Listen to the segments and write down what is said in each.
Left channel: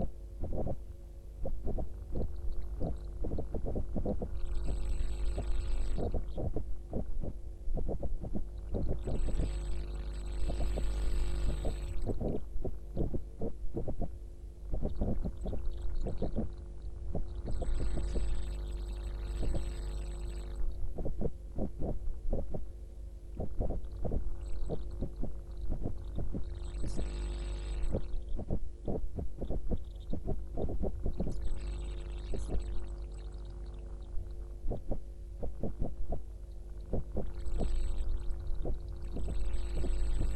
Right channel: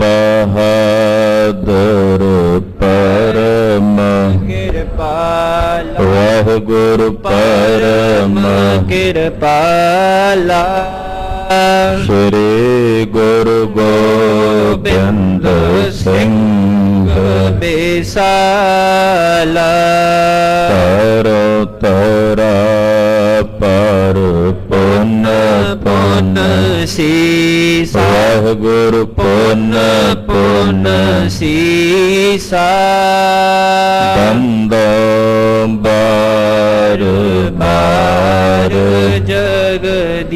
बहादुर परम किरपाला वाहिगुरु परम किरपाला श्री गुरु गोबिंद सिंह बेसाला तरो तरा पर पुन पुन सीसा वाहिगुरु पुन पुन सीसा बंदो बार बार जगदीसा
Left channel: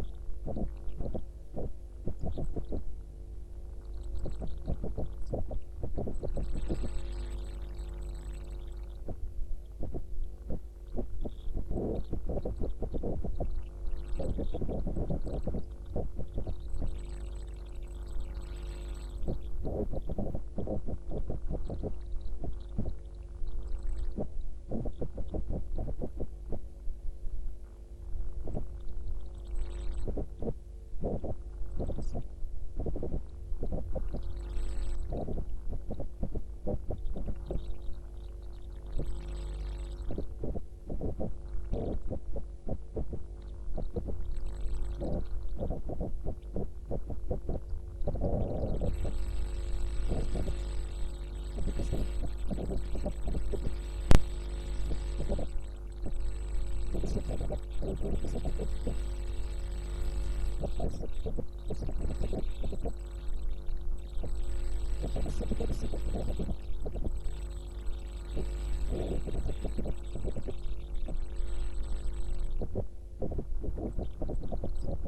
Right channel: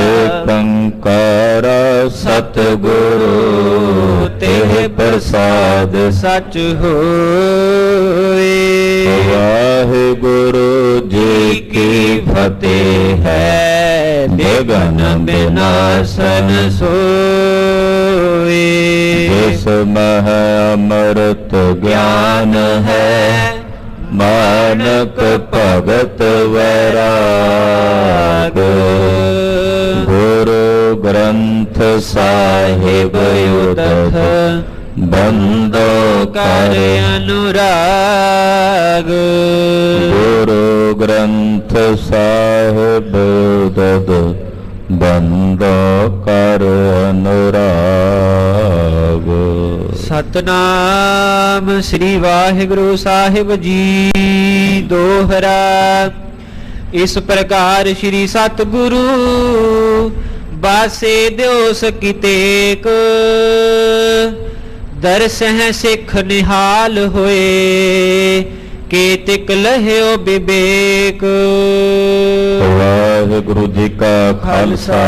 एकंकार सतगुरु तेह प्रसाद सच होए वाहिगुरु जी की फतेह है विघ्न विनाशन सोए जिसमें अमृत ज्ञान है मानक भगत वैराग गुरु ग्रंथ साहिब उदक बंदो कर अनुराग गुरु ग्रंथ साहिब उदक बंदो कर अनुराग। सतनाम श्री वाहिगुरु साहिब जी दोहरा। इस प्रकार श्री सतगुरु बासे दियो सकितेक दरसह सिख निहाल होए केतिक लह्यो विवेक। वाहिगुरु जी का खालसा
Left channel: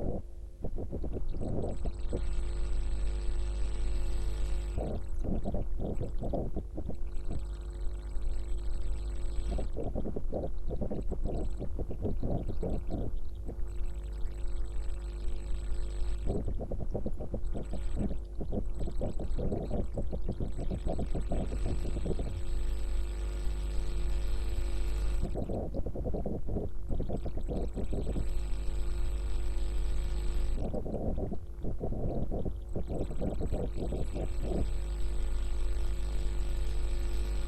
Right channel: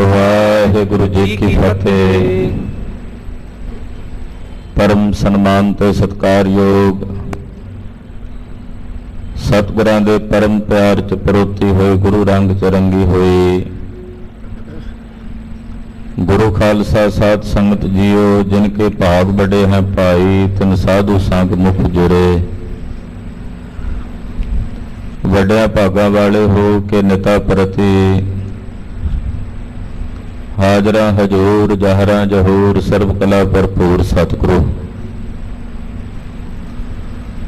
वाहिगुरु जी की फतेह। परम सन्मान ते सत्कारयोग सतगुरां दे परम प्यार च परोती होए गुरु रंग च रंगी होई गुरु खालसा साध संगत जियो जिनके भाग बड़े हैं भाई तिन साधु संग मुख जुड़े। वड्या भागा वाले हो के निता प्रति हाजरा हजूर जहरा जहूर सर्व कला भरपूर सतगुरु।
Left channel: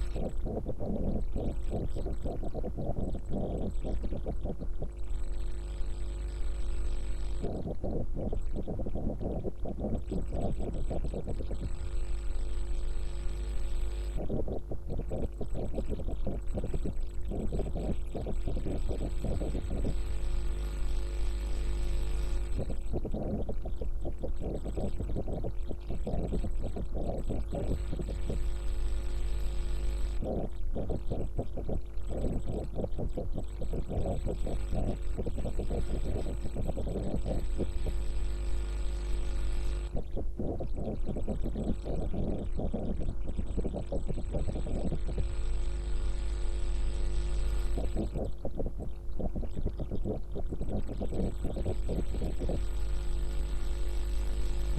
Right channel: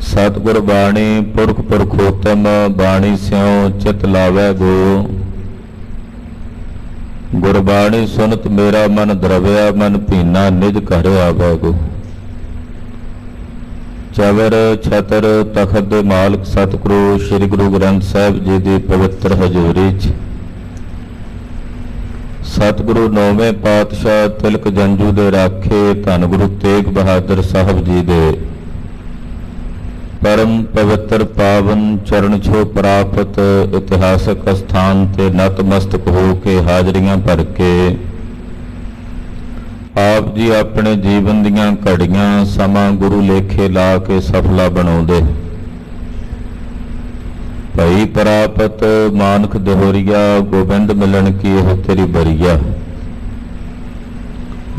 सतगुर बाणी पुरख पुरखोत्तम बाणी स्यों चित लावै गो। गुरबाणी सुनत मेरा मन द्रव्या मन पीना निज घर आवै गो। चवर छतर तखत दे मालक सतगुरु श्री गुरु ग्रंथ साहिब जी की पवित्र हजूरी च सतगुरु नौवें पातशाह तिलक जंजू दे राखे धन गुरु तेग बहादुर साहब जी दे परम पवित्र पावन चरण छो प्राप्त इतिहासक स्थान ते नतमस्तक हो के हाजरियां भर के आप जी अपने जीवन दियां घड़ियां समा गुरु लेखे ला के सफला बनाउंदे। भई प्रापत मानक दोहरिया गोबिंद मिलन की यह तेरी बरिया।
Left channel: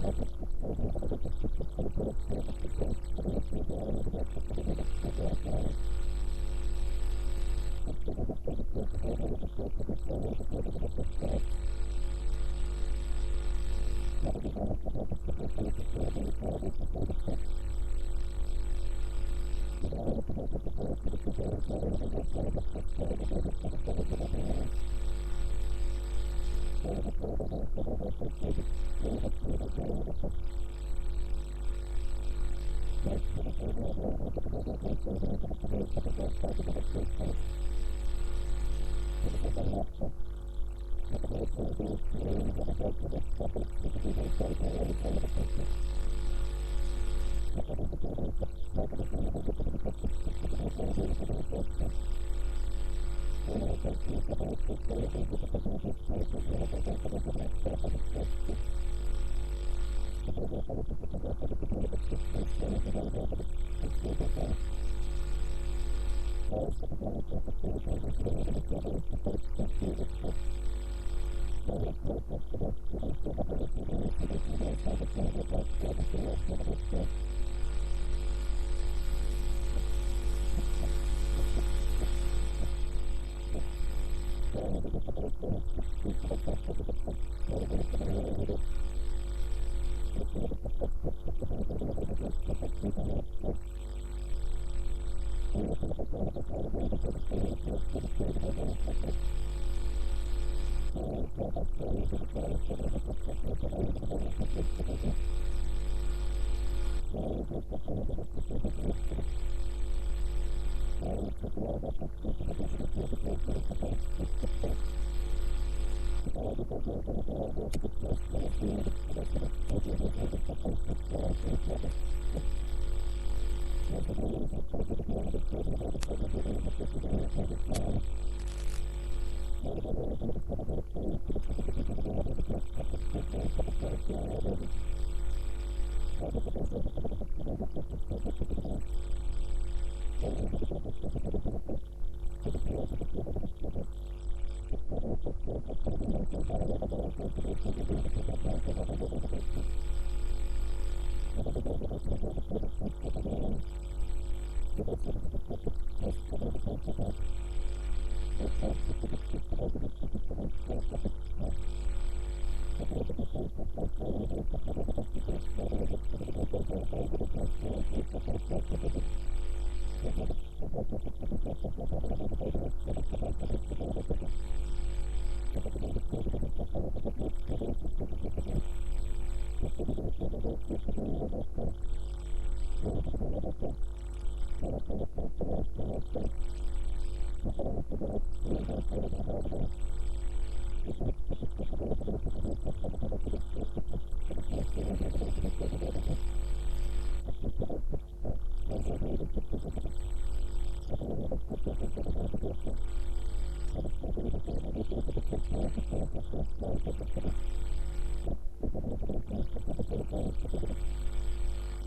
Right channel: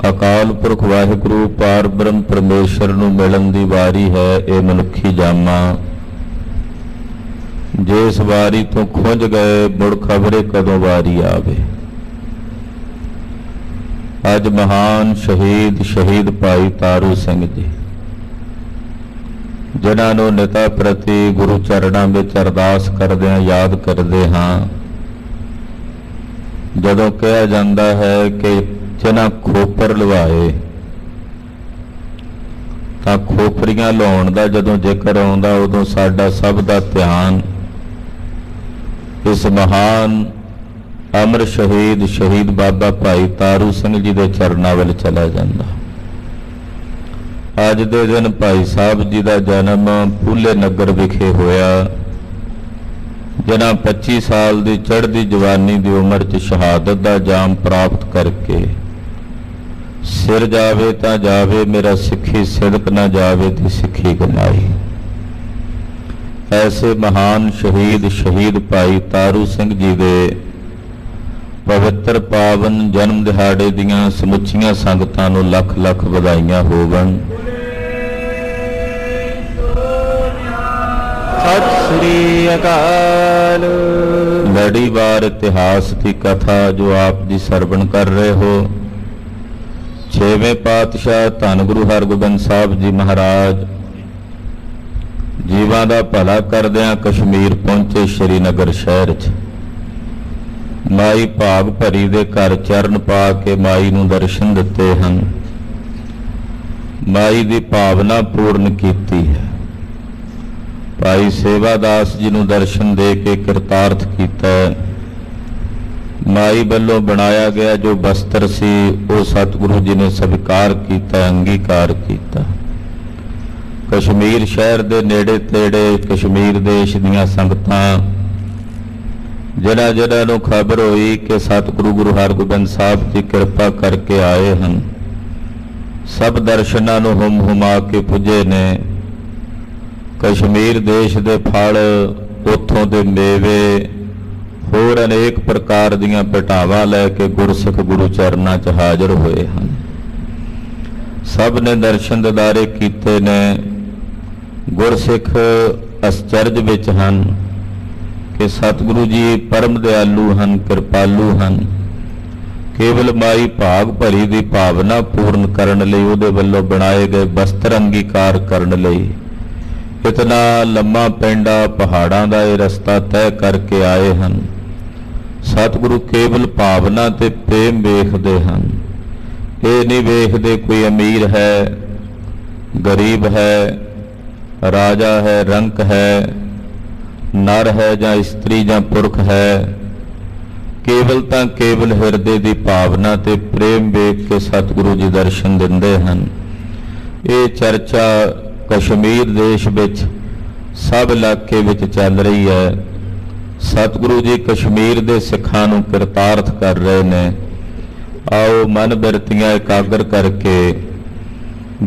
अकाल पुरख वाहिगुरु पार ब्रह्म परमेश्वर नूं मिलन दी वारी है ये मनुखी जामा। जिस वारी तो खुंज गए मुड़ खबरे कदों वारी आवे। अज महान शहीद भाई तारू सिंह जी जिन्हां नूं निता प्रति गुरु चरणां विच अरदास करदिआं याद करदे हां। जदों कहा जाता है कि जिन्हां खोपर लवाए तां खोपरियां लाउण दा जदों जिक्र आउंदा उदों साडा सब दा ध्यान इस महान अमर शहीद बाबा भाई तारू सिंह जी दे चरणां विच चला जांदा। अज दे दिन भाई साहब जी का जन्म फूले नगर विखे होया जिन्हां 25 साल की चढ़ती जवानी की उम्र च शहादत का जाम प्राप्त करके सिर जावे तां जावे मेरा सिखी सिदक ना जावे ती सिखी कमाई। ऐसे महान शहीद भाई तारू सिंह जी दे पवित्र पावन जन्म दिहाड़े दियां समुचियां संगतां नूं लख लख वधाइयां होवन। सत श्री अकाल। ਪਹਿਲੀ ਵਾਰ ਇਤਿਹਾਸ ਦੀ ਕਥਾ ਜੋ ਆਪ ਜੀ ਸਰਵਣ ਕਰ ਰਹੇ ਹੋ, ਛੇਵੇਂ ਪਾਤਸ਼ਾਹ ਧੰਨ ਗੁਰੂ ਹਰਗੋਬਿੰਦ ਸਾਹਿਬ ਜੀ ਮਹਾਰਾਜ ਜੀਵਾਂ ਦਾ ਭਲਾ ਕਰਦਿਆਂ ਕਸ਼ਮੀਰ ਪਹੁੰਚੇ ਸ਼੍ਰੀਨਗਰ ਸ਼ਹਿਰ 'ਚ। ਮਾਈ ਭਾਗ ਭਰੀ ਦੇ ਘਰ ਚਰਨ ਪਾ ਕੇ ਮਾਈ ਨੂੰ ਦਰਸ਼ਨ ਦਿੱਤੇ ਹਨ। ਮਾਈ ਦੀ ਭਾਵਨਾ ਪੂਰਨ ਕੀਤੀ ਹੈ। ਭਾਈ ਸੇਵਾਦਾਸ ਜੀ ਨੂੰ ਦਰਸ਼ਨ ਦੇ ਕੇ ਕਿਰਤਾਰਥ ਕੀਤਾ। ਮਾਈ ਵੱਲੋਂ ਬਣਾਇਆ ਗਿਆ ਜੋ ਬਸਤਰ ਸੀ ਉਹ ਸਤਿਗੁਰੂ ਜੀ ਨੇ ਸਵੀਕਾਰ ਕੀਤਾ, ਅੰਗੀਕਾਰ ਕੀਤਾ। ਕਸ਼ਮੀਰ ਸ਼ਹਿਰ ਦੇ ਨੇੜੇ ਤੇੜੇ ਕਸ਼ਮੀਰ ਦੇਸ਼ ਦੀਆਂ ਸੰਗਤਾਂ ਜਿਹਨਾਂ ਨੂੰ ਖਬਰ ਹੋਈ ਕਿ ਸਤਿਗੁਰੂ ਗੁਰੂ ਹਰਗੋਬਿੰਦ ਸਾਹਿਬ ਦੀ ਕਿਰਪਾ ਕਰਕੇ ਆਏ ਹਨ, ਸਭ ਦਰਸ਼ਨਾਂ ਨੂੰ ਹੁਮ ਹੁਮਾ ਕੇ ਪੁੱਜੇ ਨੇ। ਕਸ਼ਮੀਰ ਦੇਸ਼ ਦੇ ਫਲ, ਉੱਥੋਂ ਦੇ ਮੇਵੇ, ਹੋਰ ਅਨੇਕ ਪ੍ਰਕਾਰ ਦੀਆਂ ਭੇਟਾਵਾਂ ਲੈ ਕੇ ਗੁਰਸਿੱਖ ਗੁਰੂ ਚਰਨਾਂ 'ਚ ਹਾਜ਼ਰ ਹੋਏ ਹਨ। ਸਭ ਨੇ ਦਰਸ਼ਨ ਦਿਦਾਰੇ ਕੀਤੇ ਨੇ। ਗੁਰਸਿੱਖ ਅਸਚਰਜ ਵਿੱਚ ਹਨ ਕਿ ਸਤਿਗੁਰੂ ਜੀ ਪਰਮ ਦਿਆਲੂ ਹਨ, ਕਿਰਪਾਲੂ ਹਨ। ਕੇਵਲ ਮਾਈ ਭਾਗ ਭਰੀ ਦੀ ਭਾਵਨਾ ਪੂਰਨ ਕਰਨ ਲਈ, ਉਹਦੇ ਵੱਲੋਂ ਬਣਾਏ ਗਏ ਬਸਤਰ ਅੰਗੀਕਾਰ ਕਰਨ ਲਈ ਇਤਨਾ ਲੰਮਾ ਪੈਂਡਾ ਪਹਾੜਾਂ ਦਾ ਇਹ ਰਸਤਾ ਤੈਅ ਕਰਕੇ ਆਏ ਹਨ। ਸਤਿਗੁਰੂ ਕੇਵਲ ਭਾਵਨਾ ਤੇ ਪ੍ਰੇਮ ਵੇਖਦੇ ਹਨ। ਇਹ ਨਹੀਂ ਵੇਖਦੇ ਕੋਈ ਅਮੀਰ ਹੈ, ਗਰੀਬ ਹੈ, ਰਾਜਾ ਹੈ, ਰੰਕ ਹੈ, ਨਰ ਹੈ ਜਾਂ ਇਸਤਰੀ ਜਾਂ ਪੁਰਖ ਹੈ। ਕੇਵਲ ਤਾਂ ਕੇਵਲ ਹਿਰਦੇ ਦੀ ਭਾਵਨਾ ਤੇ ਪ੍ਰੇਮ ਵੇਖ ਕੇ ਸਤਿਗੁਰੂ ਜੀ ਦਰਸ਼ਨ ਦਿੰਦੇ ਹਨ। ਇਹ ਚਰਚਾ ਕਸ਼ਮੀਰ ਦੇਸ਼ ਵਿੱਚ ਸਭ ਇਲਾਕੇ ਵਿੱਚ ਚੱਲ ਰਹੀ ਹੈ। ਸਤਿਗੁਰੂ ਜੀ ਕਸ਼ਮੀਰ ਦੇ ਸਿੱਖਾਂ ਨੂੰ ਕਿਰਤਾਰਥ ਕਰ ਰਹੇ ਨੇ। ਆਓ ਮਨ ਬਿਰਤੀਆਂ ਇਕਾਗਰ ਕਰਕੇ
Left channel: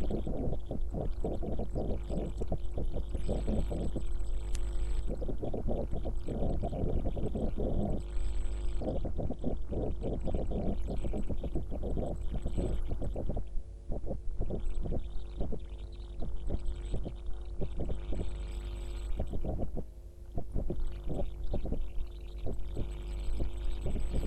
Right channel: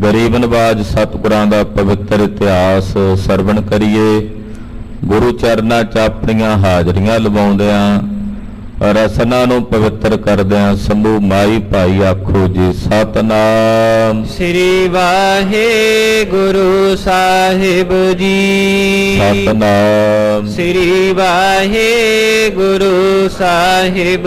ਗਰੀਬ ਨਵਾਜ ਸਤਿਗੁਰਾਂ ਦਾ ਪਵਿੱਤਰ ਇਤਿਹਾਸ ਸਰਵਣ ਕਰੀਏ। ਗੁਰੂ ਚਰਨਾਂ 'ਚ ਆਪਣੀਆਂ ਹਾਜ਼ਰੀਆਂ ਲਵਾਉਂਦਿਆਂ, ਰਸਨਾ ਨੂੰ ਪਵਿੱਤਰ ਕਰਦਿਆਂ ਸਮੂਹ ਮਾਈ ਭਾਈ ਆਖੋ ਜੀ ਸਤਨਾਮ ਸ੍ਰੀ ਵਾਹਿਗੁਰੂ ਸਾਹਿਬ ਜੀ। ਸਤਨਾਮ ਸ੍ਰੀ ਵਾਹਿਗੁਰੂ ਸਾਹਿਬ।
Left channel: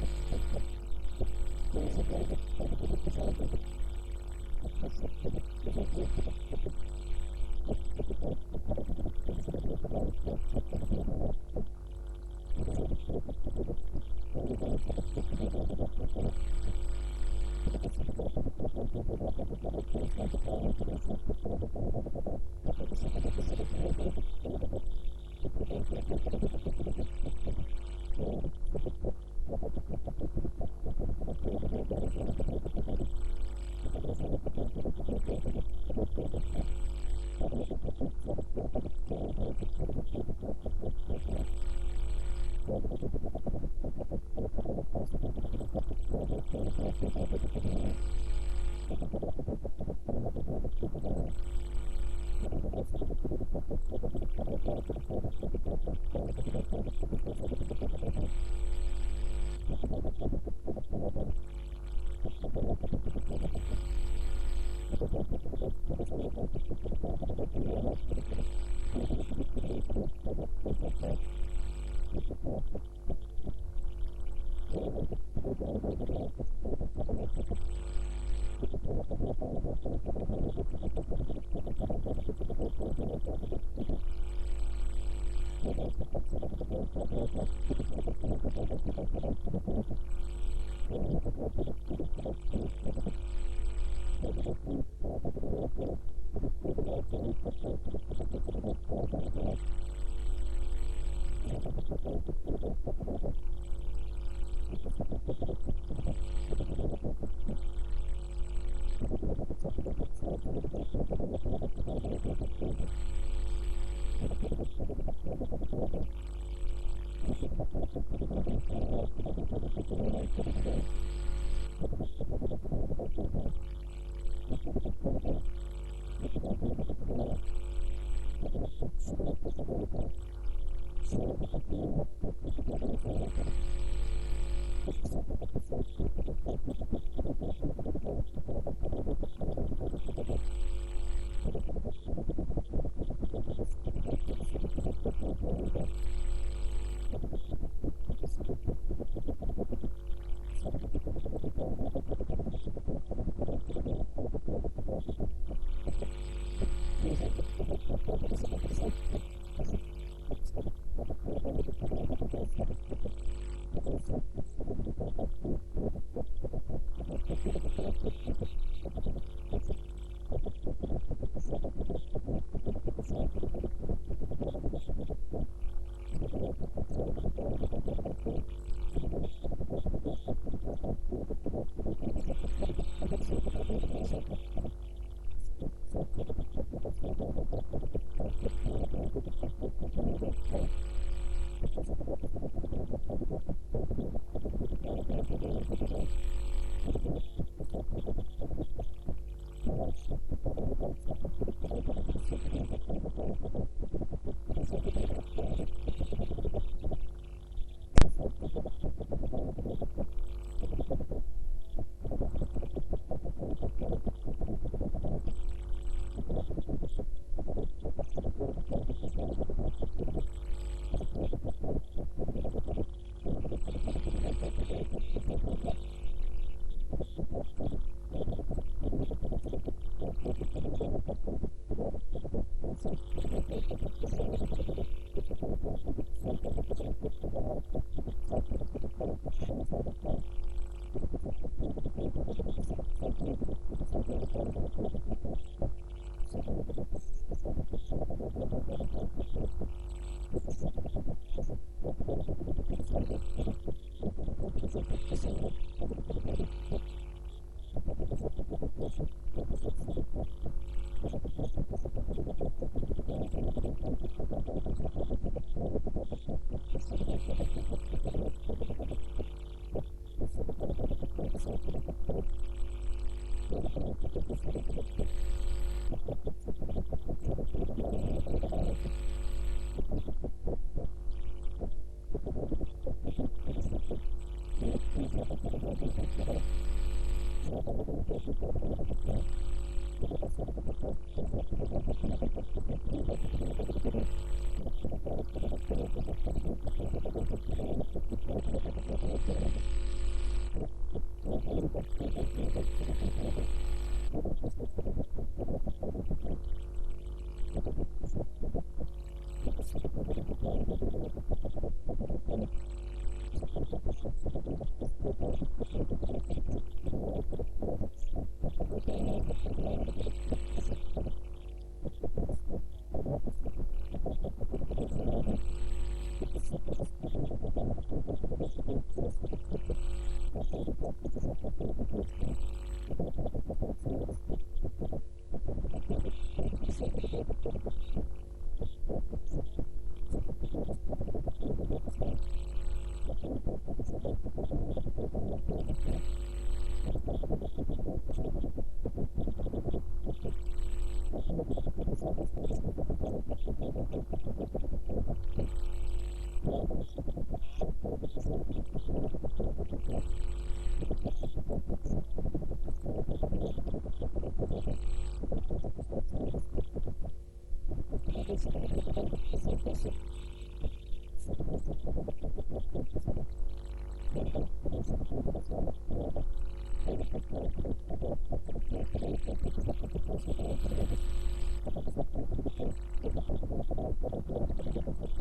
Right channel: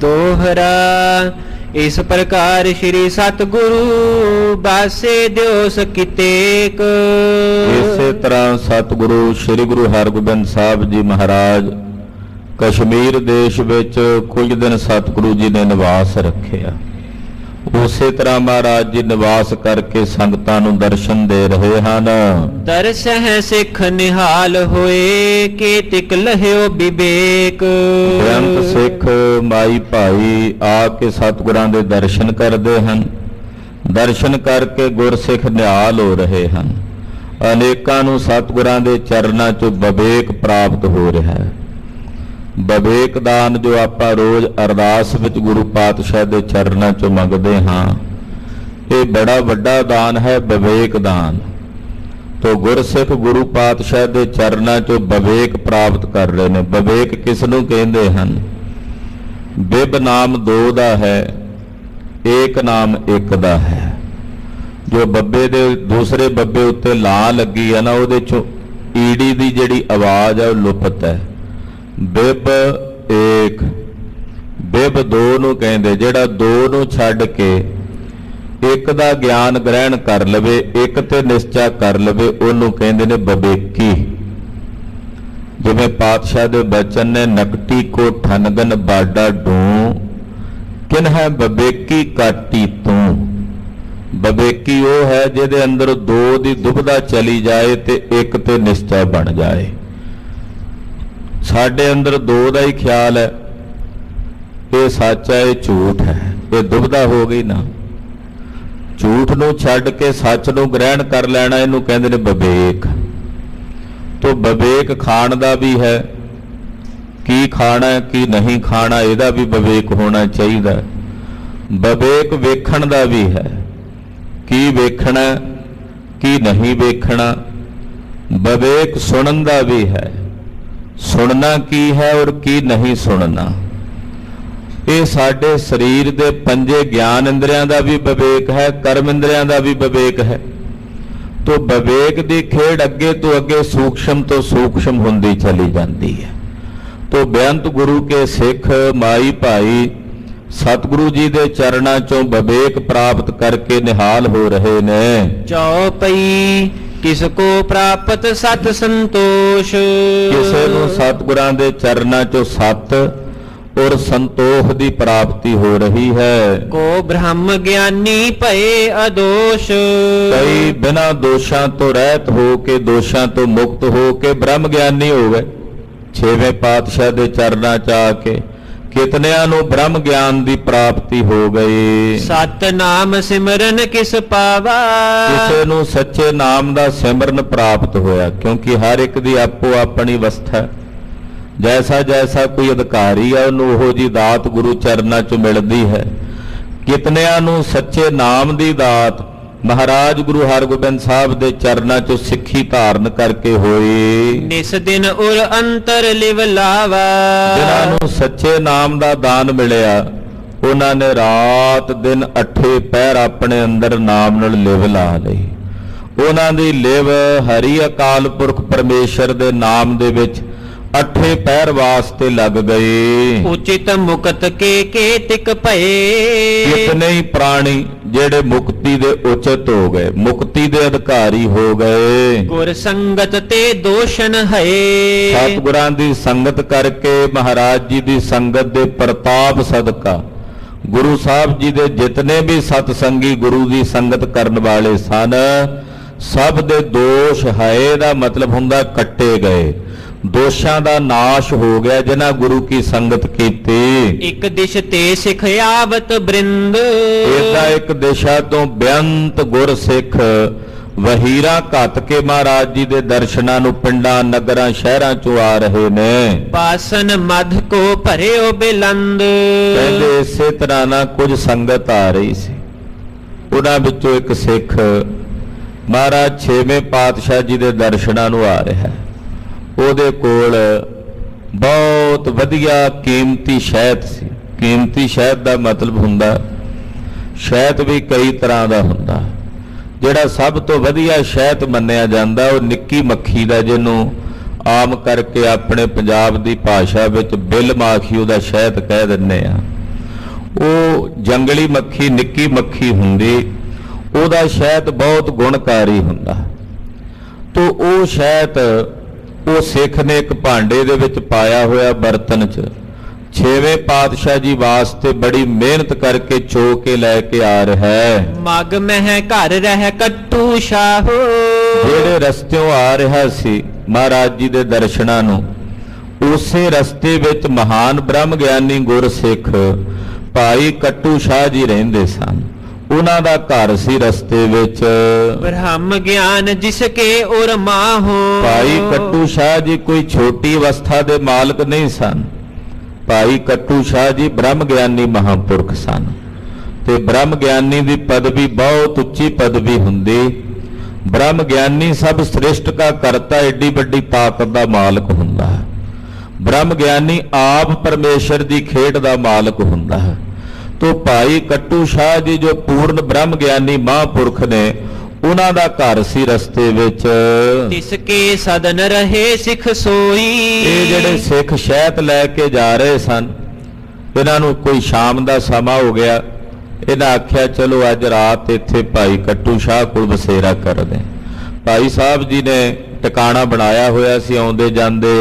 ਦੋਹਰਾ। ਇਸ ਪ੍ਰਕਾਰ ਸ਼੍ਰੀ ਸਤਿਗੁਰੂ ਬਾਸੇ ਦਿਓ ਸਕੀਤੇਕ। ਇਸੇ ਤਰ੍ਹਾਂ ਸਤਿਗੁਰੂ ਸ੍ਰੀ ਗੁਰੂ ਹਰਗੋਬਿੰਦ ਸਾਹਿਬ ਜੀ ਮਹਾਰਾਜ ਕਸ਼ਮੀਰ ਦੇਸ਼ ਵਿੱਚ ਕੁਝ ਦਿਨ ਸਤਿਗੁਰੂ ਜੀ ਨੇ ਨਿਵਾਸ ਰੱਖਿਆ। ਉਸੇ ਤਰ੍ਹਾਂ ਮਹਾਰਾਜ ਜੀ ਨਿਵਾਸ ਕਰਕੇ ਸੰਗਤਾਂ ਨੂੰ ਦਰਸ਼ਨ ਦੇ ਰਹੇ ਹਨ। ਦਰਸਹਿ ਸਿੱਖ ਨਿਹਾਲ ਹੋਏ, ਕੇ ਤਿਕ ਲਹਿਓ ਵਿਵੇਕ। ਬੇਅੰਤ ਸਿੱਖ ਮਾਈ ਭਾਈ ਆ ਕੇ ਸਤਿਗੁਰਾਂ ਦੇ ਦਰਸ਼ਨ ਕਰਦੇ ਹਨ। ਦਰਸ਼ਨ ਕਰਕੇ ਗੁਰਸਿੱਖ ਨਿਹਾਲ ਹੋ ਰਹੇ ਹਨ। ਅਨੇਕਾਂ ਨੂੰ ਸਤਿਗੁਰਾਂ ਦੇ ਚਰਨਾਂ 'ਚੋਂ ਵਿਵੇਕ ਪ੍ਰਾਪਤ ਹੋ ਰਿਹਾ ਹੈ। ਵਿਵੇਕ ਦਾਨ ਜੋ ਆਪਾਂ ਰੋਜ਼ ਅਰਦਾਸ ਵਿੱਚ ਗੁਰੂ ਪਾਤਸ਼ਾਹ ਦੇ ਚਰਨਾਂ 'ਚੋਂ ਮੰਗਦੇ ਹਾਂ, ਇਹ ਬੜਾ ਵੱਡਾ ਦਾਨ ਹੈ, ਵਿਵੇਕ ਦਾਨ। ਤੋ ਗੁਰਸਿੱਖ ਗੁਰੂ ਪਾਤਸ਼ਾਹ ਦੇ ਚਰਨਾਂ 'ਚੋਂ ਵਿਵੇਕ ਪ੍ਰਾਪਤ ਕਰ ਰਹੇ ਨੇ। ਵਿਵੇਕ ਕਿਸ ਨੂੰ ਕਹਿੰਦੇ ਹਨ? ਬਿਬ ਨਾਮ ਦੋ ਦਾ ਹੈ, ਏਕ ਨਾਮ ਇੱਕ ਦਾ ਹੈ। ਜੋ ਬੱਬੇ ਦੇ ਦੂਸਰੇ ਬੱਬੇ ਉੱਤੇ ਲਾਂ ਲੱਗੀ ਹੈ ਨਾ, ਉਹਦੇ 'ਚੋਂ ਈੜੀ ਦੀ ਜਿਹੜੀ ਆਵਾਜ਼ ਹੈ ਉਹ ਲੁਪਤ ਹੈ। ਬਿਬ ਏਕ, ਬਿਬ ਦੋ ਨੂੰ ਕਹਿੰਦੇ। ਜਿਹੜਾ ਦੋ ਨੂੰ ਛੱਡ ਕੇ ਇੱਕ ਦਾ ਗਿਆਨ ਗ੍ਰਹਿਣ ਕਰ ਲਵੇ, ਇੱਕ ਤੇ ਨਿਸ਼ਚਾ ਕਰ ਲਵੇ, ਉਹਨੂੰ ਕਹਿੰਦੇ ਨੇ ਵਿਵੇਕੀ। ਜਿਵੇਂ ਪਾਤਸ਼ਾਹ ਦੇ ਬਚਨ ਨੇ, ਨਕਟੀ ਕੋ ਠਨਗਨ ਬਾਡਾ ਡੂੰ, ਕਿਨ ਹੈ ਵਿਵੇਕੀ ਕਾਟੀ ਤੂੰ। ਵਿਵੇਕੀ ਉਹ ਹੈ ਜਿਹਦੇ ਅੰਦਰ ਦੋ ਦੀ ਦੁਬਿਧਾ ਚਲੀ ਜਾਏ ਤੇ ਇੱਕ ਤੇ ਨਿਸ਼ਚਾ ਬਣ ਜਾਏ। ਸਾਡੇ ਅੰਦਰ ਦੋ ਦਾ ਹੀ ਖਿਆਲ ਹੈ, ਇਹ ਸੱਚ ਹੈ, ਇਹ ਝੂਠ ਹੈ, ਇਹ ਦੁਬਿਧਾ ਹੋ ਗਈ ਨਾ। ਝੂਠ ਨੂੰ ਛੱਡ ਕੇ ਸੱਚ ਨੂੰ ਗ੍ਰਹਿਣ ਕਰ ਲੈਣਾ, ਇਹਨੂੰ ਕਹਿੰਦੇ ਨੇ ਵਿਵੇਕ। ਤੋ ਵਿਵੇਕ ਖਾਣ ਦਾ ਵੀ ਹੈ, ਕੀ ਖਾਣਾ ਕੀ ਨਹੀਂ ਖਾਣਾ ਇਹਦਾ ਵੀ ਵਿਵੇਕ ਹੋਣਾ ਚਾਹੀਦਾ। ਵਿਵੇਕ ਵੇਖਣ ਦਾ ਵੀ ਹੈ, ਕੀ ਵੇਖਣਾ ਕੀ ਨਹੀਂ ਵੇਖਣਾ। ਵਿਵੇਕ ਸੁਣਨ ਦਾ ਵੀ ਹੈ, ਸੁਣਨਾ ਕੀ ਹੈ ਔਰ ਕੀ ਨਹੀਂ ਸੁਣਨਾ। ਇਹ ਸਾਡੇ ਸਰੀਰ ਦੇ ਪੰਜੇ ਗਿਆਨ ਇੰਦਰੀਆਂ ਦਾ ਵੀ ਵਿਵੇਕ ਹੈ, ਕਰਮ ਇੰਦਰੀਆਂ ਦਾ ਵੀ ਵਿਵੇਕ ਹੈ। ਤੋ ਵਿਵੇਕ ਦੀ ਖੇਡ ਅੱਗੇ ਤੋਂ ਅੱਗੇ ਸੂਖਸ਼ਮ ਤੋਂ ਸੂਖਸ਼ਮ ਹੁੰਦੀ ਚਲੀ ਜਾਂਦੀ ਹੈ। तो बेअंत गुरु के सिख माई भाई सतगुरु जी दे चरणा चों विवेक प्राप्त करके निहाल हो रहे ने। चौपई किसको प्राप्त सत संतोष। किसे ਨੂੰ ਸਤਿਗੁਰਾਂ ਦੇ ਚਰਨਾਂ ਚੋਂ ਸਤ और संतोष ਦੀ प्राप्ति हो रही है। को ब्रह्म ज्ञानी भये अदोष। कई बिना दोषां तो रहत हो के दोषां तो मुक्त हो के ब्रह्म ज्ञानी हो गए। छेवें पातशाह ਦੇ ਚਰਨਾਂ ਚ ਆ ਕੇ कितनियां ਨੂੰ ब्रह्म ज्ञान ਦੀ प्राप्ति हो गई। सत नाम सिमरन किस पावा। ਕਿਸੇ ਨੂੰ ਸੱਚੇ ਨਾਮ ਦਾ ਸਿਮਰਨ ਪ੍ਰਾਪਤ ਹੋਇਆ ਕਿਉਂਕਿ ਹਰ ਇੱਕ ਦੀ ਆਪੋ ਆਪਣੀ ਅਵਸਥਾ ਹੈ। ਜੈਸਾ ਜੈਸਾ ਕੋਈ ਅਧਿਕਾਰੀ ਹੈ ਉਹਨੂੰ ਉਹੋ ਜੀ ਦਾਤ ਗੁਰੂ ਚਰਨਾਂ 'ਚ ਮਿਲਦੀ ਹੈ। ਕਿਤਨਿਆਂ ਨੂੰ ਸੱਚੇ ਨਾਮ ਦੀ ਦਾਤ ਮਹਾਰਾਜ ਗੁਰੂ ਹਰਗੋਬਿੰਦ ਸਾਹਿਬ ਦੇ ਚਰਨਾਂ 'ਚੋਂ ਸਿੱਖੀ ਧਾਰਨ ਕਰਕੇ ਹੋਈ। ਨਿਸ ਦਿਨ ਉਰ ਅੰਤਰ ਲਿਵ ਲਾਵਾ। ਜਿਨ੍ਹਾਂ ਨੂੰ ਸੱਚੇ ਨਾਮ ਦਾ ਦਾਨ ਮਿਲਿਆ ਉਹਨਾਂ ਨੇ ਰਾਤ ਦਿਨ ਅੱਠੇ ਪਹਿਰ ਆਪਣੇ ਅੰਦਰ ਨਾਮ ਨਾਲ ਲਿਵ ਲਾ ਲਈ। ਉਹਨਾਂ ਦੀ ਲਿਵ ਹਰੀ ਅਕਾਲ ਪੁਰਖ ਪਰਮੇਸ਼ਰ ਦੇ ਨਾਮ ਦੇ ਵਿੱਚ ਅੱਠੇ ਪਹਿਰ ਵਾਸਤੇ ਲੱਗ ਗਏ। ਉਚਿਤ ਮੁਕਤ ਕੇ ਤਿਕ ਭਏ। ਕਿਤਨੇ ਹੀ ਪ੍ਰਾਣੀ ਜਿਹੜੇ ਮੁਕਤੀ ਦੇ ਉਚਿਤ ਹੋ ਗਏ, ਮੁਕਤੀ ਦੇ ਅਧਿਕਾਰੀ ਹੋ ਗਏ। ਗੁਰ ਸੰਗਤ ਤੇ ਦੋਸ਼ਨ ਹੈ। ਸਤਿਗੁਰਾਂ ਦੀ ਸੰਗਤ ਕਰਕੇ ਮਹਾਰਾਜ ਜੀ ਦੀ ਸੰਗਤ ਦੇ ਪ੍ਰਤਾਪ ਸਦਕਾ ਗੁਰੂ ਸਾਹਿਬ ਜੀ ਦੇ ਜਿਤਨੇ ਵੀ ਸਤ ਸੰਗੀ ਗੁਰੂ ਦੀ ਸੰਗਤ ਕਰਨ ਵਾਲੇ ਸਨ ਸਭ ਦੇ ਦੋਸ਼ ਹੈ ਦਾ ਮਤਲਬ ਹੁੰਦਾ ਕੱਟੇ ਗਏ। ਦੋਸ਼ਾਂ ਦਾ ਨਾਸ਼ ਹੋ ਗਿਆ ਜਿਨ੍ਹਾਂ ਗੁਰੂ ਕੀ ਸੰਗਤ ਕੀਤੀ। ਇੱਕ ਦਿਸ਼ ਤੇ ਸਿੱਖ ਆਵਤ ਬ੍ਰਿੰਦ। ਇਹਦਾ ਇੱਕ ਦਿਸ਼ਾ ਤੋਂ ਬੇਅੰਤ ਗੁਰ ਸਿੱਖ ਵਹੀਰਾਂ ਘੱਤ ਕੇ ਮਹਾਰਾਜ ਜੀ ਦੇ ਦਰਸ਼ਨਾਂ ਨੂੰ ਪਿੰਡਾਂ ਨਗਰਾਂ ਸ਼ਹਿਰਾਂ ਚੋਂ ਆ ਰਹੇ ਨੇ। ਪਾਸਨ ਮਧ ਕੋ ਭਰਿਓ ਬਿਲੰਦ। ਕਹਿੰਦੇ ਇਸੇ ਤਰ੍ਹਾਂ ਨਾਲ ਕੁਝ ਸੰਗਤ ਆ ਰਹੀ ਸੀ। ਉਹਨਾਂ ਵਿੱਚੋਂ ਇੱਕ ਸਿੱਖ ਮਹਾਰਾਜ ਛੇਵੇਂ ਪਾਤਸ਼ਾਹ ਜੀ ਦੇ ਦਰਸ਼ਨਾਂ ਨੂੰ ਆ ਰਿਹਾ ਹੈ। ਉਹਦੇ ਕੋਲ ਬਹੁਤ ਵਧੀਆ ਕੀਮਤੀ ਸ਼ਹਿਦ ਸੀ। ਕੀਮਤੀ ਸ਼ਹਿਦ ਦਾ ਮਤਲਬ ਹੁੰਦਾ ਸ਼ਹਿਦ ਵੀ ਕਈ ਤਰ੍ਹਾਂ ਦਾ ਹੁੰਦਾ। ਜਿਹੜਾ ਸਭ ਤੋਂ ਵਧੀਆ ਸ਼ਹਿਦ ਮੰਨਿਆ ਜਾਂਦਾ ਉਹ ਨਿੱਕੀ ਮੱਖੀ ਦਾ, ਜਿਹਨੂੰ ਆਮ ਕਰਕੇ ਆਪਣੇ ਪੰਜਾਬ ਦੀ ਭਾਸ਼ਾ ਵਿੱਚ ਬਿੱਲ ਮਾਖੀ ਉਹਦਾ ਸ਼ਹਿਦ ਕਹਿ ਦਿੰਦੇ ਆ। ਉਹ ਜੰਗਲੀ ਮੱਖੀ ਨਿੱਕੀ ਮੱਖੀ ਹੁੰਦੀ, ਉਹਦਾ ਸ਼ਹਿਦ ਬਹੁਤ ਗੁਣਕਾਰੀ ਹੁੰਦਾ। ਤੋ ਉਹ ਸ਼ਹਿਦ ਉਹ ਸਿੱਖ ਨੇ ਇੱਕ ਭਾਂਡੇ ਦੇ ਵਿੱਚ ਪਾਇਆ ਹੋਇਆ ਬਰਤਨ 'ਚ ਛੇਵੇਂ ਪਾਤਸ਼ਾਹ ਜੀ ਵਾਸਤੇ ਬੜੀ ਮਿਹਨਤ ਕਰਕੇ ਚੋ ਕੇ ਲੈ ਕੇ ਆ ਰਿਹਾ ਹੈ। ਮਗ ਮਹਿ ਘਰ ਰਹਿ ਕੱਟੂ ਸ਼ਾਹੋ। ਜਿਹੜੇ ਰਸਤਿਓਂ ਆ ਰਿਹਾ ਸੀ ਮਹਾਰਾਜ ਜੀ ਦੇ ਦਰਸ਼ਨਾਂ ਨੂੰ, ਉਸੇ ਰਸਤੇ ਵਿੱਚ ਮਹਾਨ ਬ੍ਰਹਮ ਗਿਆਨੀ ਗੁਰਸਿੱਖ ਭਾਈ ਕੱਟੂ ਸ਼ਾਹ ਜੀ ਰਹਿੰਦੇ ਸਨ। ਉਹਨਾਂ ਦਾ ਘਰ ਸੀ ਰਸਤੇ ਵਿੱਚ। ਬ੍ਰਹਮ ਗਿਆਨ ਜਿਸ ਕੇ ਉਰ ਮਾਹੋ। ਭਾਈ ਕੱਟੂ ਸ਼ਾਹ ਜੀ ਕੋਈ ਛੋਟੀ ਅਵਸਥਾ ਦੇ ਮਾਲਕ ਨਹੀਂ ਸਨ। ਭਾਈ ਕੱਟੂ ਸ਼ਾਹ ਜੀ ਬ੍ਰਹਮ ਗਿਆਨੀ ਮਹਾਂਪੁਰਖ ਸਨ ਤੇ ਬ੍ਰਹਮ ਗਿਆਨੀ ਦੀ ਪਦਵੀ ਬਹੁਤ ਉੱਚੀ ਪਦਵੀ ਹੁੰਦੀ। ਬ੍ਰਹਮ ਗਿਆਨੀ ਸਭ ਸ੍ਰਿਸ਼ਟ ਦਾ ਕਰਤਾ, ਏਡੀ ਵੱਡੀ ਤਾਕਤ ਦਾ ਮਾਲਕ ਹੁੰਦਾ ਹੈ। ਬ੍ਰਹਮ ਗਿਆਨੀ ਆਪ ਪਰਮੇਸ਼ਰ ਦੀ ਖੇਡ ਦਾ ਮਾਲਕ ਹੁੰਦਾ ਹੈ। ਤੋ ਭਾਈ ਕੱਟੂ ਸ਼ਾਹ ਜੀ ਜੋ ਪੂਰਨ ਬ੍ਰਹਮ ਗਿਆਨੀ ਮਹਾਂਪੁਰਖ ਨੇ, ਉਹਨਾਂ ਦਾ ਘਰ ਸੀ ਰਸਤੇ ਵਿੱਚ। ਤਿਸ ਕੇ ਸਦਨ ਰਹੇ ਸਿੱਖ ਸੋਈ। ਇਹ ਜਿਹੜੇ ਸਿੱਖ ਸ਼ਹਿਦ ਲੈ ਕੇ ਜਾ ਰਹੇ ਸਨ, ਇਹਨਾਂ ਨੂੰ ਕੋਈ ਸ਼ਾਮ ਦਾ ਸਮਾਂ ਹੋ ਗਿਆ। ਇਹਨਾਂ ਆਖਿਆ ਚਲੋ ਅੱਜ ਰਾਤ ਇੱਥੇ ਭਾਈ ਕੱਟੂ ਸ਼ਾਹ ਕੋਲ ਬਸੇਰਾ ਕਰਦੇ। ਭਾਈ ਸਾਹਿਬ ਜੀ ਨੇ ਟਿਕਾਣਾ ਬਣਾਇਆ ਹੋਇਆ ਸੀ, ਆਉਂਦੇ ਜਾਂਦੇ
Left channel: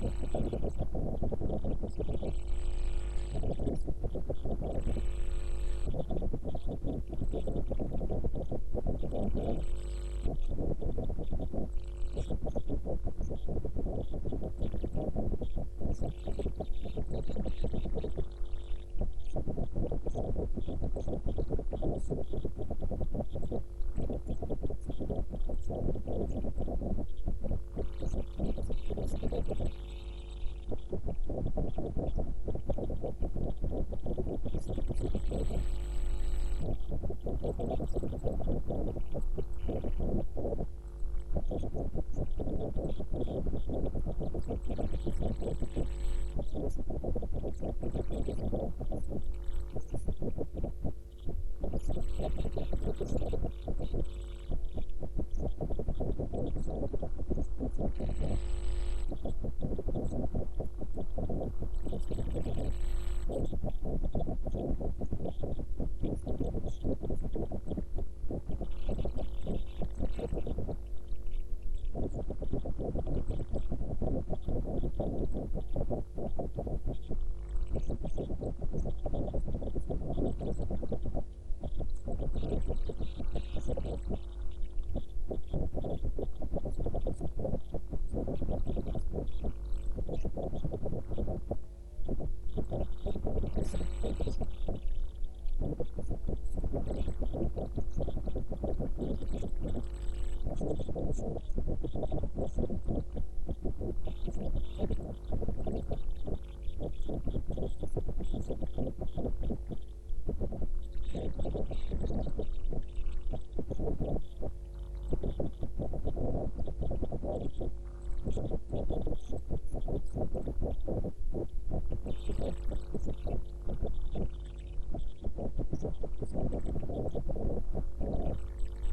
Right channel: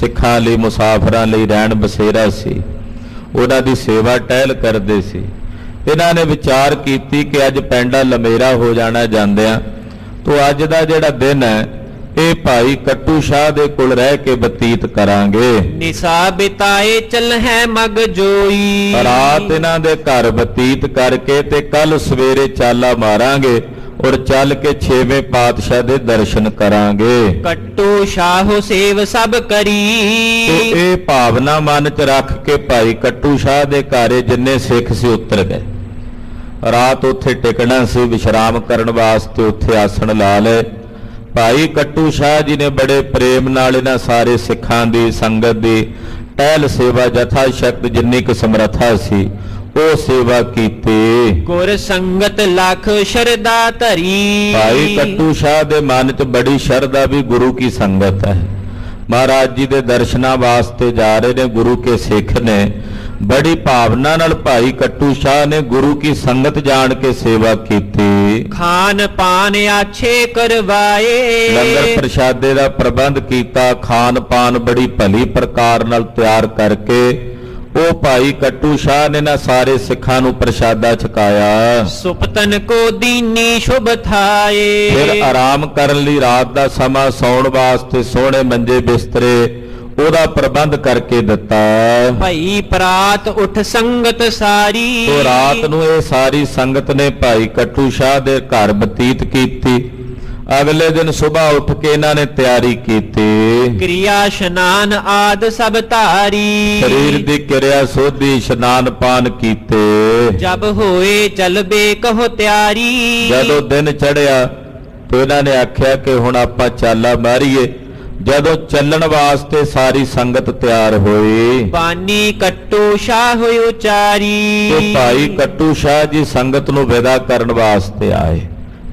ਸਿੱਖਾਂ ਲਈ ਮੁਸਾਫਰਾਂ ਲਈ ਰਹਿਣ ਬਸੇਰਾ ਸੀ। ਉਹਨਾਂ ਦੀ ਸੇਵਾ ਟਹਿਲ ਕਰਦੇ ਸੀ। ਇਹਨਾਂ ਨੇ ਵਿਚਾਰ ਕੀਤੀ ਕਿ ਅੱਜ ਪੈਂਡਾ ਲਮੇਰਾ ਹੋ ਜਾਣਾ ਜਾਂਦਿਆਂ, ਤੋ ਅੱਜ ਦਾ ਜਿਹੜਾ ਦਿਨ ਹੈ ਇਹ ਭਾਈ ਕੱਟੂ ਸ਼ਾਹ ਦੇ ਕੋਲ ਰਹਿ ਕੇ ਬਤੀਤ ਕਰਾਂਗੇ। ਨਿਸਾ ਬਿਤਾਏ ਚਲ ਹੈ ਮਗ ਜੋਈ। ਰਾਤ ਇਹਨਾਂ ਦੇ ਘਰ ਬਤੀਤ ਕਰਕੇ ਤੇ ਕੱਲ ਸਵੇਰੇ ਚਾਲਾ ਮਾਰਾਂਗੇ ਔਰ ਚੱਲ ਕੇ ਛੇਵੇਂ ਪਾਤਸ਼ਾਹ ਦੇ ਦਰਸ਼ਨ ਕਰਾਂਗੇ। ਕੱਟੂ ਸ਼ਾਹ ਸੇਵ ਸਭ ਕਰੀ। ਇਹ ਭਾਵਨਾ ਮਨ 'ਚ ਰੱਖ ਕੇ ਭਾਈ ਕੱਟੂ ਸ਼ਾਹ ਦੇ ਘਰੇ ਜਿੰਨੇ ਸਿੱਖ ਸੀ ਉਤਰ ਗਏ। ਰਾਤ ਉੱਥੇ ਟਿਕਣਾ ਸੀ, ਵਿਸ਼ਰਾਮ ਕਰਨ ਵਾਸਤੇ ਉੱਥੇ ਆਸਣ ਲਾ ਲਏ। ਭਾਈ ਕੱਟੂ ਸ਼ਾਹ ਜੀ ਨੇ ਬੜੇ ਪ੍ਰੇਮ ਨਾਲ ਇਹਨਾਂ ਸਾਰੇ ਸਿੱਖਾਂ ਦੀ ਸੰਗਤ ਦੀ ਟਹਿਲ ਸੇਵਾ ਜਥਾ ਸ਼ਕਤ ਜਿੰਨੀ ਕੁ ਸਮਰੱਥਾ ਸੀ ਉਹ ਸੇਵਾ ਕੀਤੀ। ਗੁਰ ਸੰਗਤ ਲੱਖ ਸ਼ਰਧਾ ਧਰੀ। ਭਾਈ ਕੱਟੂ ਸ਼ਾਹ ਦੇ ਮਨ 'ਚ ਬੜੀ ਸ਼ਰਧਾ ਵੀ ਗੁਰੂ ਕੀ ਸੰਗਤ ਹੈ। ਮਹਾਰਾਜ ਜੀ ਦੇ ਦਰਸ਼ਨਾਂ ਵਾਸਤੇ ਜਾ ਰਹੇ ਨੇ। ਗੁਰੂ ਕੇ ਸਿੱਖ ਨੇ ਬੜੀ ਭਾਵਨਾ ਨਾਲ ਭਾਈ ਕੱਟੂ ਸ਼ਾਹ ਨੇ ਗੁਰੂ ਕੀ ਸੰਗਤ ਜਾਣ ਕੇ ਸੇਵਾ ਕੀਤੀ। ਖਾਨ ਪਾਨ ਆਛੇ ਕਰਵਾਏ ਲੰਗਰ ਪ੍ਰਸ਼ਾਦੇ ਦਾ ਪ੍ਰਬੰਧ ਕੀਤਾ। ਖਾਨ ਪਾਨ ਬੜੀ ਭਲੀ ਪ੍ਰਕਾਰ ਨਾਲ ਤਿਆਰ ਕਰਕੇ ਉਹ ਭਾਈ ਕੱਟੂ ਸ਼ਾਹ ਨੇ ਨਾ ਸਾਰੇ ਸਿੱਖਾਂ ਨੂੰ ਪ੍ਰਸ਼ਾਦਾ ਛਕਾਇਆ। ਸੁਪਤਨ ਕੋ ਦੀਨੀ ਸ਼ੁਭ ਥਾਏ ਫਿਰ ਆਰਾਮ ਕਰਨ ਲਈ ਰਾਤ ਦਾ ਸਮਾਂ ਸੌਣ ਵਾਸਤੇ ਸੋਹਣੇ ਮੰਜੇ ਬਿਸਤਰੇ ਉਹਦਾ ਪ੍ਰਬੰਧ ਕਰਕੇ ਦਿੱਤਾ। ਭਈ ਪ੍ਰਾਤ ਉਠ ਸੰਗਤ ਸਾਰੀ ਤੋ ਰਾਤ ਨੂੰ ਇਹ ਸਾਰੀ ਸੰਗਤ ਨੇ ਭਾਈ ਕੱਟੂ ਸ਼ਾਹ ਦੇ ਘਰ ਬਤੀਤ ਕੀਤੀ। ਅਗਲੇ ਦਿਨ ਸਵੇਰ ਉੱਠ ਕੇ ਇਹਨਾਂ ਨੇ ਤਿਆਰੀ ਕੀਤੀ। ਕਿਰਿਆ ਇਸ਼ਨਾਨ ਆਦ ਸਭ ਧਾਰੀ ਸਰੀਰ ਦੀ ਕਿਰਿਆ ਸੋਧੀ ਇਸ਼ਨਾਨ ਪਾਨ ਕੀਤੇ। ਜਬ ਹੋਏ ਚਲਬੇ ਕਹੋ ਤਿਆਰੀ ਜਦੋਂ ਦਿਨ ਚੜਿਆ ਤੇ ਇਹਨਾਂ ਨੇ ਆਖਿਆ ਕਿ ਹੁਣ ਆਪਾਂ ਚਾਲਾ ਮਾਰੀਏ। ਜਦੋਂ ਚੱਲਣ ਵਾਸਤੇ ਸਾਰੀ ਸੰਗਤ ਤਿਆਰ ਹੋਈ ਬਾਨੀ ਕੱਟੂ ਸ਼ਾਹ ਹੋਇ ਉਚਾਰੀ ਤੇ ਭਾਈ ਕੱਟੂ ਸ਼ਾਹ ਜੀ ਸੰਗਤ ਨੂੰ ਵਿਦਾ ਕਰਨ ਵਾਸਤੇ ਆਏ।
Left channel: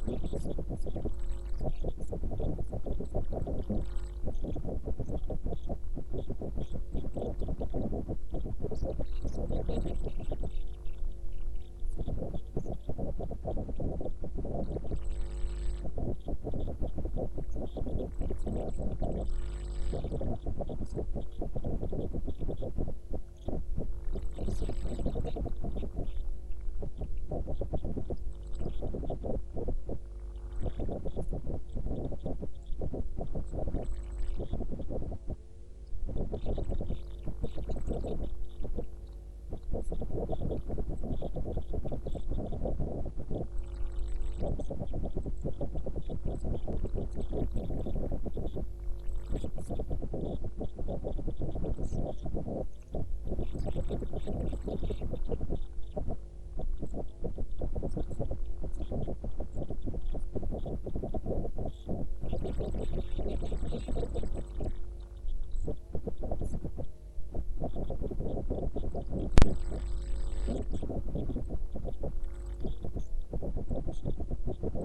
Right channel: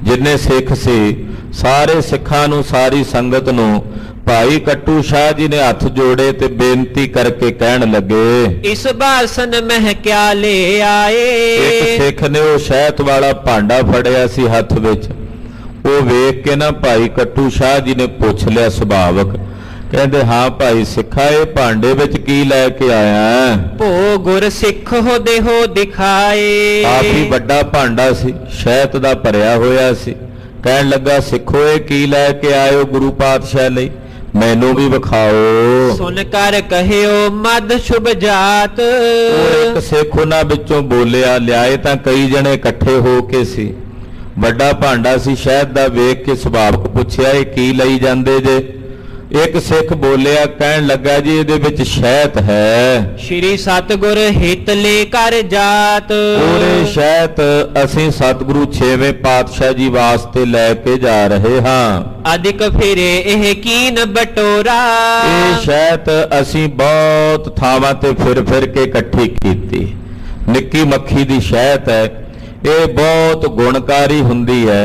ਜਿੰਨੇ ਸਿੱਖ ਸੀ ਸਾਰੇ ਸਿੱਖਾਂ ਨੂੰ ਸਾਰੀ ਸੰਗਤ ਨੂੰ ਭਾਈ ਕੱਟੂ ਸ਼ਾਹ ਜੀ ਨੇ ਹੱਥ ਜੋੜੇ ਤੇ ਬੇਨਤੀ ਕਰਕੇ ਕਹਿਣ ਲੱਗੇ, ਇਸ ਬਾਸਨ ਮਹਿ ਕਿਆ ਲੈ ਆਏ। ਇੱਕ ਸਿੱਖ ਨੇ ਉਹ ਸ਼ਹਿਦ ਵਾਲਾ ਭਾਂਡਾ ਫੜਿਆ ਸੀ ਹੱਥ ਵਿੱਚ। ਉਹ ਵੇਖ ਕੇ ਨਾ ਭਾਈ ਕੱਟੂ ਸ਼ਾਹ ਜੀ ਨੇ ਪੁੱਛ ਲਿਆ ਸੁਭਾਵਕ, ਕਹਿੰਦੇ ਹਾਂ ਭਾਈ ਸਿੱਖਾ ਇਹ ਭਾਂਡੇ ਵਿੱਚ ਕੀ ਲੈ ਕੇ ਆਇਆ? ਭੋ ਗੁਰ ਸਿੱਖ ਹੋ ਦੇਹੋ ਦਿਖਾਏ। ਕਾਫੀ ਵੱਡਾ ਭਾਂਡਾ ਸੀ, ਸ਼ਹਿਦ ਦਾ ਭਰਿਆ ਹੋਇਆ ਸੀ। ਕਹਿਣ ਲੱਗਾ ਸਿੱਖੋ ਇਹ ਕੀ ਲੈ ਕੇ ਆਇਓ ਗੁਰੂ ਪਾਤਸ਼ਾਹ ਲਈ, ਮੈਨੂੰ ਵੀ ਵਿਖਾਓ। ਸੁਨ ਕਰ ਕਹਿਓ ਮਦ ਸ਼ੁਭ ਜਾਤ। ਉਹ ਇੱਕ ਸਿੱਖ ਉਹਨਾਂ ਵਿੱਚੋਂ ਬੋਲਿਆ, ਲਿਆਏ ਤਾਂ ਕਈ ਜਣੇ ਇਕੱਠੇ ਹੋ ਕੇ ਸੀ। ਵੱਡਾ ਭਾਂਡਾ ਸੀ ਸ਼ਹਿਦ ਦਾ, ਵੇਖ ਕੇ ਸੁਭਾਵਕ ਪੁੱਛਿਆ ਇਹ ਕੀ ਲਈ ਜਾਂਦੇ ਜੇ? ਇੱਕ ਸਿੱਖ ਬੋਲਿਆ, ਕਹਿਣ ਲੱਗਾ ਜੀ ਇਹਦੇ ਵਿੱਚ ਸ਼ਹਿਦ ਹੈ। ਸ਼੍ਰੀ ਸਤਿਗੁਰ ਹਿਤ ਲੈ ਕਰ ਜਾਤ। ਪੂਰੇ ਸ਼ਹਿਦ ਅਸੀਂ ਸਤਿਗੁਰੂ 6ਵੇਂ ਪਾਤਸ਼ਾਹ ਜੀ ਵਾਸਤੇ ਲੈ ਕੇ ਜਾ ਰਹੇ ਹਾਂ। ਅਧਿਕ ਫਿਰੇ ਇਹ ਕੀਨ ਬਟੋਰਾ। ਇਹ ਸ਼ਹਿਦ ਅਸੀਂ ਬਹੁਤ ਥਾਵਾਂ ਤੇ ਫਿਰ ਫਿਰ ਕੇ ਇਕੱਠੀ ਕੀਤੀ। ਨਿੱਕੀ ਮੱਖੀ ਦੀ ਸ਼ਹਿਦ ਹੈ, ਇਹ ਬਹੁਤ ਗੁਣਕਾਰੀ ਹੁੰਦੀ ਹੈ।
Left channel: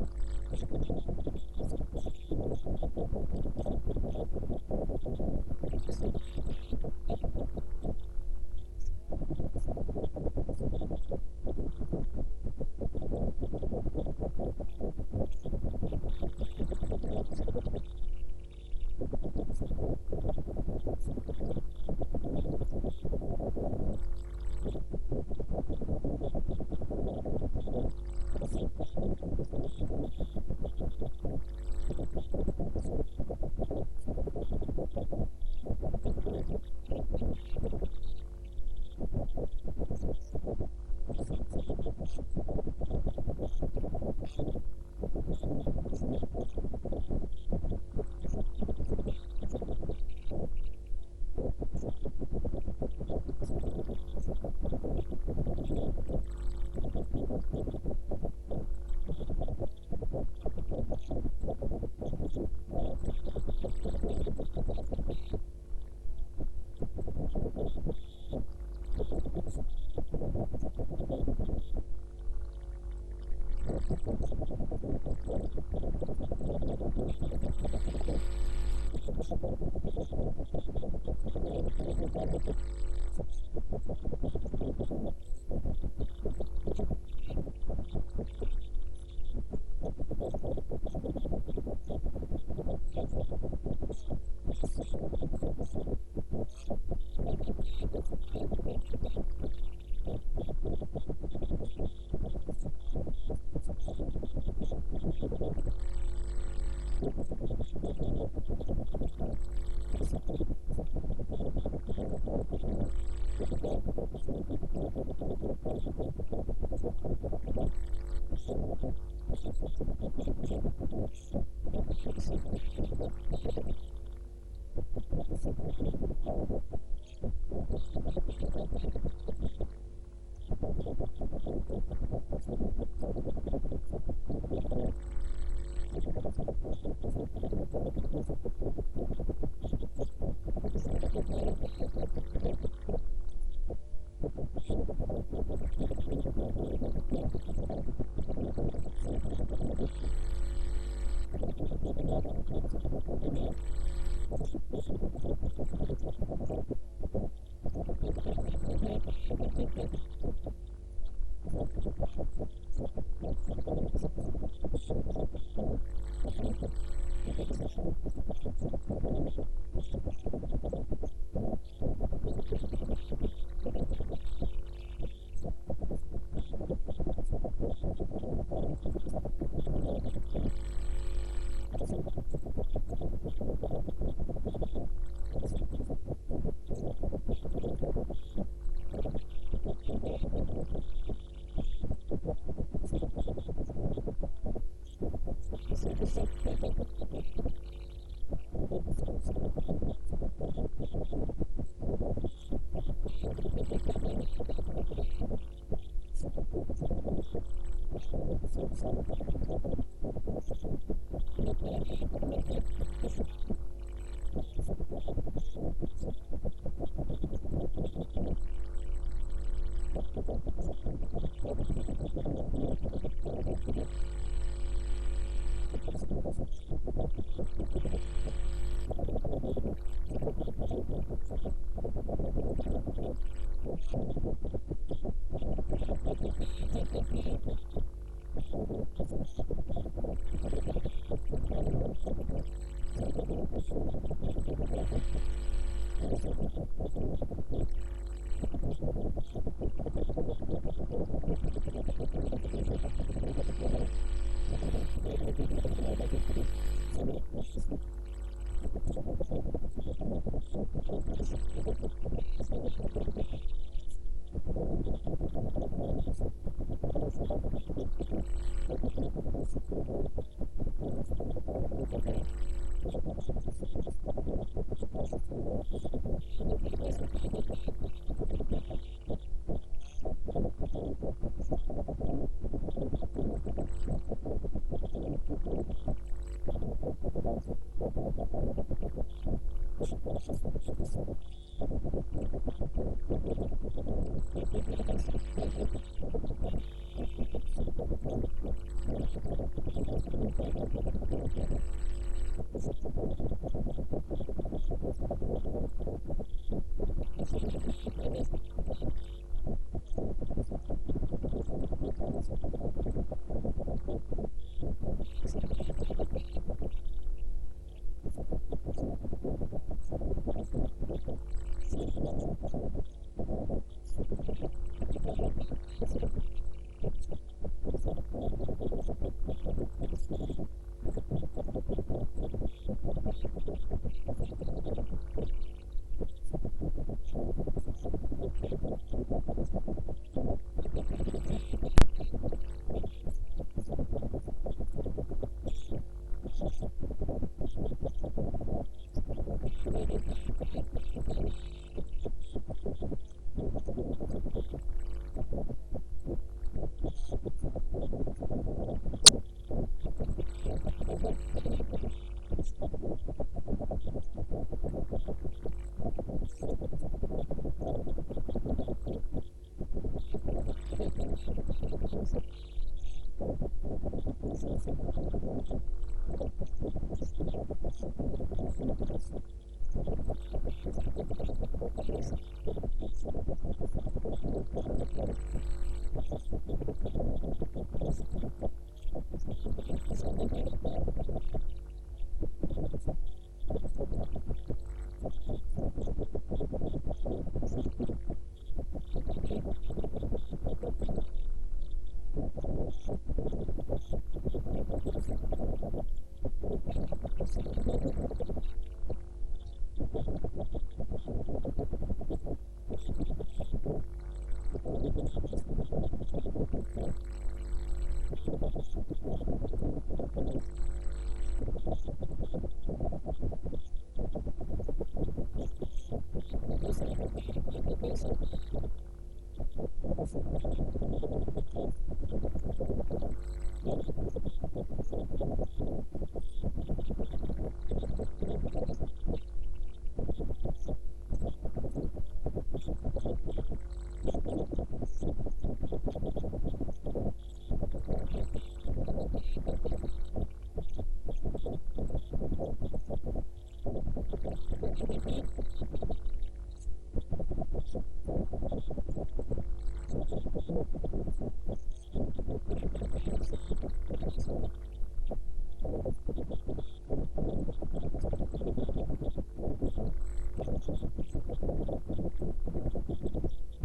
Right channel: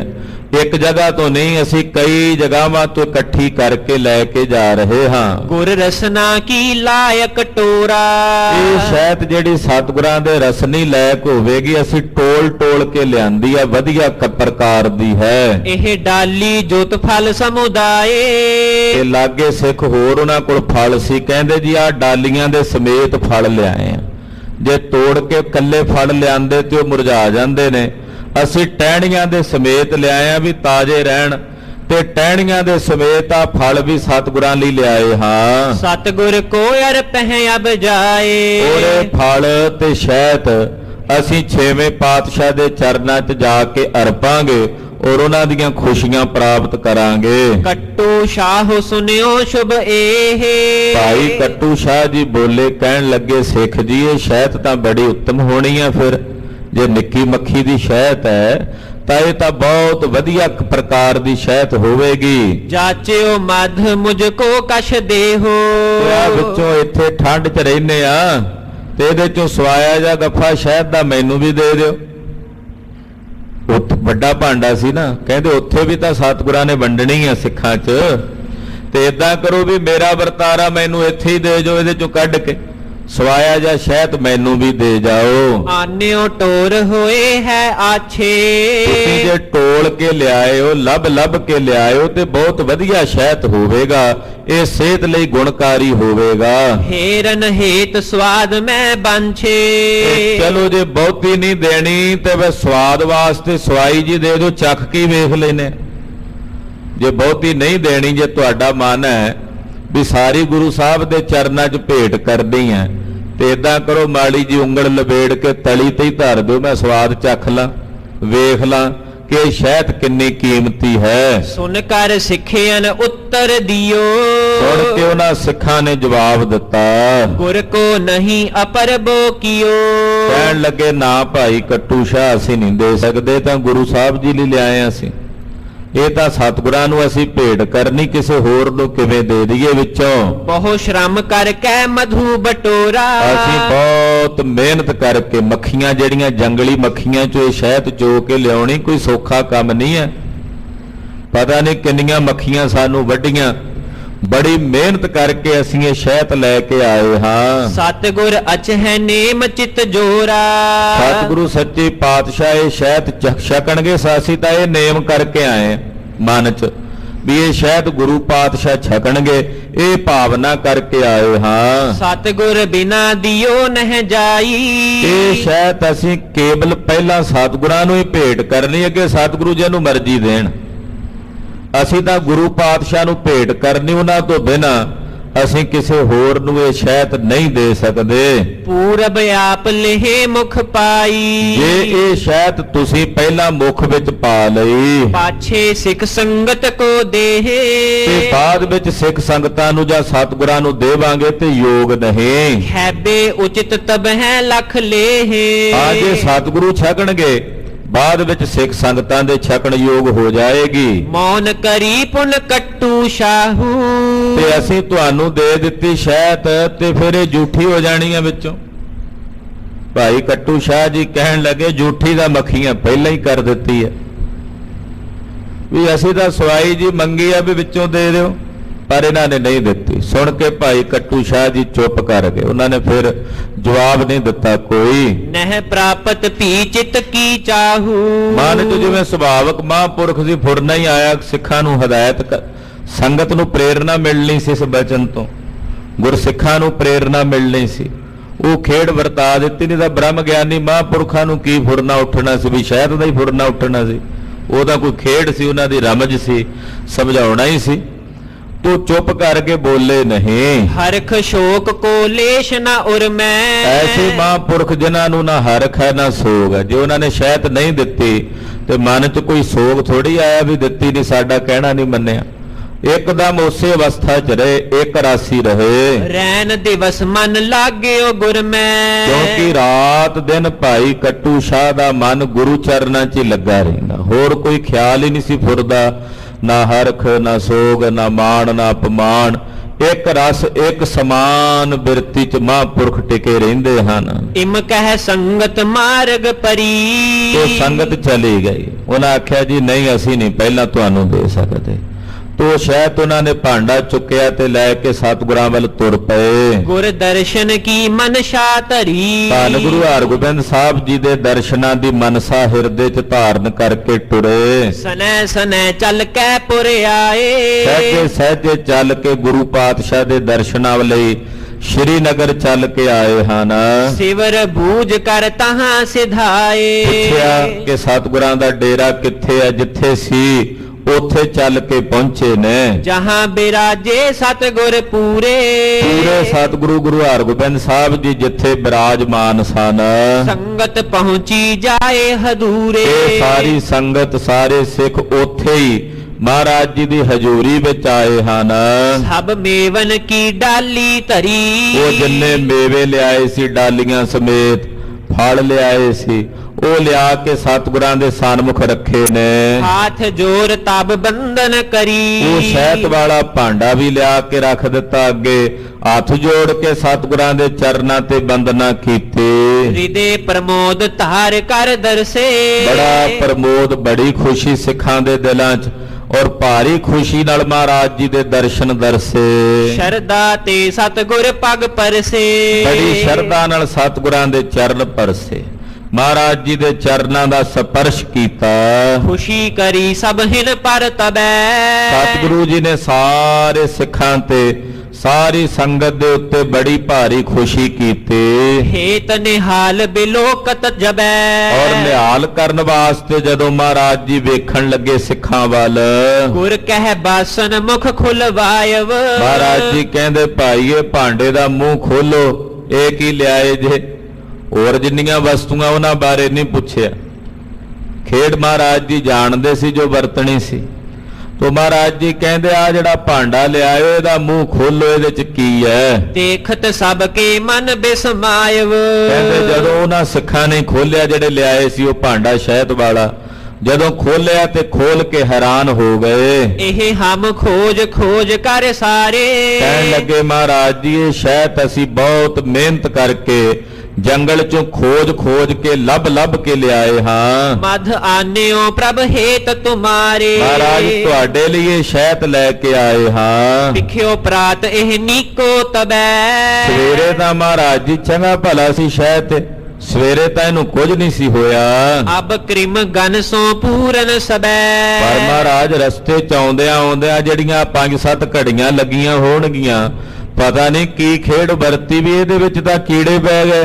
ਇੱਕ ਜਗ੍ਹਾ ਤੋਂ ਨਹੀਂ, ਅਸੀਂ ਕਈ ਜਗ੍ਹਾਵਾਂ ਤੋਂ ਇਕੱਠੀ ਕਰਕੇ ਲੈ ਕੇ ਜਾ ਰਹੇ ਹਾਂ। ਗੁਰ ਰਸਨਾ ਕੀ ਲਾਇਕ ਟੋਰਾ। ਇਹ ਸ਼ਹਿਦ ਜਿਹੜੀ ਸਤਿਗੁਰਾਂ ਦੇ ਰਸਨੀ ਲਾਇਕ ਹੋਵੇਗੀ, ਅਸੀਂ ਟੋਲ ਟੋਲ ਕੇ ਲਿਆਂਦੀ ਆ, ਵਧੀਆ ਪ੍ਰਕਾਰ ਦੀ ਹੈ। ਇਹ ਡਾਲੀ ਜੋਤ ਫਲ ਸਮੁਦਾਏ। ਤੇ ਲਾਗੇ ਸਿੱਖ ਹੋਰ ਉਹਨਾਂ ਕੋਲ ਫਲ ਸੀ, ਕਹਿੰਦੇ ਜੀ ਆਹ ਡਾਲੀਆਂ ਦੇ ਸਮੇਤ ਫਲ ਲਿਆਏ ਆ। ਜੇ ਤੋੜ ਕੇ ਇਕੱਲੇ ਫਲ ਲਿਆਂਦੇ ਤੇ ਉਹ ਮੁਰਝਾ ਜਾਂਦੇ ਨੇ। ਅਸੀਂ ਟਹਿਣੀਆਂ ਦੇ ਸਮੇਤ ਲਿਆਏ ਵੀ ਤਾਜ਼ੇ ਰਹਿਣ, ਤੇ ਟਹਿਣੀਆਂ ਦੇ ਸਮੇਤ ਆ ਫਲ ਵੀ ਸਤਿਗੁਰਾਂ ਲਈ ਲਿਆਏ ਹਾਂ। ਸਤਿਗੁਰ ਕੋ ਅਰਪ ਹੈ ਅਬ ਜਾਏ। ਉਹਦੇ ਫਲ ਤੇ ਸ਼ਹਿਦ ਅਸੀਂ 6ਵੇਂ ਪਾਤਸ਼ਾਹ ਦੇ ਚਰਨਾਂ 'ਚ ਜਾ ਕੇ ਅਰਪਾਂਗੇ ਔਰ ਉਹਨਾਂ ਦੀਆਂ ਖੁਸ਼ੀਆਂ ਪ੍ਰਾਪਤ ਕਰਾਂਗੇ। ਕੱਟੂ ਸ਼ਾਹ ਸੁਨਿਓ ਸ਼ੁਭ ਇਹ। ਭਾਈ ਕੱਟੂ ਸ਼ਾਹ ਜੀ ਬੋਲੇ, ਕਹਿਣ ਲੱਗੇ ਸਿੱਖ ਜੀ ਇਹ ਸ਼ਹਿਦ ਤਾਂ ਬੜੀ ਉੱਤਮ ਹੋਣੀ ਆ। ਫਿਰ ਜੇ ਨਿੱਕੀ ਮੱਖੀ ਦੀ ਸ਼ਹਿਦ ਹੈ ਤਾਂ ਇਹ ਤਾਂ ਬਹੁਤ ਵਧੀਆ ਪ੍ਰਕਾਰ ਦੀ ਸ਼ਹਿਦ ਹੋਵੇਗੀ। ਜਾਚਿਓ ਮਧ ਮੁਝ ਕੋ ਕਛ ਦੇਹੋ। ਆ ਵਿੱਚੋਂ ਇੱਥੇ ਠੰਡ 'ਚ ਰਹਿੰਦੇ ਆ ਤੇ ਇਹਦੇ ਚੋਂ ਸਵਾਇਆ ਜਾਂ ਗੱਫਾ ਸ਼ਹਿਦ ਦਾ ਮੈਨੂੰ ਵੀ ਦੇ ਦਿਓ। ਉੱਥੇ ਵੱਡਾ ਭਾਂਡਾ ਸੀ ਨਾ, ਕਹਿੰਦੇ ਉੱਥੇ ਵੀ ਤਾਂ ਸਤਿਗੁਰਾਂ ਨੇ ਵੰਡਣੀ ਆ ਸਿੱਖਾਂ 'ਚ, ਤੇ ਇਦਾਂ ਕਰੋ ਵੀ ਮੇਰਾ ਵਰਤਾਰਾ ਮੈਨੂੰ ਇੱਥੇ ਹੀ ਦੇ ਜਾਓ, ਇਹਦੇ ਚੋਂ ਕੱਢ ਕੇ ਸਵਾਇਆ ਜਾਂ ਸ਼ਹਿਦ ਮੈਨੂੰ ਵੀ ਦੇ ਜਾਓ। ਆਨਿਓ ਟੋਰ ਹੋਏ ਹੈ ਆਛੇ। ਤੁਸੀਂ ਜੇ ਟੋਲ ਕੇ ਲਿਆਇਓ, ਲੱਭ ਲੱਭ ਕੇ ਲਿਆਇਓ ਤੇ ਬਹੁਤ ਵਧੀਆ ਸ਼ਹਿਦ ਹੋਵੇਗਾ। ਇਹ ਸਿਹਤ ਲਈ ਗੁਣਕਾਰੀ ਹੋਵੇਗਾ। ਹੇਰਨ ਹੇਤ ਸਵਾਦ ਮੈਂ ਬੰਛੇ। ਚਲੋ ਜੇ ਬਹੁਤੀ ਨਹੀਂ ਦੇਣੀ ਤੇ ਵੇ ਸਵਾਦ ਵਾਸਤੇ ਸਵਾਈ ਜੀ ਦੇ ਦਿਓ, ਚੱਖ ਕੇ ਵੇਖ ਲੈਨੇ। ਜੇ ਬਹੁਤੀ ਨਹੀਂ ਦੇਣੀ, ਜੇ ਤੁਹਾਡਾ ਮਨ ਹੈ ਵੀ ਸਾਰੀ ਗੁਰੂ ਸਾਹਿਬ ਦੇ ਚਰਨਾਂ 'ਚ ਭੇਟ ਕਰਦੀ ਹੈ ਤੇ ਇਦਾਂ ਕਰੋ ਮਾੜੀ ਜੀ ਉਂਗਲ ਲਬੇੜ ਕੇ ਤਲੀ ਤੇ ਹੀ ਧਰ ਦਿਓ, ਮੈਂ ਸਵਾਦ ਚੱਖ ਲਾਂ, ਵੇਖ ਲਾਂ ਕਿ ਇਹ ਸ਼ਹਿਦ ਕਿੰਨੀ ਕੀਮਤੀ ਹੈ। ਸੁਨ ਕਰ ਸਿੱਖਿਆਨ ਉੱਤਰ ਦਿਓ। ਸੁਣ ਕੇ ਉਹਨਾਂ ਸਿੱਖਾਂ ਨੇ ਜਵਾਬ ਦਿੱਤਾ, ਗੁਰ ਕੋ ਨਹੀਂ ਅਪਰਬੋ ਕੀਓ। ਕਹਿਣ ਲੱਗੇ ਨਾ ਭਾਈ ਕੱਟੂ ਸ਼ਾਹ ਅਸੀਂ ਨਹੀਂ ਦੇ ਸਕਦੇ, ਤਾਂ ਗੁਰੂ ਸਾਹਿਬ ਜੀ ਲਈ ਲਿਆਏ ਅਸੀਂ। ਇਹ ਤਾਂ ਸਤਿਗੁਰਾਂ ਨੂੰ ਅਸੀਂ ਭੇਟ ਕਰਨੀ, ਕਿਸੇ ਹੋਰ ਨੂੰ ਕਿਵੇਂ ਦੇ ਦਈਏ ਵਿੱਚੋਂ। ਬਹੁ ਸ਼ਰਮ ਕਰਕੇ ਮਧੂ ਬਟੋਰਾ। ਅਸੀਂ ਬਹੁਤ ਮਿਹਨਤ ਕਰਕੇ ਮੱਖੀਆਂ, ਜਿਹੜੀਆਂ ਜੰਗਲੀ ਮੱਖੀਆਂ ਚੋਂ ਇਹ ਸ਼ਹਿਦ ਚੋ ਕੇ ਲਿਆਉਣੀ ਕੋਈ ਸੌਖਾ ਕੰਮ ਨਹੀਂ ਹੈ। ਪਤਾ ਨਹੀਂ ਕਿੰਨੀਆਂ ਮੱਖੀਆਂ ਸਾਨੂੰ ਵੱਢੀਆਂ, ਬੜੀ ਮਿਹਨਤ ਕਰਕੇ ਅਸੀਂ ਇਹ ਸ਼ਹਿਦ ਲੈ ਕੇ ਆਏ ਹਾਂ। ਸਤਿਗੁਰ ਅਚਹਿ ਨੇਮ ਚਿਤ ਜੋਰਾ। ਸਤਿਗੁਰੂ ਸੱਚੇ ਪਾਤਸ਼ਾਹ ਇਹ ਸ਼ਹਿਦ ਛਕਣਗੇ। ਅਸੀਂ ਤਾਂ ਇਹ ਨੇਮ ਕਰਕੇ ਆਏ ਮਨ ਚ ਵੀ ਇਹ ਸ਼ਹਿਦ ਗੁਰੂ ਪਾਤਸ਼ਾਹ ਛਕਣਗੇ, ਇਹ ਭਾਵਨਾ ਕਰਕੇ ਆਏ ਹਾਂ। ਸਤਿਗੁਰ ਬਿਨਾ ਦਿਓ ਨਹਿ ਜਾਈ। ਇਹ ਸ਼ਹਿਦ ਅਸੀਂ ਕੇਵਲ ਪਹਿਲਾਂ ਸਤਿਗੁਰਾਂ ਨੂੰ ਹੀ ਭੇਟ ਕਰਨੀ, ਅੱਗੇ ਸਤਿਗੁਰੂ ਜੀ ਨੂੰ ਮਰਜ਼ੀ ਦੇਣ। ਅਸੀਂ ਤਾਂ ਗੁਰੂ ਪਾਤਸ਼ਾਹ ਨੂੰ ਭੇਟ ਕਰਨੀ, ਉਹਨਾਂ ਤੋਂ ਬਿਨਾਂ ਅਸੀਂ ਕਿਸੇ ਹੋਰ ਨੂੰ ਇਹ ਸ਼ਹਿਦ ਨਹੀਂ ਦੇ ਸਕਦੇ। ਪੂਰਬ ਆਪ ਲੇਹ ਮੁਖ ਪਾਈ। ਜੇ ਇਹ ਸ਼ਹਿਦ ਤੁਸੀਂ ਪਹਿਲਾਂ ਮੁਖ ਵਿੱਚ ਪਾ ਲਈ ਪਾਛੇ ਸਿੱਖ ਸੰਗਤ ਕੋ ਦੇਹੇ। ਤੇ ਬਾਅਦ ਵਿੱਚ ਸਿੱਖ ਸੰਗਤਾਂ ਨੂੰ ਜਾਂ ਸਤਿਗੁਰਾਂ ਨੂੰ ਦੇਵਾਂਗੇ ਤੇ ਯੋਗ ਨਹੀਂ। ਹੈਬੇ ਉਚਿਤ ਤਬ ਹੈ ਲਖ ਲੇਹੇ। ਆ ਜੇ ਸਤਿਗੁਰੂ ਛਕਣਗੇ ਬਾਅਦ ਵਿੱਚ ਸਿੱਖ ਸੰਗਤਾਂ ਦੇ ਛਕਣ ਯੋਗ ਹੋ ਜਾਏਗੀ। ਮੌਨ ਕਰੀ ਪੁਨ ਕੱਟੂ ਸ਼ਾਹੂ। ਤੇ ਅਸੀਂ ਤੁਹਾਨੂੰ ਦੇ ਦਿੱਤੀ ਸ਼ਹਿਦ ਤੇ ਫਿਰ ਇਹ ਝੂਠੀ ਹੋ ਜਾਣੀ ਹੈ ਵਿੱਚੋਂ। ਭਾਈ ਕੱਟੂ ਸ਼ਾਹ ਜੀ ਕਹਿਣ ਲੱਗੇ ਝੂਠੀ ਦਾ ਮੱਖੀਆਂ ਪਹਿਲਾਂ ਹੀ ਕਰ ਦਿੱਤੀ ਹੈ ਵੀ ਅਸੀਂ ਤਾਂ ਸਵਾਈ ਜੀ ਮੰਗੀ ਆ ਵੀ ਵਿੱਚੋਂ ਦੇ ਦਿਓ, ਪਰ ਇਹਨਾਂ ਨੇ ਨਹੀਂ ਦਿੱਤੀ। ਸੁਣ ਕੇ ਭਾਈ ਕੱਟੂ ਸ਼ਾਹ ਜੀ ਚੁੱਪ ਕਰ ਗਏ, ਉਹਨਾਂ ਨੇ ਫਿਰ ਜਵਾਬ ਨਹੀਂ ਦਿੱਤਾ ਕੋਈ। ਨਹਿ ਪ੍ਰਾਪਤ ਭੀ ਚਿਤ ਕੀ ਚਾਹੂ। ਮਨ ਚ ਜਿਵੇਂ ਸੁਭਾਵਕ ਮਹਾਂਪੁਰਖ ਦੀ ਫੁਰਨਾ ਹੀ ਆਇਆ, ਸਿੱਖਾਂ ਨੂੰ ਹਦਾਇਤ ਸੰਗਤ ਨੂੰ ਪ੍ਰੇਰਣਾ ਮਿਲਣੀ ਸੀ, ਇਸ ਬਚਨ ਤੋਂ ਗੁਰਸਿੱਖਾਂ ਨੂੰ ਪ੍ਰੇਰਣਾ ਮਿਲਣੀ ਸੀ, ਉਹ ਖੇਡ ਵਰਤਾ ਦਿੱਤੀ। ਨਹੀਂ ਤਾਂ ਬ੍ਰਹਮ ਗਿਆਨੀ ਮਹਾਂਪੁਰਖਾਂ ਨੂੰ ਕੀ ਫੁਰਨਾ ਉੱਠਣਾ ਸੀ, ਵੀ ਸ਼ਾਇਦ ਦਾ ਹੀ ਫੁਰਨਾ ਉੱਠਣਾ ਸੀ। ਉਹਦਾ ਕੋਈ ਖੇਡ ਸੀ, ਉਹਨਾਂ ਦੀ ਰਮਜ ਸੀ, ਸਮਝਾਉਣਾ ਹੀ ਸੀ। ਤੂੰ ਚੁੱਪ ਕਰਕੇ ਬੋਲੇ ਨਹੀਂ। ਹਰਖ ਸ਼ੋਕ ਕੋ ਲੇਸ਼ ਨਾ ਉਰ ਮੈਂ। ਐਸੇ ਮਹਾਂਪੁਰਖ ਜਿਨ੍ਹਾਂ ਨੂੰ ਨਾ ਹਰਖ ਹੈ ਨਾ ਸੋਗ ਹੈ, ਜੇ ਉਹਨਾਂ ਨੇ ਸ਼ਹਿਦ ਨਹੀਂ ਦਿੱਤੀ ਤੇ ਮਨ 'ਚ ਕੋਈ ਸੋਗ ਥੋੜੀ ਆਇਆ ਵੀ ਦਿੱਤੀ ਨਹੀਂ, ਸਾਡਾ ਕਹਿਣਾ ਨਹੀਂ ਮੰਨਿਆ। ਇੱਕਦਮ ਉਸੇ ਅਵਸਥਾ 'ਚ ਰਹੇ, ਇੱਕ ਰਾਸੀ ਰਹੇ। ਰੈਨ ਦਿਵਸ ਮਨ ਲਾਗਿਓ ਗੁਰ ਮੈਂ। ਕਿਉਂਕਿ ਰਾਤ ਦਿਨ ਭਾਈ ਕੱਟੂ ਸ਼ਾਹ ਦਾ ਮਨ ਗੁਰੂ ਚਰਨਾਂ 'ਚ ਹੀ ਲੱਗਾ ਰਹਿੰਦਾ, ਹੋਰ ਕੋਈ ਖਿਆਲ ਹੀ ਨਹੀਂ ਸੀ ਫੁਰਦਾ, ਨਾ ਹਰਖ ਨਾ ਸੋਗ ਨਾ ਮਾਣ ਨਾ ਅਪਮਾਨ। ਇੱਕ ਰਸ ਇੱਕ ਸਮਾਨ ਬਿਰਤੀ 'ਚ ਮਹਾਂਪੁਰਖ ਟਿਕੇ ਰਹਿੰਦੇ ਹਨ। ਇਮ ਕਹਿ ਸੰਗਤ ਮਾਰਗ ਪਰੀ। ਉਹ ਸੰਗਤ ਚਲੀ ਗਈ, ਉਹਨਾਂ ਆਖਿਆ ਜੀ ਨਹੀਂ ਅਸੀਂ ਨਹੀਂ ਪਹਿਲਾਂ ਤੁਹਾਨੂੰ ਦੇ ਸਕਦੇ। ਤੋ ਸ਼ਾਇਦ ਉਹਨਾਂ ਨੇ ਭਾਂਡਾ ਚੁੱਕਿਆ ਤੇ ਲੈ ਕੇ ਸਤਿਗੁਰਾਂ ਵੱਲ ਤੁਰ ਪਏ। ਗੁਰ ਦਰਸ਼ਨ ਕੀ ਮਨਸ਼ਾ ਧਰੀ। ਧੰਨ ਗੁਰੂ ਹਰਗੋਬਿੰਦ ਸਾਹਿਬ ਜੀ ਦੇ ਦਰਸ਼ਨਾਂ ਦੀ ਮਨਸਾ ਹਿਰਦੇ 'ਚ ਧਾਰਨ ਕਰਕੇ ਟੁਰੇ। ਸਨੈ ਸਨੈ ਚੱਲ ਕੇ ਪੁਰ ਆਏ। ਸਹਿਜੇ ਸਹਿਜੇ ਚੱਲ ਕੇ ਗੁਰੂ ਪਾਤਸ਼ਾਹ ਦੇ ਦਰਸ਼ਨਾਂ ਲਈ ਸ਼੍ਰੀਨਗਰ ਚੱਲ ਕੇ ਆਏ ਹਨ। ਸਿਵਰ ਬੂਝ ਕਰ ਤਹਾਂ ਸਿਧਾਏ। ਪੁੱਛਿਆ ਕਿ ਸਤਿਗੁਰਾਂ ਦਾ ਡੇਰਾ ਕਿੱਥੇ ਹੈ, ਜਿੱਥੇ ਸੀ ਉੱਥੇ ਚੱਲ ਕੇ ਪਹੁੰਚੇ ਨੇ। ਜਹਾਂ ਬਿਰਾਜੇ ਸਤਿਗੁਰ ਪੂਰੇ। ਪੂਰੇ ਸਤਿਗੁਰੂ ਗੁਰੂ ਹਰਗੋਬਿੰਦ ਸਾਹਿਬ ਜੀ ਜਿੱਥੇ ਬਿਰਾਜਮਾਨ ਸਨ। ਸੰਗਤ ਪਹੁੰਚੀ ਜਾਏ ਹਦੂਰੇ। ਇਹ ਸਾਰੀ ਸੰਗਤ ਸਾਰੇ ਸਿੱਖ ਉੱਥੇ ਹੀ ਮਹਾਰਾਜ ਜੀ ਦੀ ਹਜ਼ੂਰੀ ਵਿੱਚ ਆਏ ਹਨ। ਸਭ ਮੇਵਨ ਕੀ ਡਾਲੀ ਧਰੀ। ਉਹ ਜਿੰਨੇ ਮੇਵੇ ਲਿਆਏ ਸੀ ਡਾਲੀਆਂ ਸਮੇਤ, ਫਲ ਲਿਆਏ ਸੀ, ਉਹ ਲਿਆ ਕੇ ਸਤਿਗੁਰਾਂ ਦੇ ਸਨਮੁਖ ਰੱਖੇ ਨੇ। ਹਾਥ ਜੋਰ ਤਬ ਬੰਧਨ ਕਰੀ। ਉਹ ਸ਼ਹਿਦ ਵਾਲਾ ਭਾਂਡਾ ਵੀ ਲਿਆ ਕੇ ਰੱਖ ਦਿੱਤਾ ਅੱਗੇ, ਹੱਥ ਜੋੜ ਕੇ ਸਤਿਗੁਰਾਂ ਦੇ ਚਰਨਾਂ ਤੇ ਬੰਦਨਾ ਕੀਤੀ। ਹਿਰਦੇ ਪ੍ਰਮੋਦ ਧਾਰ ਕਰ ਦਰਸੇ। ਬੜਾ ਪ੍ਰਮੋਦ, ਬੜੀ ਖੁਸ਼ੀ ਸਿੱਖਾਂ ਦੇ ਦਿਲਾਂ 'ਚ, ਔਰ ਭਾਰੀ ਖੁਸ਼ੀ ਨਾਲ ਮਹਾਰਾਜ ਜੀ ਦੇ ਦਰਸ਼ਨ ਦਰਸੇ। ਸ਼ਰਧਾ ਤੇ ਸਤਿਗੁਰ ਪਗ ਪਰਸੇ। ਬੜੀ ਸ਼ਰਧਾ ਨਾਲ ਸਤਿਗੁਰਾਂ ਦੇ ਚਰਨ ਪਰਸੇ, ਮਹਾਰਾਜ ਜੀ ਦੇ ਚਰਨਾਂ ਦਾ ਸਪਰਸ਼ ਕੀਤਾ। ਖੁਸ਼ੀ ਕਰੀ ਸਭ ਹਿਨ ਪਰ ਤਬੈ। ਸਤਿਗੁਰੂ ਜੀ ਨੇ ਸਾਰੇ ਸਿੱਖਾਂ ਤੇ ਸਾਰੀ ਸੰਗਤ ਦੇ ਉੱਤੇ ਬੜੀ ਭਾਰੀ ਖੁਸ਼ੀ ਕੀਤੀ। ਹੇਤ ਨਿਹਾਲ ਬਿਲੋਕਤ ਜਬੈ। ਔਰ ਨਿਹਾਲ ਕਰਨ ਵਾਸਤੇ ਜਦੋਂ ਮਹਾਰਾਜ ਜੀ ਵੇਖਣ ਲੱਗੇ ਸਿੱਖਾਂ ਵੱਲ, ਗੁਰ ਕਹਿ ਬਾਸਨ ਮੁਖ ਖੁਲਵਾਇਵ। ਮਹਾਰਾਜ ਜੀ ਕਹਿੰਦੇ ਭਾਈ ਇਹ ਭਾਂਡੇ ਦਾ ਮੂੰਹ ਖੋਲੋ, ਇਹ ਕੀ ਲਿਆਏ ਜੇ। ਹੋਰ ਜਿੰਨੀਆਂ ਵਸਤੂਆਂ ਉਹਨਾਂ ਬਾਰੇ ਨਹੀਂ ਪੁੱਛਿਆ, ਖੇਡ ਮਹਾਰਾਜ ਜੀ ਜਾਣਦੇ ਸੀ ਜੋ ਵਰਤਣੀ ਸੀ। ਤੋ ਮਹਾਰਾਜ ਜੀ ਕਹਿੰਦੇ ਆ ਜਿਹੜਾ ਭਾਂਡਾ ਲਿਆਇਓ ਇਹਦਾ ਮੂੰਹ ਖੋਲੋ, ਇਹਦੇ 'ਚ ਕੀ ਹੈ। ਦੇਖਤ ਸਭ ਕੇ ਮਨ ਬਿਸਮਾਇਵ। ਕਹਿੰਦੇ ਜਦੋਂ ਉਹਨਾਂ ਸਿੱਖਾਂ ਨੇ ਖੋਲਿਆ, ਜਿਹੜੇ ਲਿਆਏ ਸੀ ਉਹ ਭਾਂਡਾ ਸ਼ਹਿਦ ਵਾਲਾ, ਜਦੋਂ ਖੋਲਿਆ ਤੇ ਖੋਲ ਕੇ ਹੈਰਾਨ ਹੋ ਗਏ। ਇਹ ਹਮ ਖੋਜ ਖੋਜ ਕਰ ਸਾਰੇ। ਕਹਿਣ ਲੱਗੇ ਮਹਾਰਾਜ ਜੀ ਇਹ ਸ਼ਹਿਦ ਅਸੀਂ ਬਹੁਤ ਮਿਹਨਤ ਕਰਕੇ ਜੰਗਲ ਚੋਂ ਖੋਜ ਕੇ ਲੱਭ ਕੇ ਲਿਆਏ ਹਾਂ। ਮਧ ਆਨਿਓ ਪ੍ਰਭ ਹੇਤ ਤੁਮਾਰੇ ਮਹਾਰਾਜ ਤੁਹਾਡੇ ਲਈ ਇਹ ਸ਼ਹਿਦ ਲੈ ਕੇ ਆਏ ਹਾਂ। ਵਿਖਿਓ ਪ੍ਰਾਤ ਇਹ ਨੀਕੋ ਤਬੈ ਸਵੇਰੇ ਤਾਂ ਮਹਾਰਾਜ ਜੀ ਚੰਗਾ ਭਲਾ ਸੀ ਸ਼ਹਿਦ ਤੇ, ਸਵੇਰੇ ਤਾਂ ਇਹਨੂੰ ਕੁਝ ਨਹੀਂ ਸੀ ਹੋਇਆ। ਅਬ ਕ੍ਰਿਮ ਗਨ ਸੋ ਪੂਰਨ ਸਬੈ ਪਰ ਮਹਾਰਾਜ ਰਸਤੇ ਚ ਆਉਂਦਿਆਂ ਜਿਹੜੀਆਂ 5-7 ਘੜੀਆਂ ਲੱਗੀਆਂ ਹੋਣਗੀਆਂ, ਪਤਾ ਨਹੀਂ ਕੀ ਖੇਡ ਵਰਤੀ ਵੀ ਇਹਦੇ ਵਿੱਚ ਤਾਂ ਕੀੜੇ ਪੈ ਗਏ।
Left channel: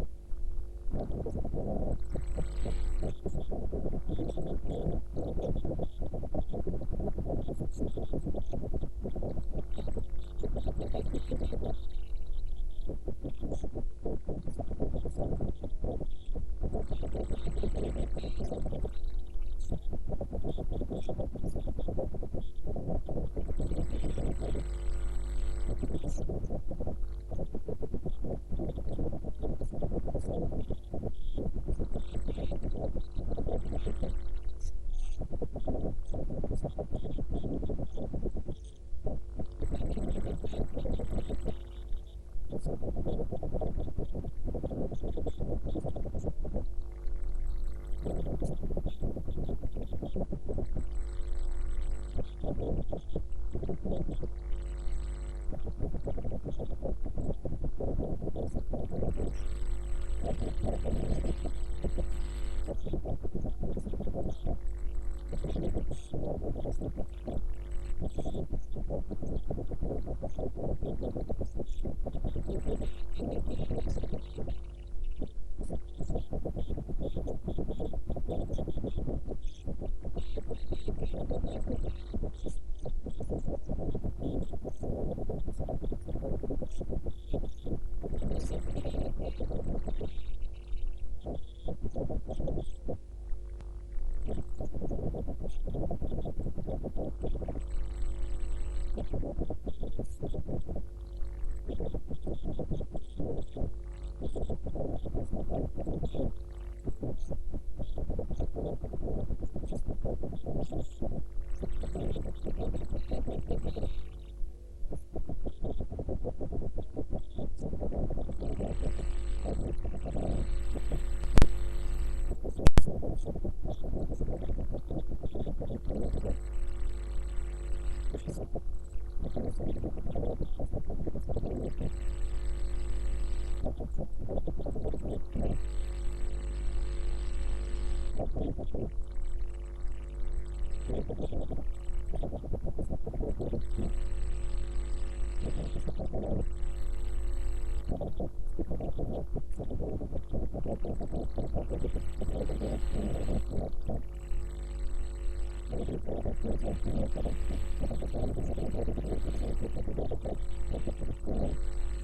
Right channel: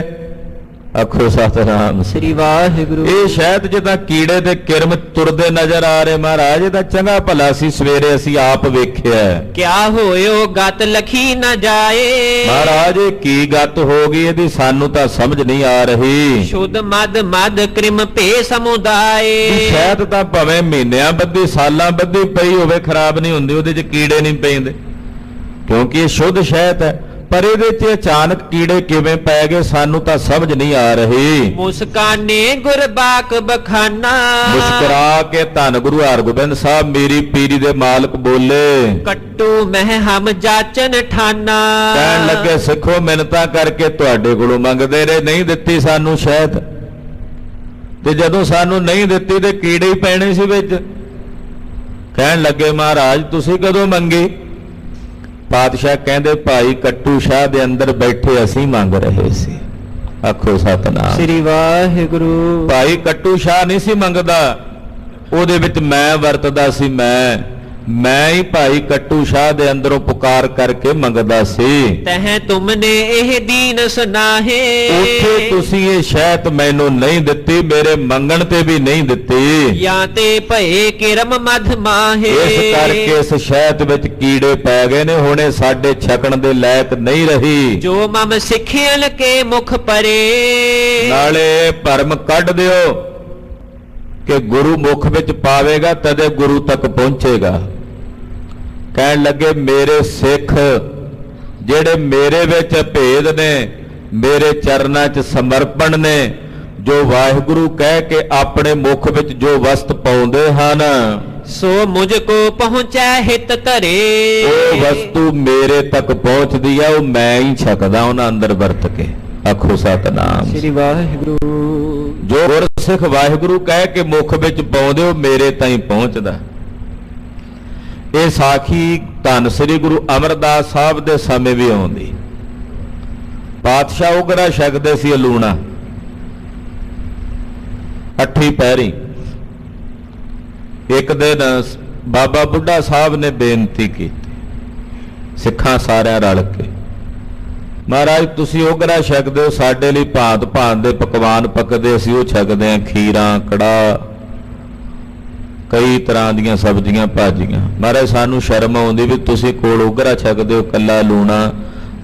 ਆਖੋ ਸਤਿਨਾਮ। ਸ੍ਰੀ ਵਾਹਿਗੁਰੂ। ਇਹ ਸ਼ਹਿਦ ਜਿੱਦਾਂ ਕੀੜੇ ਦੇ ਕਿਰਮ ਤੁਰਦੇ ਨਜ਼ਰ ਆ ਰਹੇ ਮਹਾਰਾਜ, ਇਹ ਤਾਂ ਚੰਗਾ ਭਲਾ ਸੀ ਸਵੇਰੇ ਅਸੀਂ ਆਪ ਵੇਖਿਆ। ਕਿਆ ਹੋਇਓ ਗਤ ਲਖੀ ਨਾ ਜਾਏ ਮਹਾਰਾਜ ਇਹ ਕੀ ਗੱਤ ਹੋ ਗਈ, ਇਹਦੀ ਸਾਨੂੰ ਤਾਂ ਸਮਝ ਨਹੀਂ ਆ ਰਹੀ। ਸ਼ੁੱਧ ਮਦ ਕ੍ਰਿਮ ਭੇ ਸਮੁਦਾਏ ਸ਼ਹਿਦ ਤਾਂ ਭਾਵੇਂ ਮਹੀਨਿਆਂ ਬੱਧੀ ਸਾਲਾਂ ਬੱਧੀ ਪਈ ਹੋਵੇ ਖਰਾਬ ਨਹੀਂ ਹੁੰਦੀ, ਉਹਦੇ 'ਚ ਕੀੜੇ ਨਹੀਂ ਪੈਂਦੇ ਕਿਉਂਕਿ ਇਹ ਸ਼ੁੱਧ ਸ਼ਹਿਦ ਹੈ। ਪਰ ਇਹਦੇ 'ਚ ਅਚਾਨਕ ਕੀੜੇ ਕਿਵੇਂ ਪੈ ਗਏ ਸਾਨੂੰ ਤਾਂ ਸਮਝ ਨਹੀਂ ਆ ਰਹੀ। ਮੁਸਕਾਨੇ ਗੁਰਬਾਕ ਬਖਾਨਾ ਮੁਸਕਰਾ ਕੇ ਧੰਨ ਗੁਰੂ ਹਰਗੋਬਿੰਦ ਸਾਹਿਬ ਮੇਰੀ ਪੀਰੀ ਦੇ ਮਾਲਕ ਬੋਲੇ, ਕੱਟੂ ਮਹਿ ਹਮ ਜਾਚਨ ਠਾਨਾ। ਕਹਿਣ ਲੱਗੇ ਸਿੱਖੋ ਮਿੰਨਤਾਂ ਕਰਕੇ ਤੁਹਾਡੇ ਕੋਲੋਂ ਮੰਗਦੇ ਰਹੇ, ਨਹੀਂ ਦਿੱਤੀ ਸਾਨੂੰ ਸ਼ਹਿਦ, ਤੇ ਜਦੋਂ ਸਾਨੂੰ ਨਹੀਂ ਦਿੱਤੀ ਤੇ ਕੀੜੇ ਹੀ ਪੈਣੇ ਸੀ ਵਿੱਚ। ਕਹਿਣ ਲੱਗੇ ਮਹਾਰਾਜ ਤੁਸੀਂ ਕਦੋਂ ਮੰਗੀ? ਪਾਤਸ਼ਾਹ ਕਹਿੰਦੇ ਭਾਈ ਕੱਟੂ ਸ਼ਾਹ ਦੇ ਅੰਦਰ ਬੈਠੇ ਅਸੀਂ ਮੰਗ ਰਹੇ ਸੀ। ਆਖੋ ਸਤਿਨਾਮ। ਸ੍ਰੀ ਵਾਹਿਗੁਰੂ। ਭਾਈ ਕੱਟੂ ਸ਼ਾਹ ਨਹੀਂ ਸੀ ਮੰਗਦਾ, ਉਹਦੇ ਵਿੱਚ ਮੈਂ ਵਰਤਦਾ ਸੀ। ਮੈਂ ਹੀ ਭਾਈ ਕੱਟੂ ਸ਼ਾਹ ਦੇ ਅੰਦਰੋਂ ਪੁਕਾਰ ਕਰਕੇ ਮੰਗਦਾ ਸੀ। ਤਹਿ ਤੁਮਨੇ ਇਹ ਦੀਨ ਸੁਨਾਹੇ ਉੱਥੇ ਤੁਸੀਂ ਇਹ ਸ਼ਹਿਦ ਮੈਨੂੰ ਨਹੀਂ ਦਿੱਤੀ, ਮੇਰੇ ਮੰਗਣ ਤੇ ਵੀ ਨਹੀਂ ਦਿੱਤੀ। ਜਾਂ ਤੇ ਭਏ ਕਿਰਮ ਮਧ ਮਾਹੇ ਇਸ ਕਰਕੇ ਇਸ ਸ਼ਹਿਦ ਵਿੱਚ ਕੀੜੇ ਪੈ ਗਏ ਨੇ, ਹੁਣ ਇਹ ਸਾਡੇ ਛਕਣ ਦੇ ਲਾਇਕ ਨਹੀਂ ਰਹੀ। ਜੋ ਮਮ ਸਿੱਖਿਅਨ ਕੇ ਮੁਖ ਪਰੇ ਨਾਲੇ ਭਰਮ ਕੱਢ ਦਿਓ ਕਿ ਗੁਰੂ ਮੁਖ ਵਿੱਚ ਪਾਵੇਗਾ ਤਦੇ ਗੁਰੂ ਤੱਕ ਪਹੁੰਚੇਗਾ। ਕਹਿਣ ਲੱਗੇ ਮੇਰੇ ਸਿੱਖ ਜਿਹੜੇ ਮੇਰੇ ਵਿੱਚ ਭੇਦ ਨੇ, ਮੇਰੇ ਚਰਨਾਂ 'ਚ ਸਮਰਪਣ ਨੇ, ਜੋ ਵਾਹਿਗੁਰੂ ਕਹਿ ਕੇ ਆਪਣੇ ਮੁਖ ਵਿੱਚ ਜੋ ਵਸਤ ਪਾਉਂਦੇ ਹਨ, ਸੋ ਮੁਝ ਕੋ ਪਹੁੰਚੈ ਹਿਤ ਧਰੇ। ਉਹ ਵਸਤੂ ਮੇਰੇ ਤੱਕ ਪਹੁੰਚਦੀ ਆ, ਉਹ ਮੈਂ ਹੀ ਛਕਦਾ ਉਹਨਾਂ ਅੰਦਰ ਵਰਤ ਕੇ। ਆਖੋ ਸਤਿਨਾਮ। ਸ੍ਰੀ ਵਾਹਿਗੁਰੂ। ਜੋ ਗੁਰਸਿੱਖ ਵਾਹਿਗੁਰੂ ਕਹਿ ਕੇ ਮੁਖ ਵਿੱਚ ਪਾਉਂਦੇ ਉਹ ਮੇਰੇ ਤਾਈਂ ਪਹੁੰਚਦਾ। ਇਹ ਸਾਖੀ ਧੰਨ ਸ੍ਰੀ ਗੁਰੂ ਅਮਰਦਾਸ ਸਾਹਿਬ ਦੇ ਸਮੇਂ ਵੀ ਆਉਂਦੀ। ਪਾਤਸ਼ਾਹ ਉਗਰਾ ਛਕਦੇ ਸੀ ਲੂਣਾ ਅੱਠੀ ਪੈਰੀ। ਇੱਕ ਦਿਨ ਬਾਬਾ ਬੁੱਢਾ ਸਾਹਿਬ ਨੇ ਬੇਨਤੀ ਕੀਤੀ ਸਿੱਖਾਂ ਸਾਰਿਆਂ ਰਲ ਕੇ, ਮਹਾਰਾਜ ਤੁਸੀਂ ਉਗਰਾ ਛਕਦੇ ਹੋ, ਸਾਡੇ ਲਈ ਭਾਂਤ ਭਾਂਤ ਦੇ ਪਕਵਾਨ ਪੱਕਦੇ, ਅਸੀਂ ਉਹ ਛਕਦੇ ਹਾਂ, ਖੀਰਾਂ, ਕੜਾਹ, ਕਈ ਤਰ੍ਹਾਂ ਦੀਆਂ ਸਬਜ਼ੀਆਂ ਭਾਜੀਆਂ। ਮਹਾਰਾਜ ਸਾਨੂੰ ਸ਼ਰਮ ਆਉਂਦੀ ਵੀ ਤੁਸੀਂ ਕੋਲ ਉਗਰਾ ਛਕਦੇ ਹੋ ਕੱਲਾ ਲੂਣਾ,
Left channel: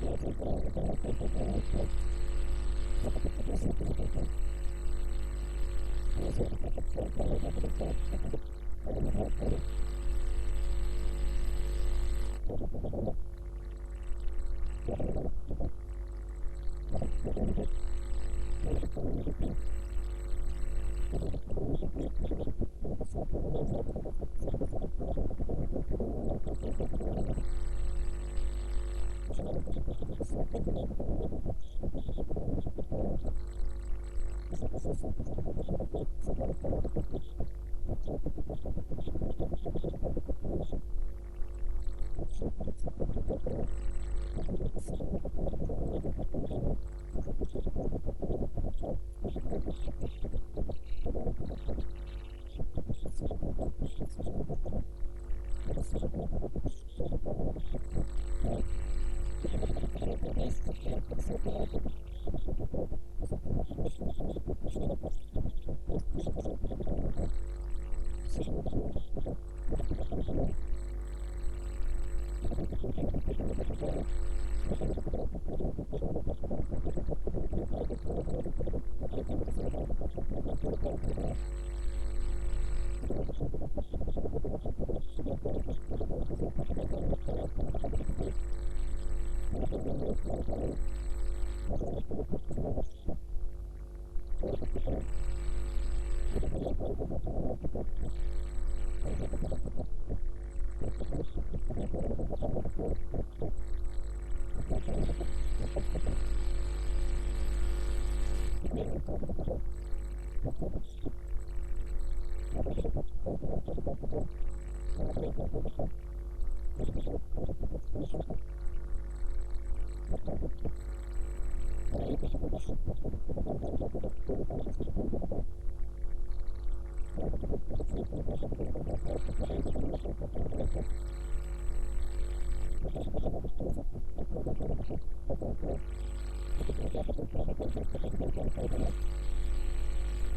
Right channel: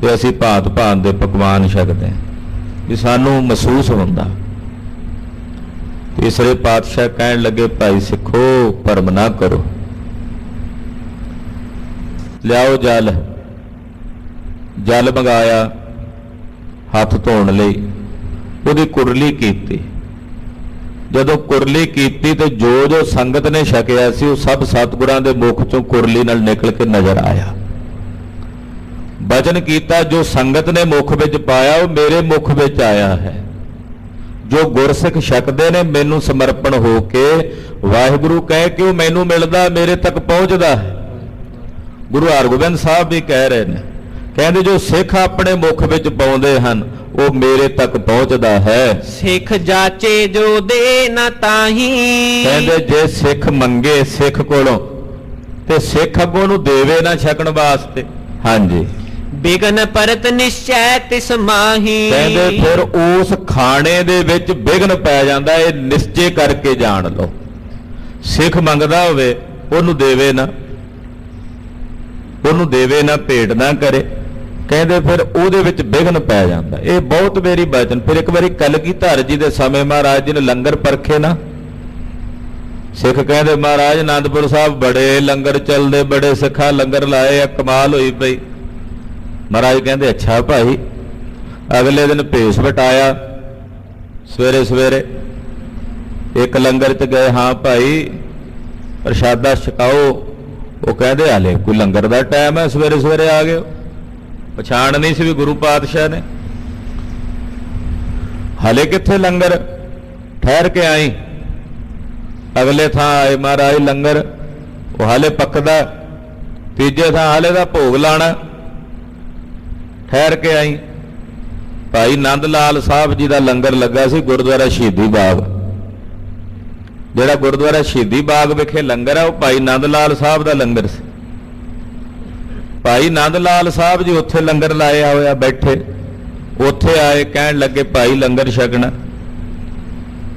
ਤੇ ਅਸੀਂ ਭਾਂਤ ਭਾਂਤ ਦੇ ਪਕਵਾਨ ਛਕਦੇ ਹਾਂ, ਵੀ ਸਾਨੂੰ ਮਹਿਸੂਸ ਹੁੰਦਾ। ਤੀਸਰੇ ਪਾਤਸ਼ਾਹ ਕਹਿਣ ਲੱਗੇ ਭਾਈ ਸਿੱਖੋ ਭਰਮ ਨਾ ਕਰੋ, ਲਿਆਓ ਜਲ ਮੰਗਾਇਆ ਹੱਥ ਧੋਣ ਲਈ, ਉਹਦੀ ਕੁਰਲੀ ਕੀਤੀ। ਜਦੋਂ ਕੁਰਲੀ ਕੀਤੀ ਤੇ ਜੋ ਸੰਗਤ ਨੇ ਛਕਿਆ ਸੀ ਉਹ ਸਭ ਸਤਿਗੁਰਾਂ ਦੇ ਮੁਖ ਚੋਂ ਕੁਰਲੀ ਨਾਲ ਨਿਕਲ ਕੇ ਨਜ਼ਰ ਆਇਆ। ਬਚਨ ਕੀਤਾ ਜੋ ਸੰਗਤ ਨੇ ਮੁਖ ਵਿੱਚ ਪਾਇਆ ਉਹ ਮੇਰੇ ਮੁਖ ਵਿੱਚ ਆਇਆ ਹੈ। ਜੋ ਗੁਰਸਿੱਖ ਛਕਦੇ ਨੇ ਮੈਨੂੰ ਸਮਰਪਣ ਹੋ ਕੇ ਵਾਹਿਗੁਰੂ ਕਹਿ ਕੇ ਉਹ ਮੈਨੂੰ ਮਿਲਦਾ, ਮੇਰੇ ਤੱਕ ਪਹੁੰਚਦਾ ਹੈ। ਗੁਰੂ ਹਰਗੋਬਿੰਦ ਸਾਹਿਬ ਵੀ ਕਹਿ ਰਹੇ ਨੇ, ਕਹਿੰਦੇ ਜੋ ਸਿੱਖ ਆਪਣੇ ਮੁਖ ਵਿੱਚ ਪਾਉਂਦੇ ਹਨ ਉਹ ਮੇਰੇ ਤੱਕ ਪਹੁੰਚਦਾ ਹੈ। ਸਿੱਖ ਜਾਚੇ ਜੋ ਦੇ ਨਾ ਤਾਹੀ, ਕਹਿੰਦੇ ਜੇ ਸਿੱਖ ਮੰਗੇ ਸਿੱਖ ਕੋਲੋਂ ਤੇ ਸਿੱਖ ਅੱਗੋਂ ਨੂੰ ਦੇਵੇ ਨਾ ਛਕਣ ਵਾਸਤੇ। ਹਾਂਜੀ, ਬਿਗਨ ਪਰਤ ਨਿਸ਼ਚੈ ਤਿਸ ਮਾਹੀ। ਕਹਿੰਦੇ ਫਿਰ ਉਸ ਖਾਣੇ ਦੇ ਵਿੱਚ ਵਿਘਨ ਪੈ ਜਾਂਦਾ, ਇਹ ਨਿਸ਼ਚੇ ਕਰਕੇ ਜਾਣ ਲਓ। ਸਿੱਖ ਮੰਗਦਾ ਹੋਵੇ ਉਹਨੂੰ ਦੇਵੇ ਨਾ, ਭੇਟ ਨਾ ਕਰੇ, ਕਹਿੰਦੇ ਫਿਰ ਉਹਦੇ ਵਿੱਚ ਵਿਘਨ ਪੈ ਜਾਂਦਾ। ਇਹ ਬਹੁਤ ਮੇਰੀ ਬਚਨ। ਫਿਰ ਇੱਕ ਵਾਰੀ ਕਲਗੀਧਰ ਜੀ ਦੇ ਸਮੇਂ ਮਹਾਰਾਜ ਜੀ ਨੇ ਲੰਗਰ ਪਰਖੇ ਨਾ, ਸਿੱਖ ਕਹਿੰਦੇ ਮਹਾਰਾਜ ਆਨੰਦਪੁਰ ਸਾਹਿਬ ਬੜੇ ਲੰਗਰ ਚੱਲਦੇ, ਬੜੇ ਸਿੱਖਾਂ ਲੰਗਰ ਲਾਏ ਆ, ਕਮਾਲ ਹੋਈ ਪਈ। ਮਹਾਰਾਜ ਕਹਿੰਦੇ ਅੱਛਾ ਭਾਈ। ਅਗਲੇ ਦਿਨ ਭੇਸ ਵਟਾਇਆ, ਸਵੇਰੇ ਸਵੇਰੇ ਇੱਕ ਲੰਗਰ 'ਚ ਗਏ, ਹਾਂ ਭਾਈ ਪ੍ਰਸ਼ਾਦਾ ਛਕਾਓ। ਉਹ ਕਹਿੰਦੇ ਹਾਲੇ ਕੋਈ ਲੰਗਰ ਦਾ ਟਾਈਮ ਹੈ, ਸਵੇਰੇ ਸਵੇਰੇ ਆ ਗਏ। ਪਛਾਣ ਨਹੀਂ ਸੀ ਵੀ ਗੁਰੂ ਪਾਤਸ਼ਾਹ ਨੇ। ਹਲੇ ਕਿੱਥੇ ਲੰਗਰ, ਠਹਿਰ ਕੇ ਆਈ। ਅਗਲੇ ਥਾਂ ਆਏ, ਮਹਾਰਾਜ ਲੰਗਰ ਉਹ ਹਾਲੇ ਪੱਕਦਾ। ਤੀਜੇ ਥਾਂ ਹਾਲੇ ਦਾ ਭੋਗ ਲਾਣਾ, ਠਹਿਰ ਕੇ ਆਈ। ਭਾਈ ਨੰਦ ਲਾਲ ਸਾਹਿਬ ਜੀ ਦਾ ਲੰਗਰ ਲੱਗਾ ਸੀ ਗੁਰਦੁਆਰਾ ਸ਼ਹੀਦੀ ਬਾਗ। ਜਿਹੜਾ ਗੁਰਦੁਆਰਾ ਸ਼ਹੀਦੀ ਬਾਗ ਵਿਖੇ ਲੰਗਰ ਹੈ ਉਹ ਭਾਈ ਨੰਦ ਲਾਲ ਸਾਹਿਬ ਦਾ ਲੰਗਰ ਸੀ। ਭਾਈ ਨੰਦ ਲਾਲ ਸਾਹਿਬ ਜੀ ਉੱਥੇ ਲੰਗਰ ਲਾਇਆ ਹੋਇਆ ਬੈਠੇ, ਉੱਥੇ ਆਏ, ਕਹਿਣ ਲੱਗੇ ਭਾਈ ਲੰਗਰ ਛਕਣਾ।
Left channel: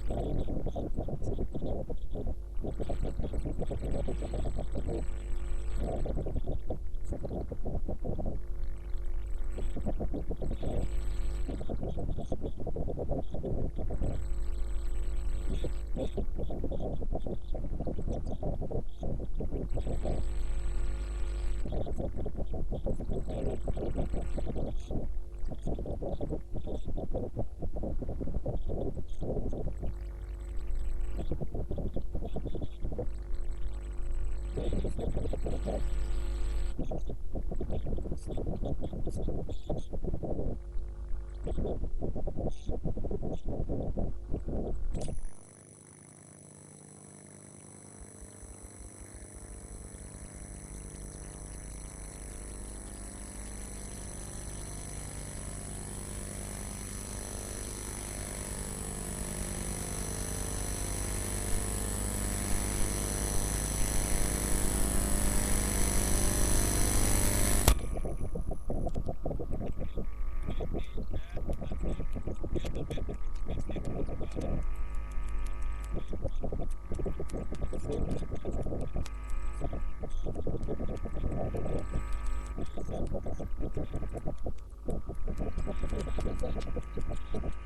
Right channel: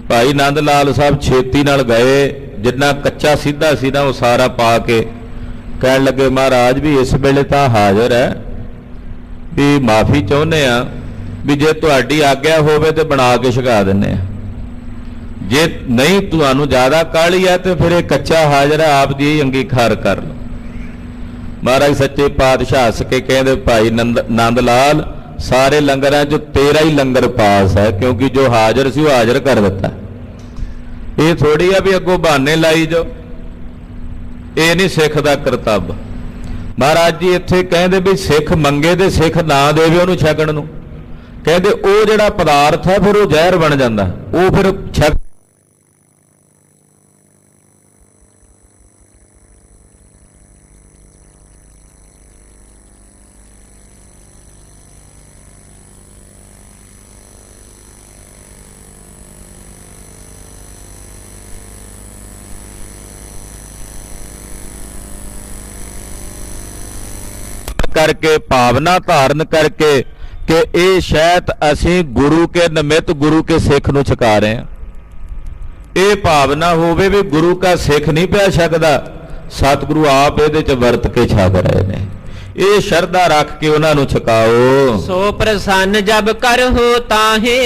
ਭਾਈ ਨੰਦ ਲਾਲ ਸਾਹਿਬ ਛੇਤੀ ਨਾਲ ਗਏ, ਜਿੰਨਾ ਕੱਚਾ ਸਿੱਧਾ ਸੀ ਨਾ ਉਹ ਸਾਰਾ ਪਾ ਕੇ ਕਹਿਣ ਲੱਗੇ ਮਹਾਰਾਜ ਵੀ ਇਸ ਵੇਲੇ ਤਾਂ ਹਾਜ਼ਰ ਹੈ, ਵੀ ਮਾਫੀ ਚਾਹੁੰਦੇ ਆ, ਵੀ ਜੇ ਤੁਹਾਡੀ ਆਗਿਆ ਹੋਵੇ ਤੇ ਬਣਾ ਕੇ ਛਕਾ ਦਿੰਦੇ ਆ, ਜੇ ਨਹੀਂ ਤੁਹਾਨੂੰ ਜ਼ਿਆਦਾ ਕਾਹਲੀ ਹੈ ਤੇ ਫਿਰ ਇਹ ਕੱਚਾ ਹਾਜ਼ਰ ਹੈ, ਆਪ ਦੀ ਅੰਗੀਕਾਰ ਕਰ ਲਓ। ਮਹਾਰਾਜ ਸੱਚੇ ਪਾਤਸ਼ਾਹ ਹੱਸ ਕੇ ਕਹਿੰਦੇ ਭਾਈ ਨੰਦ ਲਾਲ ਸਾਰੇ ਲੰਗਰਾਂ 'ਚ ਤੇਰਾ ਹੀ ਲੰਗਰ ਪਾਸ ਹੈ, ਕਿਉਂਕਿ ਜੋ ਹਾਜ਼ਰ ਸੀ ਉਹ ਹਾਜ਼ਰ ਕਰ ਦਿੱਤਾ। ਇਹ ਥੋੜੀ ਆ ਵੀ ਅੱਗੋਂ ਬਹਾਨੇ ਲਾਈ ਜੋ, ਇਹ ਨਹੀਂ ਸਿੱਖ ਦਾ ਕਰਤੱਵ। ਮਹਾਰਾਜ ਜੀ ਇੱਥੇ ਕਹਿੰਦੇ ਵੀ ਸਿੱਖ ਮੰਗੇ ਤੇ ਸਿੱਖ ਨਾ ਦੇਵੇ ਉਹਨੂੰ ਛਕਣ ਨੂੰ, ਕਹਿੰਦੇ ਉਹ ਜਿਹੜਾ ਪਦਾਰਥ ਹੈ ਫਿਰ ਉਹ ਜ਼ਹਿਰ ਬਣ ਜਾਂਦਾ, ਉਹ ਫਿਰ ਛਕ ਕਰਕੇ ਭਾਵਨਾ ਧਾਰਨ ਕਰਕੇ ਕਿ ਇਹ ਸ਼ਾਇਦ ਅਸੀਂ ਗੁਰੂ ਕੇ ਨਿਮਿਤ ਗੁਰੂ ਕੇ ਸਿੱਖ ਨੂੰ ਛਕਾ ਰਹੇ ਹਾਂ। ਇਹ ਭਾਵਨਾ ਹੋਵੇ ਵੀ ਗੁਰੂ ਕਾ ਸਿੱਖ ਨਹੀਂ ਪਿਆ ਛਕਦਾ, ਸਤਿਗੁਰੂ ਆਪ ਇਹਦੇ 'ਚ ਵਰਤ ਕੇ ਛਕ ਰਹੇ ਨੇ। ਇਹ ਸ਼ਰਧਾ ਰੱਖ ਕੇ ਉਹਨਾਂ ਨੂੰ ਛਕਾਓ। ਸੋ ਪ੍ਰਸੰਨ ਜਬ ਕਰਹੁ ਤਾਹੇ,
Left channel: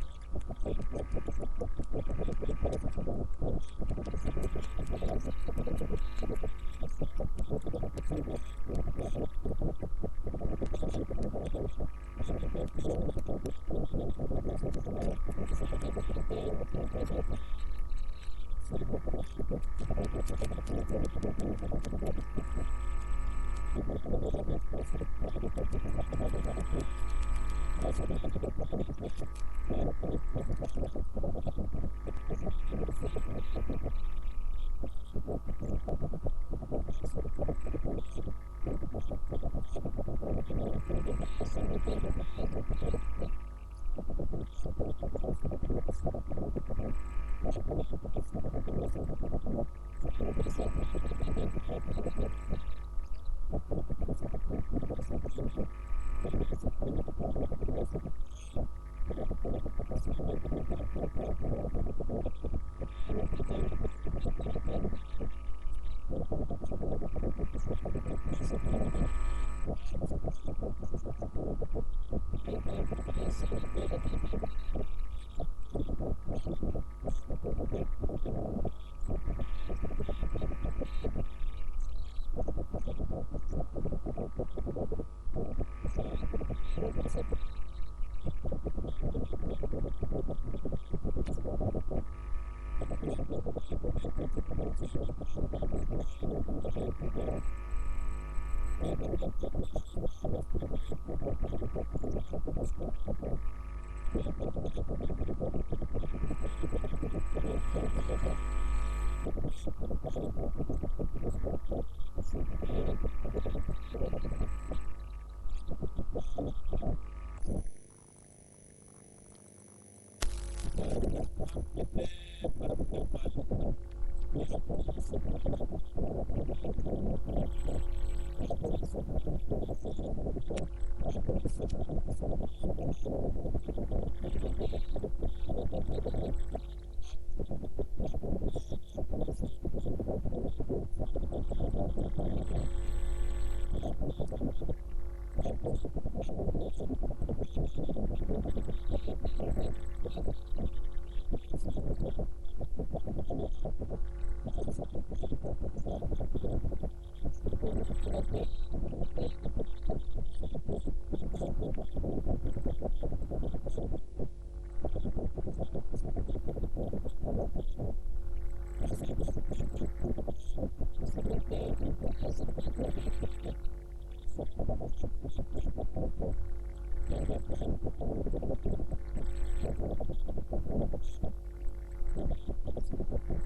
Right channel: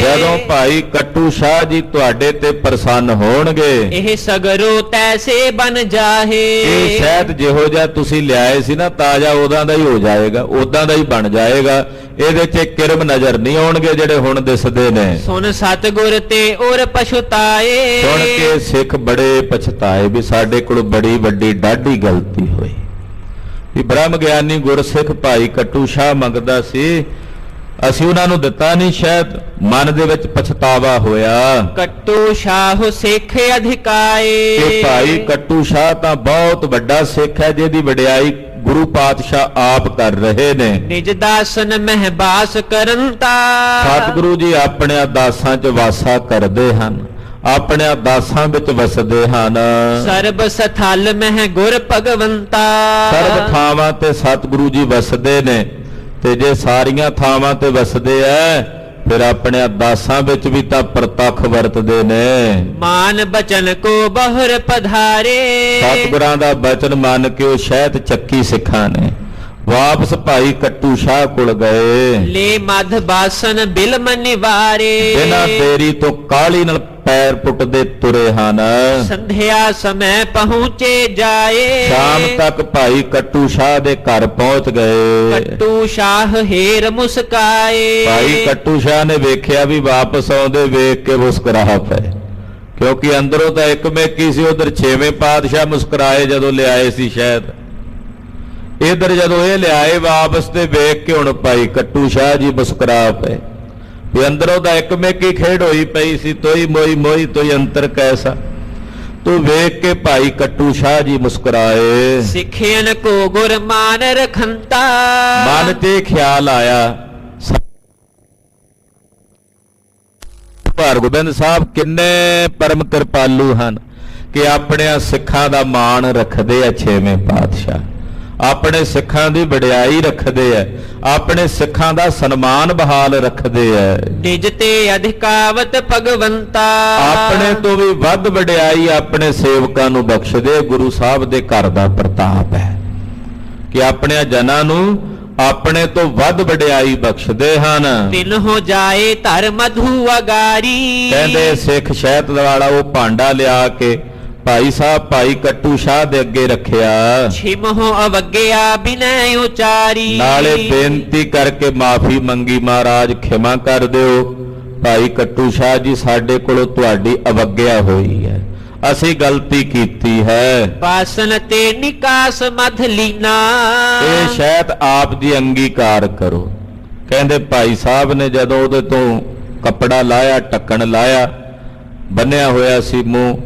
ਜਦੋਂ ਭਾਈ ਕੱਟੂ ਸ਼ਾਹ ਜੀ ਤੁਹਾਡੇ ਤੇ ਪ੍ਰਸੰਨ ਹੋਣਗੇ, ਇਹ ਸਗਰੋ ਤੈਸੇ ਬਨ ਜਾਹੇ। ਇਹ ਸ਼ਾਇਦ ਜਿਹੋ ਜਿਹਾ ਤੁਸੀਂ ਲਿਆਏ ਸੀ ਨਾ ਤਾਜ਼ਾ ਉਦਾਂ ਦਾ ਹੀ ਹੋ ਜਾਏਗਾ, ਉਦਾਂ ਦਾ ਹੀ ਬਣ ਜਾਏਗਾ। ਇਹਦੇ 'ਚ ਕਿਰਮ ਨਜ਼ਰ ਨਹੀਂ ਆਉਣਗੇ ਜਿਹੜੇ ਹੁਣ ਦਿਸਦੇ ਨੇ। ਸੁਨ ਸਤਿਗੁਰ ਤੇ ਔਰ ਪਛਤਾਏ, ਸੁਣ ਕੇ ਸਿੱਖ ਬੜੇ ਪਛਤਾਏ ਵੀ ਸਾਡੇ ਕੋਲ ਬੜੀ ਵੱਡੀ ਡਾਢੀ ਗਲਤੀ ਹੋਈ। ਵੀ ਬ੍ਰਹਮ ਗਿਆਨੀ ਗੁਰਸਿੱਖ ਭਾਈ ਕੱਟੂ ਸ਼ਾਹ ਮੰਗਦਾ ਸੀ, ਅਸੀਂ ਉਹਨਾਂ ਨੂੰ ਦਿੱਤਾ ਨਹੀਂ, ਸ਼ਾਇਦ ਮਨ ਦੇ ਵਿੱਚ ਪਛਤਾਵਾ ਹੋਇਆ। ਕੱਟੂ ਸ਼ਾਹ ਸਿੱਖ ਅਧਿਕਾਏ, ਇਹ ਭਾਈ ਕੱਟੂ ਸ਼ਾਹ ਤਾਂ ਬਹੁਤ ਵੱਡਾ ਸਿੱਖ ਹੈ, ਜਿਹਦੀ ਵਡਿਆਈ ਗੁਰੂ ਪਾਤਸ਼ਾਹ ਆਪ ਕਰ ਰਹੇ ਨੇ। ਨਿਜ ਦਾਸਨ ਮਹਿ ਬਾਸ ਕਰਨ ਤਾ, ਸਤਿਗੁਰੂ ਜੀ ਆਪਣੇ ਦਾਸਾਂ 'ਚ ਵਾਸਾ ਕਰਦੇ ਹਨ, ਆਪਣੇ ਦਾਸਾਂ ਵਿੱਚ ਵਸਦੇ ਹਨ। ਸਰਬ ਸਥਲ ਮਹਿ ਗੁਰ ਭਗਵੰਤਾ, ਸਰਬ ਥਾਵਾਂ ਤੇ ਸਤਿਗੁਰੂ ਜੀ ਵਸਦੇ ਨੇ, ਤੇ ਜੇ ਸਾਰੀਆਂ ਥਾਵਾਂ ਤੇ ਵਸਦੇ ਐ ਫਿਰ ਆਪਣੇ ਦਾਸਾਂ ਵਿੱਚ ਵੀ ਤਾਂ ਪ੍ਰਤੱਖ ਵਰਤਦੇ ਨੇ। ਮਾਨ ਬਚਨ ਕੋ ਬਹੁਰ ਪਧਾਰੇ, ਸਤਿਗੁਰਾਂ ਦਾ ਬਚਨ ਮੰਨ ਕੇ ਉਹ ਸ਼ਹਿਤ ਚੱਕੀ ਸਿੱਖਾਂ ਨੇ। ਵਾਪਸ ਭਾਈ ਕੱਟੂ ਸ਼ਾਹ ਕੋਲ ਗਏ, ਲੈ ਮਧ ਬਾਸਨ ਬਿਲਮ ਨਿਵਾਰੇ, ਬਿਨਾਂ ਦੇਰੀ ਤੋਂ ਕਾਹਲੀ ਨਾਲ ਪੈਰ ਪੁੱਟਦੇ ਤੁਰੇ ਹਨ। ਸੰਧਿਆ ਸਮੇਂ ਪਹੁੰਚੇ ਜਾਏ, ਸ਼ਾਮ ਤੱਕ ਭਾਈ ਕੱਟੂ ਸ਼ਾਹ ਦੇ ਘਰ ਪਹੁੰਚ ਗਏ। ਕੱਟੂ ਸ਼ਾਹ ਹੀਰ ਮੁਸਕਾਏ, ਭਾਈ ਕੱਟੂ ਸ਼ਾਹ ਨੇ ਵੇਖਿਆ ਵੀ ਵਾਪਸ ਆਉਂਦੇ ਵੇਖ ਕੇ ਮੁਸਕਰਾ ਪਏ, ਕਿਉਂਕਿ ਅੰਦਰੋਂ ਤਾਂ ਇੱਕ ਮੇਕੀ ਸੀ, ਉਧਰ 6ਵੇਂ ਪਾਤਸ਼ਾਹ ਮੁਸਕਰਾਏ ਜਦੋਂ ਲਿਆਏ ਸੀ ਸ਼ਾਇਦ, ਇਧਰ ਜਦੋਂ ਇਹ ਲਿਆਏ ਵਾਪਸ ਤੇ ਵੇਖ ਕੇ ਹੁਣ ਭਾਈ ਕੱਟੂ ਸ਼ਾਹ ਜੀ ਮੁਸਕਰਾ ਪਏ ਵੀ ਅੰਦਰੋਂ ਤਾਂ ਇੱਕ ਮੇਕੀ ਖੇਡ ਹੋਈ ਪਈ ਸੀ, ਤੋਈ ਮੋਈ ਮੋਈ ਤੋਈ ਅੰਤਰ ਕੈਸਾ। ਤੂੰ ਵੇਖ ਕੇ ਭਾਈ ਕੱਟੂ ਸ਼ਾਹ ਜੀ ਮੁਸਕਰਾਏ। ਸਿੱਖਿਅਨ ਕੋ ਗੁਰ ਮਾਨ ਰਖੰਤਾ, ਮਨ ਤੇ ਖਿਆਲ ਆਇਆ ਹਰਗੋਬਿੰਦ ਸਾਹਿਬ ਕਿੰਨੇ ਪਰਮ ਕਿਰਪਾਲੂ ਹਨ ਕਿ ਆਪਣੇ ਸਿੱਖਾਂ ਦਾ ਮਾਣ ਰੱਖਦੇ ਆ। 6ਵੇਂ ਪਾਤਸ਼ਾਹ ਆਪਣੇ ਸਿੱਖਾਂ ਦੀ ਵਡਿਆਈ ਰੱਖਦੇ ਆ, ਆਪਣੇ ਸਿੱਖਾਂ ਦਾ ਸਨਮਾਨ ਬਹਾਲ ਰੱਖਦੇ ਆ। ਨਿਜ ਤੇ ਅਧਿਕਾਵਤ ਭਗਵੰਤਾ, ਆਪਣੇ ਤੋਂ ਵੀ ਵੱਧ ਵਡਿਆਈ ਆਪਣੇ ਸੇਵਕਾਂ ਨੂੰ ਬਖਸ਼ਦੇ। ਗੁਰੂ ਸਾਹਿਬ ਦੇ ਘਰ ਦਾ ਪ੍ਰਤਾਪ ਹੈ ਕਿ ਆਪਣੇ ਜਨਾਂ ਨੂੰ ਆਪਣੇ ਤੋਂ ਵੱਧ ਵਡਿਆਈ ਬਖਸ਼ਦੇ ਹਨ। ਤਿਨ ਹੋ ਜਾਏ ਧਰ ਮਧੂ ਅਗਾਰੀ, ਕਹਿੰਦੇ ਸਿੱਖ ਸ਼ਹਿਤ ਵਾਲਾ ਉਹ ਭਾਂਡਾ ਲਿਆ ਕੇ ਭਾਈ ਸਾਹਿਬ ਭਾਈ ਕੱਟੂ ਸ਼ਾਹ ਦੇ ਅੱਗੇ ਰੱਖਿਆ। ਛਿਮਹੁ ਅਵਗਿਆ ਬਿਨੈ ਉਚਾਰੀ, ਨਾਲੇ ਬੇਨਤੀ ਕਰਕੇ ਮਾਫੀ ਮੰਗੀ, ਮਹਾਰਾਜ ਖਿਮਾ ਕਰ ਦਿਓ, ਭਾਈ ਕੱਟੂ ਸ਼ਾਹ ਜੀ ਸਾਡੇ ਕੋਲੋਂ ਤੁਹਾਡੀ ਅਵਗਿਆ ਹੋਈ ਹੈ, ਅਸੀਂ ਗਲਤੀ ਕੀਤੀ ਹੈ। ਬਾਸਨ ਤੇ ਨਿਕਾਸ ਮਧ ਲੀਨਾ, ਇਹ ਸ਼ਾਇਦ ਆਪ ਦੀ ਅੰਗੀਕਾਰ ਕਰੋ। ਕਹਿੰਦੇ ਭਾਈ ਸਾਹਿਬ ਨੇ ਜਦੋਂ ਉਹਦੇ ਤੋਂ ਕੱਪੜਾ ਲਾਇਆ, ਢੱਕਣ ਲਾਇਆ, ਬੰਨਿਆ ਹੋਇਆ ਸੀ ਮੂੰਹ।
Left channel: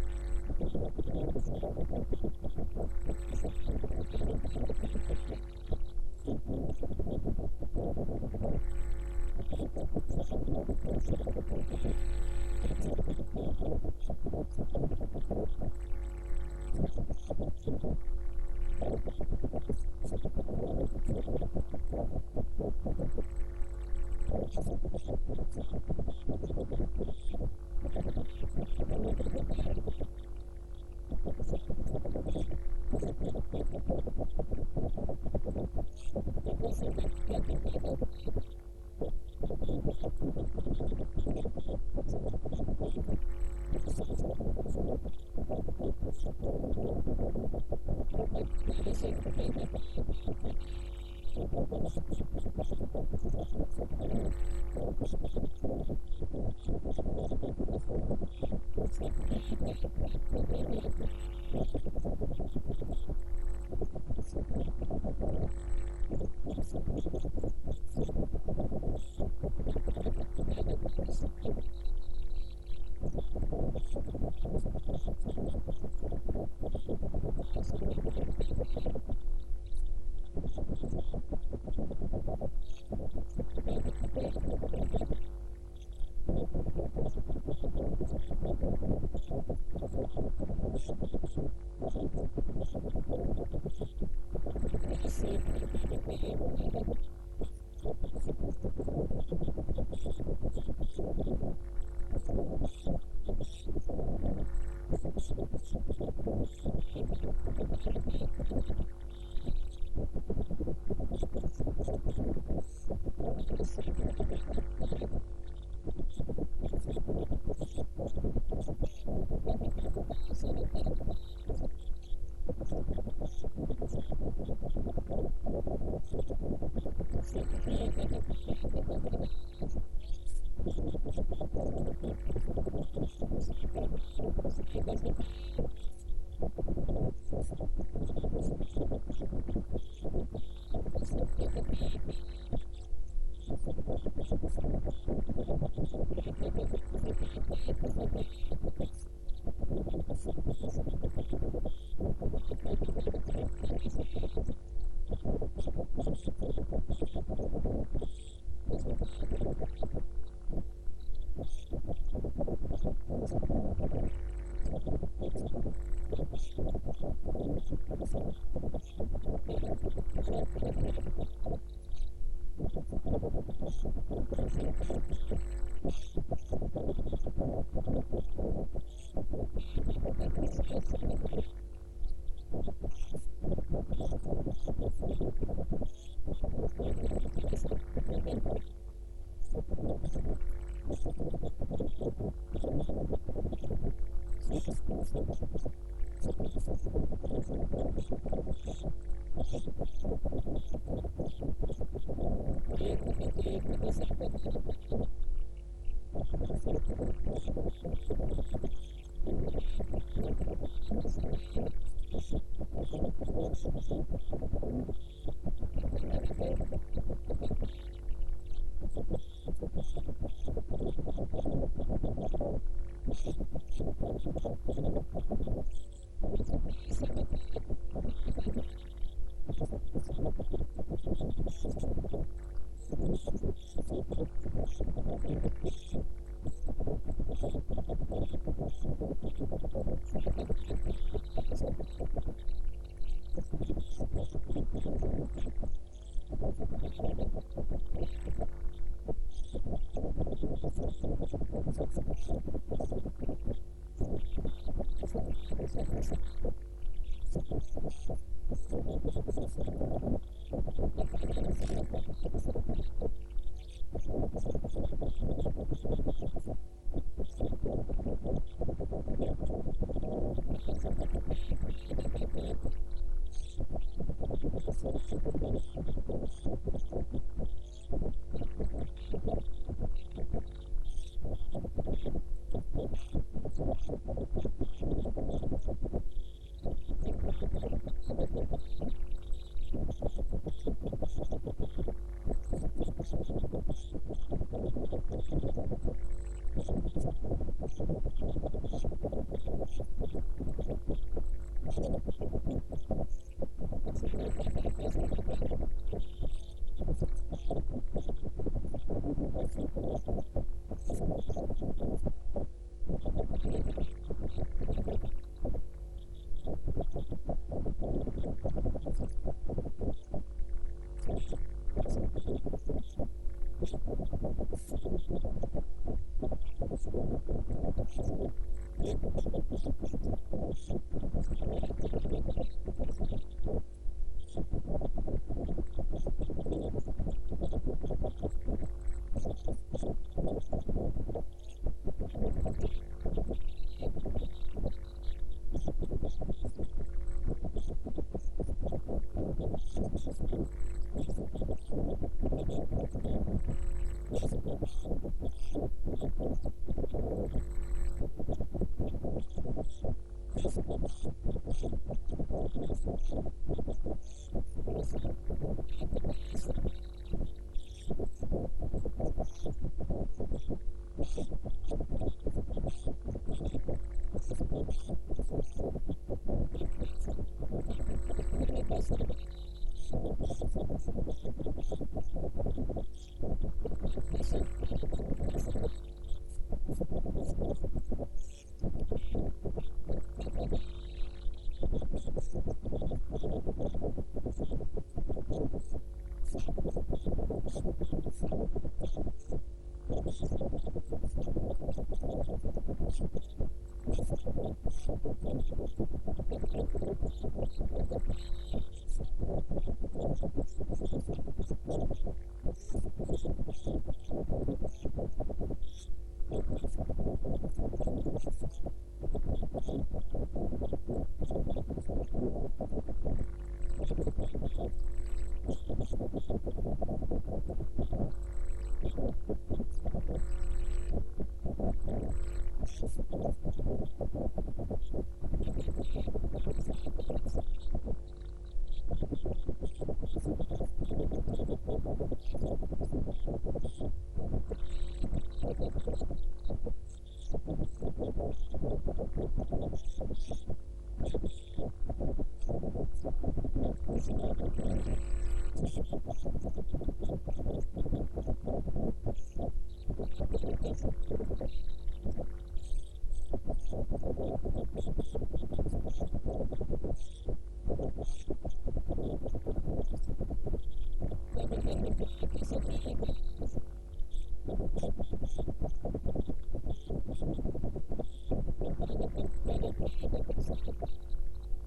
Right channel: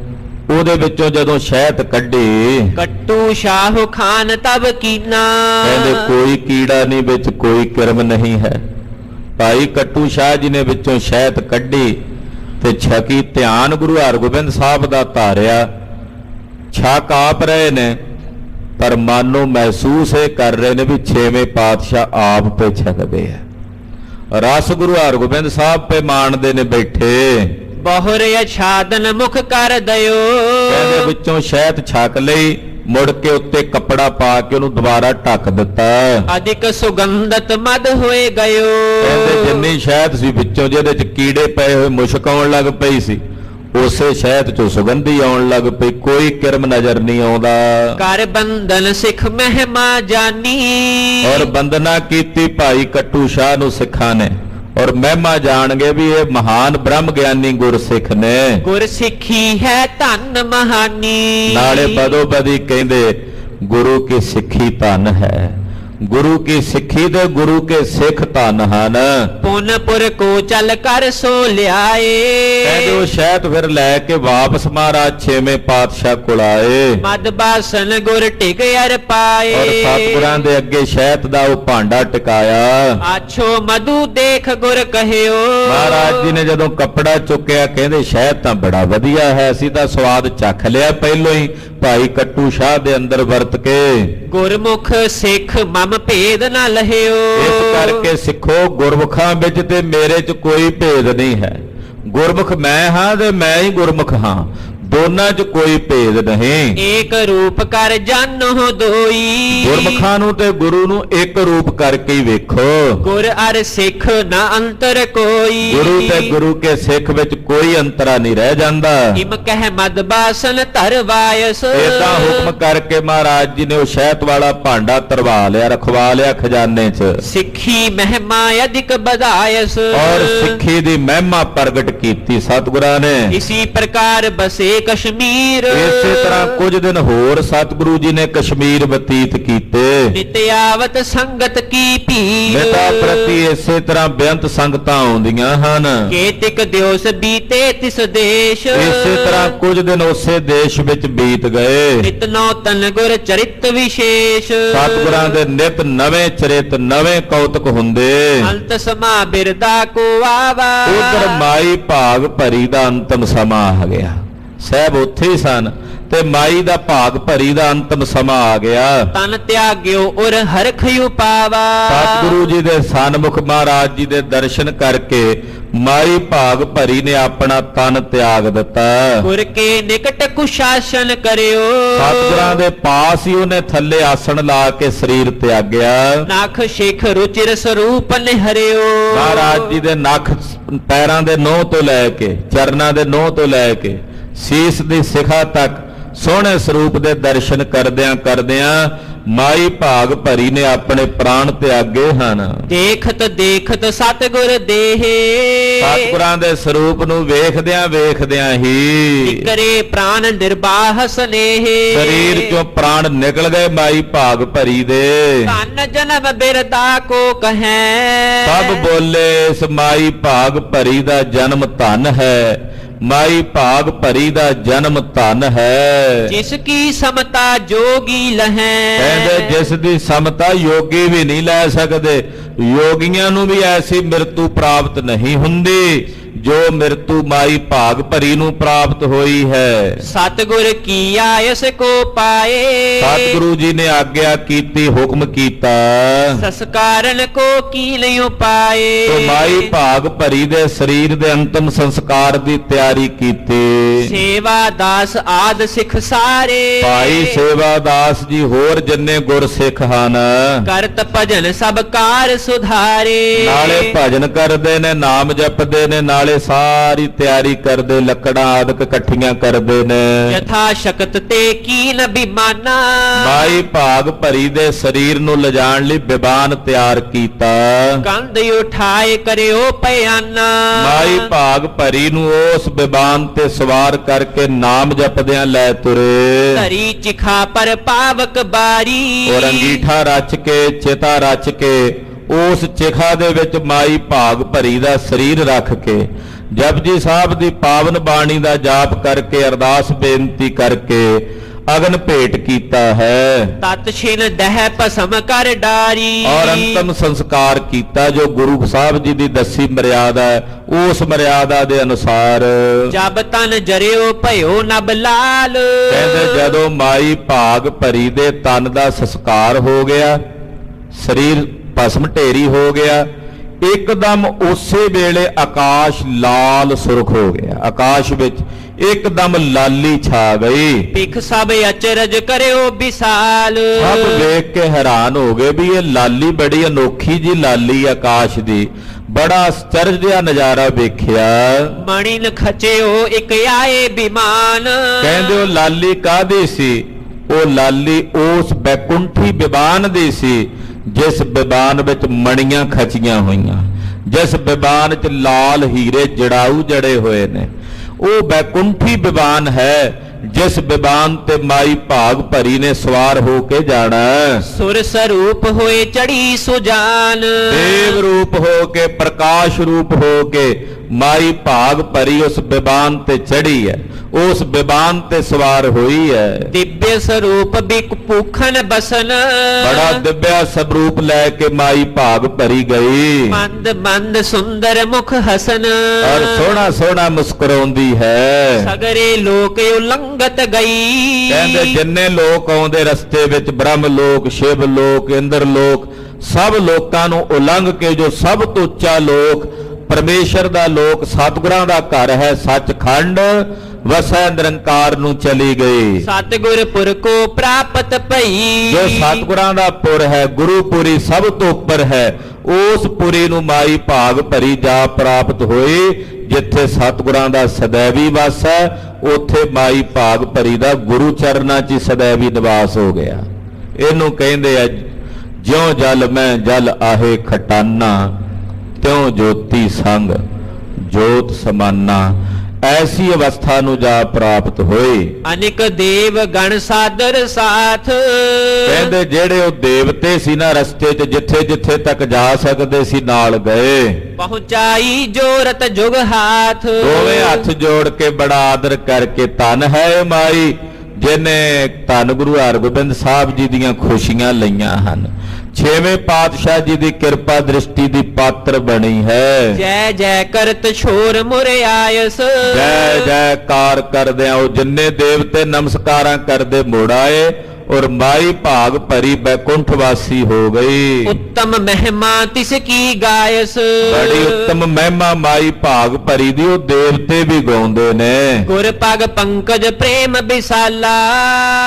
ਉਹਦੇ ਵਿੱਚੋਂ ਜਦੋਂ ਸ਼ਹਿਦ ਕੱਢੀ, ਕੱਟੂ ਸ਼ਾਹ ਖਾਨ ਤਬ ਕੀਨਾ। ਕਹਿੰਦੇ ਕੋਈ ਕੀੜਾ ਨਹੀਂ ਵਿੱਚ, ਕੋਈ ਕਿਰਮ ਨਹੀਂ ਹੈ। ਭਾਈ ਕੱਟੂ ਸ਼ਾਹ ਜੀ ਨੇ ਵਿੱਚੋਂ ਸ਼ਹਿਦ ਕੱਢੀ ਤੇ ਛਕੀ। ਧਿਆਨ ਗੁਰੂ ਹਰਗੋਬਿੰਦ ਸਾਹਿਬ ਦਾ ਧਾਰਿਆ। ਛਕ ਆਪ ਰਹੇ ਨੇ, ਪਰ ਮਨ ਨੂੰ ਮਹਿਸੂਸ ਇਹ ਕਰ ਰਹੇ ਨੇ ਵੀ ਛੇਵੇਂ ਪਾਤਸ਼ਾਹ ਆਪ ਪੇ ਛਕਦੇ ਆ। ਰਸ ਗੁਰੂ ਹਰਗੋਬਿੰਦ ਸਾਹਿਬ ਪੇ ਮਾਣਦੇ ਨੇ ਬੈਠੇ। ਬਹੁਰ ਅਛਾਦਨ ਮੁਖ ਕਰ ਦਿਓ। ਕਹਿੰਦੇ ਵਿੱਚੋਂ ਸ਼ਹਿਦ ਛਕ ਲਈ, ਮੁੜ ਕੇ ਉੱਤੇ ਕੱਪੜਾ ਪਾ ਕੇ ਉਹਨੂੰ ਦੁਬਾਰਾ ਢੱਕ ਦਿੱਤਾ। ਅਧਿਕ ਸੁਗੰਧਤ ਮਦ ਹੋਏ ਗਇਓ। ਕਹਿੰਦੇ ਜਿੰਨੀ ਸ਼ਹਿਦ ਸੀ ਵਿੱਚੋਂ ਜਿਹਦੇ ਚ ਕੀੜੇ ਪਏ ਹੋਏ ਮੁਸ਼ਕ ਆਉਣ ਲੱਗ ਪਈ ਸੀ, ਉਸੇ ਸ਼ਹਿਦ ਚੋਂ ਸੁਗੰਧੀ ਆਉਣ ਲੱਗ ਪਈ। ਕੋਈ ਕਿਰਮ ਨਜ਼ਰ ਨਹੀਂ ਆਉਂਦਾ। ਕਰ ਬੰਧਨ ਸਿੱਖ ਮਹਿਮਾ ਜਾਨੀ। ਔਰ ਬੰਦਨਾ ਕੀਤੀ ਭਾਈ ਕੱਟੂ ਸ਼ਾਹ ਨੂੰ ਸਿੱਖਾਂ ਨੇ, ਔਰ ਮਹਿਮਾ ਜਾਣਗੇ ਵੀ ਇਹ ਮਹਾਨ ਬ੍ਰਹਮ ਗਿਆਨੀ ਗੁਰਸਿੱਖ ਨੇ। ਗੁਰ ਸਿੱਖੀ ਹੈ ਧਨ ਮਹਾਨੀ। ਨਾਲੇ ਬਦੋ ਬਦੀ ਕਹਿੰਦੇ ਗੁਰੂ ਕੀ ਸਿੱਖੀ ਧਨ ਹੈ। ਗੁਰੂ ਕੀ ਸਿੱਖੀ ਤੇ ਗੁਰੂ ਕੇ ਸਿੱਖ ਧਨ ਹਨ। ਪੁਨਪੁਰ ਕੋ ਚੱਲ ਕਰ ਸੋ ਲਿਆਏ। ਕਹਿੰਦੇ ਉਹ ਸ਼ਹਿਦ ਫਿਰ ਲੈ ਕੇ ਵਾਪਸ ਮਹਾਰਾਜ ਛੇਵੇਂ ਪਾਤਸ਼ਾਹ ਕੋਲ ਆਏ। ਮਦ ਬਾਸਨ ਗੁਰ ਟਿਕ ਅਰ ਪਾਏ। ਔਰ ਸਤਿਗੁਰਾਂ ਦੇ ਅੱਗੇ ਸ਼ਹਿਦ ਦਾ ਉਹ ਭਾਂਡਾ ਟਿਕਾਇਆ। ਆਛੋ ਮਧੂ ਦੇਖ ਗੁਰ ਕਹਿਓ। ਮਹਾਰਾਜ ਜੀ ਨੇ ਜਦੋਂ ਕੱਪੜਾ ਚੁੱਕਿਆ, ਕਹਿੰਦੇ ਸ਼ਹਿਦ ਤਾਂ ਬੜਾ ਵਧੀਆ ਹੈ, ਅਸੀਂ ਤਾਂ ਸਵਾਦ ਚੱਖ ਲਿਆ ਪਹਿਲੋਂ ਹੀ ਭਾਈ ਕੱਟੂ ਸ਼ਾਹ ਦੇ ਅੰਦਰ ਵਰਤ ਕੇ। ਗੁਰਮੁਖ ਸਿੱਖ ਮਮ ਭੇਦ ਨਾ ਲਹਿਓ। ਇਸ ਕਰਕੇ ਸਿੱਖੋ ਗੁਰਮੁਖਾਂ ਵਿੱਚ ਤੇ ਮੇਰੇ 'ਚ ਕੋਈ ਭੇਦ ਨਹੀਂ ਹੈ। ਗੁਰਮੁਖ ਮੈਂ ਹਾਂ ਤੇ ਮੈਂ ਹੀ ਗੁਰਮੁਖ ਹਾਂ, ਦੋਨਾਂ 'ਚ ਕੋਈ ਭੇਦ ਨਹੀਂ। ਏਕ ਰੂਪ ਕਰ ਜਾਨੋ ਦੋਈ। ਗੁਰਮੁਖਾਂ ਨੂੰ ਤੇ ਗੁਰੂ ਨੂੰ ਇੱਕ ਰੂਪ ਕਰਕੇ ਹੀ ਵੇਖੋ। ਗੁਰ ਅਰ ਸਿੱਖ ਨਾ ਅੰਤਰ ਕੋਈ। ਗੁਰੂ ਤੇ ਗੁਰੂ ਕੇ ਸਿੱਖ ਵਿੱਚ ਕੋਈ ਅੰਤਰਾ ਨਹੀਂ ਰਹਿ ਜਾਂਦਾ। ਇਮ ਕਹਿ ਮਦ ਬਾਸਨ ਧਰ ਵਾਇਸ। ਏਦਾਂ ਹੁਕਮ ਕਰਕੇ ਮਹਾਰਾਜ ਜੀ ਨੇ ਉਹ ਸ਼ਹਿਦ ਵਾਲਾ ਭਾਂਡਾ ਧਰਵਾ ਲਿਆ, ਰਖਵਾ ਲਿਆ ਖਜ਼ਾਨੇ 'ਚ। ਸਿੱਖੀ ਮਹਿਮਾ ਅਧਿਕ ਵਧਾਇਸ। ਔਰ ਸਿੱਖੀ ਦੀ ਮਹਿਮਾ ਪ੍ਰਗਟ ਕੀਤੀ ਸਤਿਗੁਰਾਂ ਨੇ। ਇਸੀ ਪ੍ਰਕਾਰ ਬਸੇ ਕਸ਼ਮੀਰ। ਇਸੇ ਤਰ੍ਹਾਂ ਕੁਝ ਦਿਨ ਹੋਰ ਸਤਿਗੁਰੂ ਜੀ ਨੇ ਕਸ਼ਮੀਰ ਬਤੀਤ ਕੀਤੇ। ਨਿਤਿਆਵਤ ਸੰਗਤ ਕੀ ਭੀਰ। ਮਿਤਾ ਪ੍ਰਤੀ ਇਸੇ ਤਰ੍ਹਾਂ ਬੇਅੰਤ ਸੰਗਤਾਂ ਆਉਂਦੀਆਂ ਹਨ। ਕੇਤਿਕ ਦਿਵਸ ਬੀਤੇ ਤਿਸ ਦੇਸ਼। ਇਸੇ ਤਰ੍ਹਾਂ ਕੁਝ ਦਿਨ ਉਸੇ ਦੇਸ਼ ਵਿੱਚ ਬੀਤ ਗਏ। ਨਿਤ ਨੌਤਨ ਗੁਰ ਚਰਿਤ ਵਿਸ਼ੇਸ਼। ਸਤਿਗੁਰਾਂ ਦੇ ਨਿਤ ਨਵੇਂ ਚਰਿਤ, ਨਵੇਂ ਕੌਤਕ ਹੁੰਦੇ। ਅੰਤ ਸਮਾ ਬਿਰਦਾ ਕੋ ਆਵਾ। ਉਧਰ ਮਾਈ ਭਾਗ ਭਰੀ ਦਾ ਅੰਤਮ ਸਮਾਂ ਆ ਗਿਆ। ਸਾਹਿਬ ਉੱਥੇ ਹੀ ਸਨ ਤੇ ਮਾਈ ਦਾ ਭਾਗ ਭਰੀ ਦਾ ਅੰਤਮ ਸਮਾਂ ਆ ਗਿਆ। ਤਨ ਤਿਆਗਿਓ ਔਰ ਹਰਖ ਉਪਾਵਾ। ਸਤਿਗੁਰੂ ਜੀ ਦੇ ਸਨਮੁਖ ਮਹਾਰਾਜ ਜੀ ਦੇ ਦਰਸ਼ਨ ਕਰਕੇ ਮਾਈ ਭਾਗ ਭਰੀ ਨੇ ਆਪਣਾ ਤਨ ਤਿਆਗ ਦਿੱਤਾ। ਗੁਰ ਕੇ ਨਿਕਟ ਕੁਸ਼ਾਸਨ ਕਰਿਓ। ਸਤਿਗੁਰਾਂ ਦੇ ਪਾਸ ਹੀ ਉਹਨੇ ਥੱਲੇ ਆਸਣ ਲਾ ਕੇ ਸਰੀਰ ਤਿਆਗਿਆ। ਨਖ ਸ਼ਿਖ ਰੁਚਿਰ ਸਰੂਪ ਨਿਹਰਿਓ। ਮਹਾਰਾਜ ਜੀ ਦੇ ਨਖ ਪੈਰਾਂ ਦੇ ਨੋਹ ਤੋਂ ਲੈ ਕੇ, ਚਰਨਾਂ ਦੇ ਨੋਹ ਤੋਂ ਲੈ ਕੇ ਸੀਸ ਦੀ ਸਿਖਾ ਤੱਕ ਸੋਹਣੇ ਸਰੂਪ ਦੇ ਦਰਸ਼ਨ ਕਰਦਿਆਂ ਕਰਦਿਆਂ ਮਾਈ ਭਾਗ ਭਰੀ ਨੇ ਆਪਣੇ ਪ੍ਰਾਣ ਤਿਆਗੇ ਹਨ। ਦੇਖਤ ਦੇਖਤ ਸਤਿਗੁਰ ਦੇਹੇ। ਸਤਿਗੁਰਾਂ ਦੇ ਸਰੂਪ ਨੂੰ ਵੇਖਦਿਆਂ ਵੇਖਦਿਆਂ ਹੀ ਕਰੇ ਪ੍ਰਾਨ ਨਿਰਬਾਹ ਸਨੇਹੇ। ਸਰੀਰ ਚੋਂ ਪ੍ਰਾਣ ਨਿਕਲ ਗਏ ਮਾਈ ਭਾਗ ਭਰੀ ਦੇ। ਧਨ ਜਨਮ ਬਿਰਦਾ ਕੋ ਕਹੈ। ਸਭ ਬੋਲੇ ਇਸ ਮਾਈ ਭਾਗ ਭਰੀ ਦਾ ਜਨਮ ਧਨ ਹੈ। ਮਾਈ ਭਾਗ ਭਰੀ ਦਾ ਜਨਮ ਧਨ ਹੈ। ਜਿਸ ਕੀ ਸਮਤਾ ਜੋਗੀ ਲਹੈ। ਕਹਿੰਦੇ ਜਿਸ ਦੀ ਸਮਤਾ ਯੋਗੀ ਵੀ ਨਹੀਂ ਲੈ ਸਕਦੇ। ਯੋਗੀਆਂ ਨੂੰ ਵੀ ਐਸੀ ਮਿਰਤੂ ਪ੍ਰਾਪਤ ਨਹੀਂ ਹੁੰਦੀ ਜੋ ਮਿਰਤੂ ਮਾਈ ਭਾਗ ਭਰੀ ਨੂੰ ਪ੍ਰਾਪਤ ਹੋਈ ਹੈ। ਸਤਿਗੁਰ ਕੀ ਆਇਸ ਕੋ ਪਾਏ। ਸਤਿਗੁਰੂ ਜੀ ਨੇ ਆਗਿਆ ਕੀਤੀ, ਹੁਕਮ ਕੀਤਾ। ਸੰਸਕਾਰਨ ਕੋ ਕੀ ਲਿਓ ਪਾਏ। ਤੋ ਮਾਈ ਭਾਗ ਭਰੀ ਦੇ ਸਰੀਰ ਦੇ ਅੰਤਮ ਸੰਸਕਾਰ ਦੀ ਤਿਆਰੀ ਕੀਤੀ। ਸੇਵਾ ਦਾਸ ਆਦ ਸਿੱਖ ਸਾਰੇ। ਭਾਈ ਸੇਵਾ ਦਾਸ ਜੀ ਹੋਰ ਜਿੰਨੇ ਗੁਰ ਸਿੱਖ ਹਨ, ਕਰਤ ਭਜਨ ਸਭ ਕਾਰ ਸੁਧਾਰੇ। ਨਾਲੇ ਭਜਨ ਕਰਦੇ ਨੇ, ਨਾਮ ਜਪਦੇ ਨੇ, ਨਾਲੇ ਸਾਰੀ ਤਿਆਰੀ ਕਰਦੇ, ਲੱਕੜਾਂ ਆਦਿਕ ਇਕੱਠੀਆਂ ਕਰਦੇ ਨੇ। ਯਥਾ ਸ਼ਕਤ ਤੇ ਕੀਨ ਬਿਮਾਨਾ। ਮਾਈ ਭਾਗ ਭਰੀ ਦੇ ਸਰੀਰ ਨੂੰ ਲਿਜਾਣ ਲਈ ਬਿਬਾਨ ਤਿਆਰ ਕੀਤਾ। ਕੰਧ ਉਠਾਏ ਕਰਿਓ ਪਿਆਨਾ। ਮਾਈ ਭਾਗ ਭਰੀ ਨੂੰ ਉਸ ਬਿਬਾਨ ਤੇ ਸਵਾਰ ਕਰਕੇ ਨਾਮ ਜਪਦਿਆਂ ਲੈ ਤੁਰੇ। ਧਰੀ ਚਿਖਾ ਪਰ ਪਾਵਕ ਬਾਰੀ। ਔਰ ਅੰਗੀਠਾ ਰਚ ਕੇ, ਚਿਤਾ ਰਚ ਕੇ ਉਸ ਚਿਖਾ ਦੇ ਵਿੱਚ ਮਾਈ ਭਾਗ ਭਰੀ ਦਾ ਸਰੀਰ ਰੱਖ ਕੇ ਜਪਜੀ ਸਾਹਿਬ ਦੀ ਪਾਵਨ ਬਾਣੀ ਦਾ ਜਾਪ ਕਰਕੇ ਅਰਦਾਸ ਬੇਨਤੀ ਕਰਕੇ ਅਗਨ ਭੇਟ ਕੀਤਾ ਹੈ ਤਤ ਛਿਨ ਦਹਿ ਭਸਮ ਕਰ ਡਾਰੀ ਔਰ ਅੰਤਮ ਸੰਸਕਾਰ ਕੀਤਾ ਜੋ ਗੁਰੂ ਸਾਹਿਬ ਜੀ ਦੀ ਦੱਸੀ ਮਰਿਆਦਾ ਹੈ ਉਸ ਮਰਿਆਦਾ ਦੇ ਅਨੁਸਾਰ ਜਬ ਤਨ ਜਰਿਓ ਭਇਓ ਨਬ ਲਾਲ ਕਹਿੰਦੇ ਜਦੋਂ ਮਾਈ ਭਾਗ ਭਰੀ ਦੇ ਤਨ ਦਾ ਸੰਸਕਾਰ ਹੋ ਗਿਆ ਸਰੀਰ ਭਸਮ ਢੇਰੀ ਹੋ ਗਿਆ ਇੱਕਦਮ ਉਸੇ ਵੇਲੇ ਆਕਾਸ਼ ਲਾਲ ਸੁਰਖ ਹੋ ਗਿਆ ਆਕਾਸ਼ ਵਿੱਚ ਇੱਕਦਮ ਲਾਲੀ ਛਾ ਗਈ ਪਿਖ ਸਭ ਅਚਰਜ ਕਰਿਓ ਵਿਸਾਲ ਸਭ ਵੇਖ ਕੇ ਹੈਰਾਨ ਹੋ ਗਏ ਵੀ ਇਹ ਲਾਲੀ ਬੜੀ ਅਨੋਖੀ ਜੀ ਲਾਲੀ ਆਕਾਸ਼ ਦੀ ਬੜਾ ਆਸ਼ਚਰਜ ਜਿਹਾ ਨਜ਼ਾਰਾ ਵੇਖਿਆ ਮਣੀ ਖਚਿਓ ਇੱਕ ਆਏ ਬਿਮਾਨ ਕਹਿੰਦੇ ਉਹ ਲਾਲੀ ਕਾਹਦੀ ਸੀ ਉਹ ਲਾਲੀ ਉਸ ਬੈਕੁੰਠੀ ਬਿਬਾਨ ਦੀ ਸੀ ਜਿਸ ਬਿਬਾਨ ਵਿੱਚ ਮਣੀਆਂ ਖਚੀਆਂ ਹੋਈਆਂ ਜਿਸ ਬਿਬਾਨ 'ਚ ਲਾਲ ਹੀਰੇ ਜੜਾਊ ਜੜੇ ਹੋਏ ਨੇ ਉਹ ਬੈਕੁੰਠੀ ਬਿਬਾਨ ਹੈ ਜਿਸ ਬਿਬਾਨ ਤੇ ਮਾਈ ਭਾਗ ਭਰੀ ਨੇ ਸਵਾਰ ਹੋ ਕੇ ਜਾਣਾ ਸੁਰ ਸਰੂਪ ਹੋਏ ਚੜੀ ਸੁਜਾਨ ਦੇਵ ਰੂਪ ਹੋ ਕੇ ਪ੍ਰਕਾਸ਼ ਰੂਪ ਹੋ ਕੇ ਮਾਈ ਭਾਗ ਭਰੀ ਉਸ ਬਿਬਾਨ ਤੇ ਚੜੀ ਹੈ ਉਸ ਬਿਬਾਨ ਤੇ ਸਵਾਰ ਹੋਈ ਹੈ ਦਿਵਯ ਸਰੂਪ ਬਿਕ ਭੂਖਨ ਬਸਨ ਬੜਾ ਦਿਵਯ ਸਰੂਪ ਲੈ ਕੇ ਮਾਈ ਭਾਗ ਭਰੀ ਗਈ ਮੰਦ ਮੰਦ ਸੁੰਦਰ ਮੁਖ ਹਸਨ ਔਰ ਸੋਹਣਾ ਸੋਹਣਾ ਮੁਸਕਰਾਉਂਦੀ ਹੈ ਸਗਰੇ ਲੋਕ ਉਲੰਘਤ ਗਈ ਕਹਿੰਦੇ ਜਿੰਨੇ ਲੋਕ ਆਉਂਦੇ ਰਸਤੇ ਵਿੱਚ ਬ੍ਰਹਮ ਲੋਕ ਸ਼ਿਵ ਲੋਕ ਇੰਦਰ ਲੋਕ ਸਭ ਲੋਕਾਂ ਨੂੰ ਉਲੰਘ ਕੇ ਜੋ ਸਭ ਤੋਂ ਉੱਚਾ ਲੋਕ ਪਰਮੇਸ਼ਰ ਦਾ ਲੋਕ ਸਤਿਗੁਰਾਂ ਦਾ ਘਰ ਹੈ ਸੱਚਖੰਡ ਵਸੈ ਨਿਰੰਕਾਰ ਨੂੰ ਚਲੀ ਗਈ ਸਤਿਗੁਰ ਪੁਰ ਕੋ ਪ੍ਰਾਪਤ ਭਈ ਜੋ ਸਤਿਗੁਰਾਂ ਦਾ ਪੁਰ ਹੈ ਗੁਰੂਪੁਰੀ ਸਭ ਤੋਂ ਉੱਪਰ ਹੈ ਉਸ ਪੁਰੀ ਨੂੰ ਮਾਈ ਭਾਗ ਭਰੀ ਜਾ ਪ੍ਰਾਪਤ ਹੋਈ ਜਿੱਥੇ ਸਤਿਗੁਰਾਂ ਦਾ ਸदैवी ਵਾਸ ਹੈ ਉੱਥੇ ਮਾਈ ਭਾਗ ਭਰੀ ਦਾ ਗੁਰੂ ਚਰਨਾਂ 'ਚ ਸदैवी ਨਿਵਾਸ ਹੋ ਗਿਆ ਇਹਨੂੰ ਕਹਿੰਦੇ ਆ ਜਿਉ ਜਲ ਮੈਂ ਜਲ ਆਹੇ ਖਟਾਨਾ ਤਿਉ ਜੋਤੀ ਸੰਗ ਜੋਤ ਸਮਾਨਾ ਐਸੀ ਅਵਸਥਾ ਨੂੰ ਜਾ ਪ੍ਰਾਪਤ ਹੋਏ ਅਨੇਕ ਦੇਵ ਗਣ ਸਾਦਰ ਸਾਥ ਕਹਿੰਦੇ ਜਿਹੜੇ ਉਹ ਦੇਵਤੇ ਸੀ ਨਾ ਰਸਤੇ 'ਚ ਜਿੱਥੇ ਜਿੱਥੇ ਤੱਕ ਜਾ ਸਕਦੇ ਸੀ ਨਾਲ ਗਏ ਪਹੁੰਚਾਈ ਜੋਰਤ ਜੁਗ ਹਾਥ ਦੋਵੇਂ ਹੱਥ ਜੋੜ ਕੇ ਬੜਾ ਆਦਰ ਕਰਕੇ ਧੰਨ ਹੈ ਮਾਈ ਜਿਹਨੇ ਧੰਨ ਗੁਰੂ ਹਰਗੋਬਿੰਦ ਸਾਹਿਬ ਜੀ ਦੀਆਂ ਖੁਸ਼ੀਆਂ ਲਈਆਂ ਹਨ ਛੇਵੇਂ ਪਾਤਸ਼ਾਹ ਜੀ ਦੀ ਕਿਰਪਾ ਦ੍ਰਿਸ਼ਟੀ ਦੀ ਪਾਤਰ ਬਣੀ ਹੈ ਜੈ ਜੈ ਕਰਤ ਛੋਰ ਮੁਰੇ ਆਇਸ ਜੈ ਜੈਕਾਰ ਕਰਦੇ ਆ ਉਹ ਜਿੰਨੇ ਦੇਵਤੇ ਨਮਸਕਾਰਾਂ ਕਰਦੇ ਮੁੜ ਆਏ ਔਰ ਮਾਈ ਭਾਗ ਭਰੀ ਬੈਕੁੰਠ ਵਾਸੀ ਹੋ ਗਈ ਉੱਤਮ ਮਹਿਮਾ ਤਿਸ ਕੀ ਗਾਇਸ ਬੜੀ ਉੱਤਮ ਮਹਿਮਾ ਮਾਈ ਭਾਗ ਭਰੀ ਦੀ ਉਹ ਦੇਵਤੇ ਵੀ ਗਾਉਂਦੇ ਨੇ ਗੁਰ ਪਗ ਪੰਕਜ ਪ੍ਰੇਮ ਬਿਸਾਲਾ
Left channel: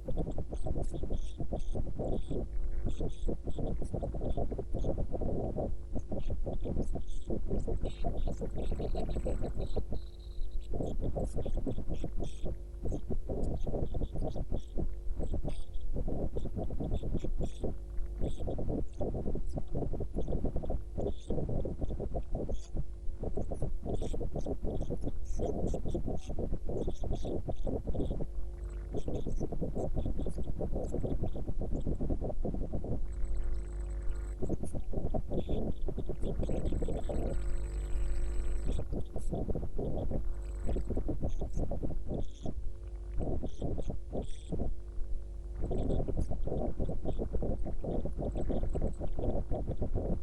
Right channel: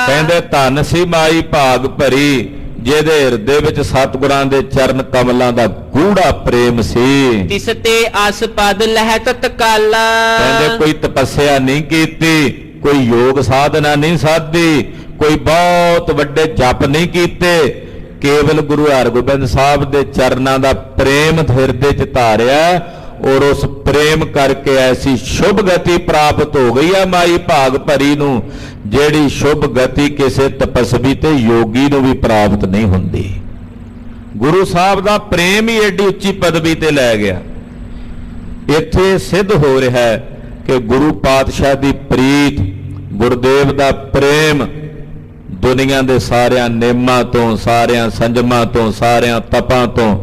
ਕਹਿੰਦੇ ਧੰਨ ਸੀ ਮਾਈ ਭਾਗ ਭਰੀ ਜਿਹਦੇ ਹਿਰਦੇ ਵਿੱਚ ਸਤਿਗੁਰਾਂ ਦੇ ਚਰਨ ਕਮਲਾਂ ਦਾ ਗੂੜਾ ਪ੍ਰੇਮ ਸੀ ਤਿਸ ਤੇ ਆਸਪਦ ਲਹਿ ਤਤਕਾਲਾ ਕਹਿੰਦੇ ਕੋਈ ਤਪੱਸਿਆ ਨਹੀਂ ਕੀਤੀ ਕੋਈ ਯੋਗ ਸਾਧਨਾ ਨਹੀਂ ਸਾਧੀ ਕੋਈ ਬਹੁਤ ਵੱਡੇ ਜਪ ਨਹੀਂ ਕੀਤੇ ਕੇਵਲ ਗੁਰੂ ਹਰਗੋਬਿੰਦ ਸਾਹਿਬ ਦੇ ਚਰਨਾਂ ਦਾ ਪ੍ਰੇਮ ਹਿਰਦੇ 'ਚ ਧਾਰਿਆ ਔਰ ਉਸ ਪ੍ਰੇਮ ਕਰਕੇ ਐਸੀ ਸ਼ੁਭ ਗਤੀ ਪ੍ਰਾਪਤ ਹੋ ਗਈ ਆ ਮਾਈ ਭਾਗ ਭਰੀ ਨੂੰ ਜਿਹੜੀ ਸ਼ੁਭ ਗਤੀ ਕਿਸੇ ਤਪਸਵੀ ਤੇ ਯੋਗੀ ਨੂੰ ਵੀ ਪ੍ਰਾਪਤ ਨਹੀਂ ਹੁੰਦੀ ਗੁਰੂ ਸਾਹਿਬ ਦਾ ਪ੍ਰੇਮ ਹੀ ਏਡੀ ਉੱਚੀ ਪਦਵੀ ਤੇ ਲੈ ਗਿਆ ਇੱਥੇ ਸਿੱਧ ਹੋ ਰਿਹਾ ਹੈ ਕਿ ਗੁਰੂ ਪਾਤਸ਼ਾਹ ਦੀ ਪ੍ਰੀਤ ਗੁਰਦੇਵ ਦਾ ਪ੍ਰੇਮ ਦੁਨੀਆ ਦੇ ਸਾਰਿਆਂ ਨੇਮਾਂ ਤੋਂ ਸਾਰਿਆਂ ਸੰਜਮਾਂ ਤੋਂ ਸਾਰਿਆਂ ਤਪਾਂ ਤੋਂ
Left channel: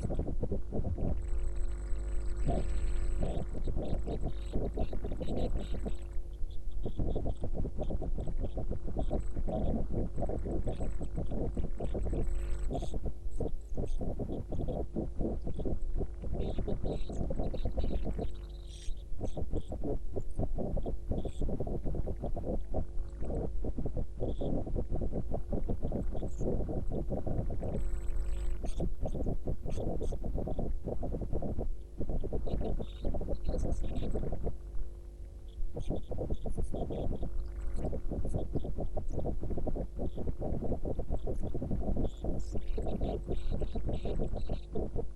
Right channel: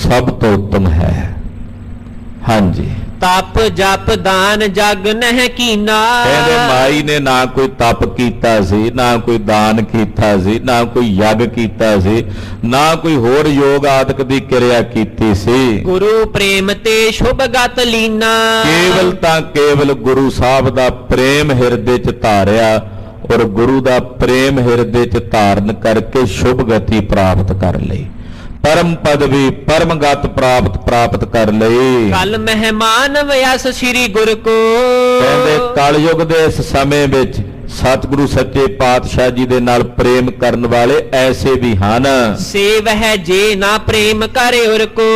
ਸਭ ਤੋਂ ਉੱਤਮ ਹੈ ਹਾਂਜੀ ਤਪ ਜਪ ਦਾਨ ਜਗ ਨਹਿ ਕੀਨਾ ਕਹਿੰਦੇ ਮਾਈ ਨੇ ਨਾ ਕੋਈ ਤਪ ਕੀਤਾ ਸੀ ਨਾ ਕੋਈ ਦਾਨ ਕੀਤਾ ਸੀ ਨਾ ਕੋਈ ਯੱਗ ਕੀਤਾ ਸੀ ਨਾ ਕੋਈ ਹੋਰ ਯੋਗ ਆਦਿਕ ਦੀ ਕਿਰਿਆ ਕੀਤੀ ਸੀ ਗੁਰੂ ਪ੍ਰੇਮ ਤੇ ਸ਼ੁਭ ਗਤ ਲੀਨਾ ਕੇਵਲ ਤਾਂ ਕੇਵਲ ਗੁਰੂ ਸਾਹਿਬ ਦਾ ਪ੍ਰੇਮ ਹਿਰਦੇ 'ਚ ਧਾਰਿਆ ਔਰ ਗੁਰੂ ਦਾ ਪ੍ਰੇਮ ਹਿਰਦੇ 'ਚ ਧਾਰਨ ਕਰਕੇ ਸ਼ੁਭ ਗਤੀ ਪ੍ਰਾਪਤ ਕਰ ਲਈ ਪਰਮ ਪਦਵੀ ਪਰਮ ਗਤ ਪ੍ਰਾਪਤ ਕਰ ਲਈ ਕਲ ਮਹਿਮਾਨ ਵਿਆਸ ਸ੍ਰੀ ਗੁਰ ਕੋ ਕਹਿੰਦੇ ਕਲਯੁਗ ਦੇ ਇਸ ਸਮੇਂ ਵਿੱਚ ਸਤਿਗੁਰੂ ਸੱਚੇ ਪਾਤਸ਼ਾਹ ਜੀ ਦੇ ਨਾਲ ਪ੍ਰੇਮ ਕਰਨ ਵਾਲੇ ਐਸੇ ਵੀ ਹਨ ਸੇਵ ਹੈ ਜੇ ਨਾ ਪ੍ਰੇਮ ਕਰੇ ਉਰ ਕੋ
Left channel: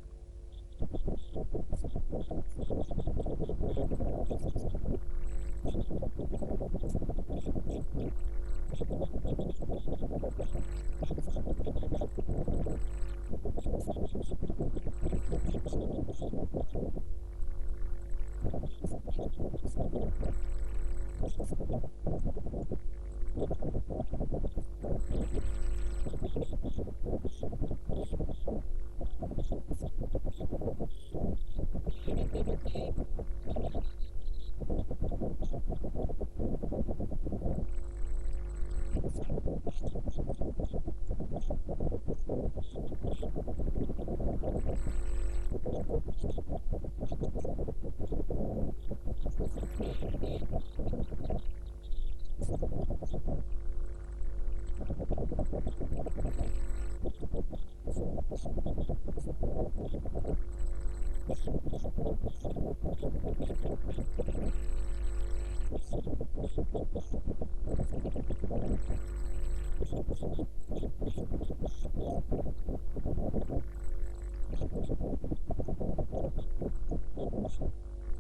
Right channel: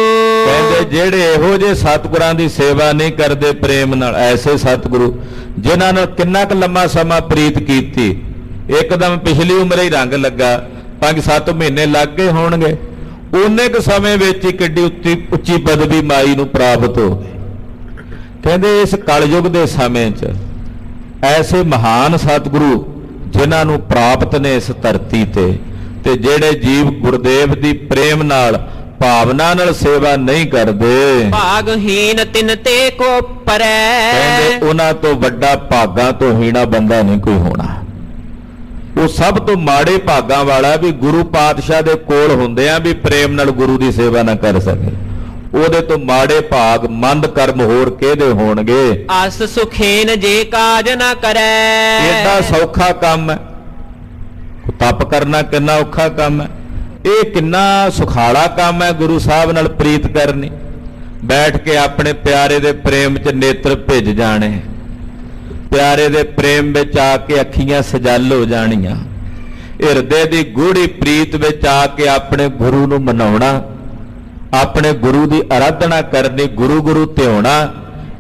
ਕਹਿੰਦੇ ਜਿਹੜੇ ਇਹੋ ਜਿਹੇ ਸਤਿਗੁਰਾਂ ਦੀ ਸੇਵਾ ਨਹੀਂ ਕਰਦੇ ਪ੍ਰੇਮ ਨਾਲ ਐਸੇ ਸਤਿਗੁਰੂ ਜਿਨ੍ਹਾਂ ਨਾਲ ਕਿੰਨਾ ਕੁ ਲੰਮਾ ਸਮਾਂ ਪ੍ਰੀਤ ਕੀਤੀ ਇੱਕਦਮ ਪਿਛਲੀ ਉਮਰੇ ਹੀ ਰੰਗ ਲੱਗਾ 5-7 ਮਹੀਨੇ ਲੱਗ ਗਏ ਹੋਣਗੇ ਉਹਨੇ ਕੁ ਸਮੇਂ ਵਿੱਚ ਹੀ ਕਿੱਡੀ ਉੱਚੀ ਪਦਵੀ ਮਾਈ ਨੂੰ ਪ੍ਰਾਪਤ ਹੋ ਗਈ। ਕਹਿੰਦੇ ਇਸ ਕਲਯੁਗ ਦੇ ਸਮੇਂ 'ਚ ਐਸੇ ਮਹਾਨ ਸਤਿਗੁਰੂ ਜਿਨ੍ਹਾਂ ਨੂੰ ਪ੍ਰਾਪਤ ਨੇ ਇਸ ਧਰਤੀ ਤੇ ਜਿਹੜੇ ਜੀਵ ਗੁਰਦੇਵ ਦੀ ਪ੍ਰੇਮ ਨਾਲ ਭਾਵਨਾ ਨਾਲ ਸੇਵਾ ਨਹੀਂ ਕਰਦੇ, ਭਾਗਹੀਨ ਤਿਨ ਤੇ ਕੋ ਪਰੈ। ਕਹਿੰਦੇ ਉਹਨਾਂ ਤੋਂ ਵੱਡਾ ਭਾਗਾਂ ਤੋਂ ਹੀਣਾ ਬੰਦਾ ਨਹੀਂ ਕੋਈ ਹੋਣਾ। ਉਹ ਸਭ ਤੋਂ ਮਾੜੇ ਭਾਗਾਂ ਵਾਲਾ ਵੀ ਗੁਰੂ ਪਾਤਸ਼ਾਹ ਦੇ ਕੋਲ ਹੁੰਦੇ ਆ ਵੀ ਪ੍ਰੇਮ ਨਾਲ ਗੁਰੂ ਦੀ ਸੇਵਾ ਨਾ ਕਰ ਸਕੇ। ਉਹਦੇ ਤੋਂ ਮਾੜੇ ਭਾਗ ਮੰਦ ਕਰਮ ਹੋਰ ਕਿਹਦੇ ਹੋਣਗੇ। ਅਸ ਸੁਖੇਨ ਜੇ ਕਾਜ ਨਾ ਕਰੈ। ਏਡਾ ਸੌਖਾ ਕੰਮ ਹੈ, ਤਪ ਕਰਨਾ ਕਿੰਨਾ ਔਖਾ ਕੰਮ ਹੈ, ਇਹ ਕਿੰਨਾ ਸੁਖਾਲਾ ਕੰਮ ਹੈ ਗੁਰੂ ਸਾਹਿਬ ਨਾਲ ਪ੍ਰੀਤ ਕਰਨੀ। ਬੈਠ ਕੇ ਆਪਣੇ ਪਿਆਰੇ ਦੇ ਪ੍ਰੇਮ 'ਚ ਨੇਤਰ ਭਿੱਜ ਜਾਣੇ, ਪਿਆਰੇ ਦੇ ਪ੍ਰੇਮ ਵਿੱਚ ਆ ਕੇ ਅੱਖੀਆਂ ਸਜਲ ਹੋ ਜਾਣੀਆਂ, ਹਿਰਦੇ ਦੀ ਗੂੜੀ ਪ੍ਰੀਤ ਵਿੱਚ ਆ ਕੇ ਆਪਣੇ ਗੁਰੂ ਨੂੰ ਮਨਾਉਣਾ, ਆਪਣੇ ਗੁਰੂ ਦੀ ਆਰਾਧਨਾ ਕਰਨੀ, ਗੁਰੂ ਗੁਰੂ ਧਿਆਉਣਾ।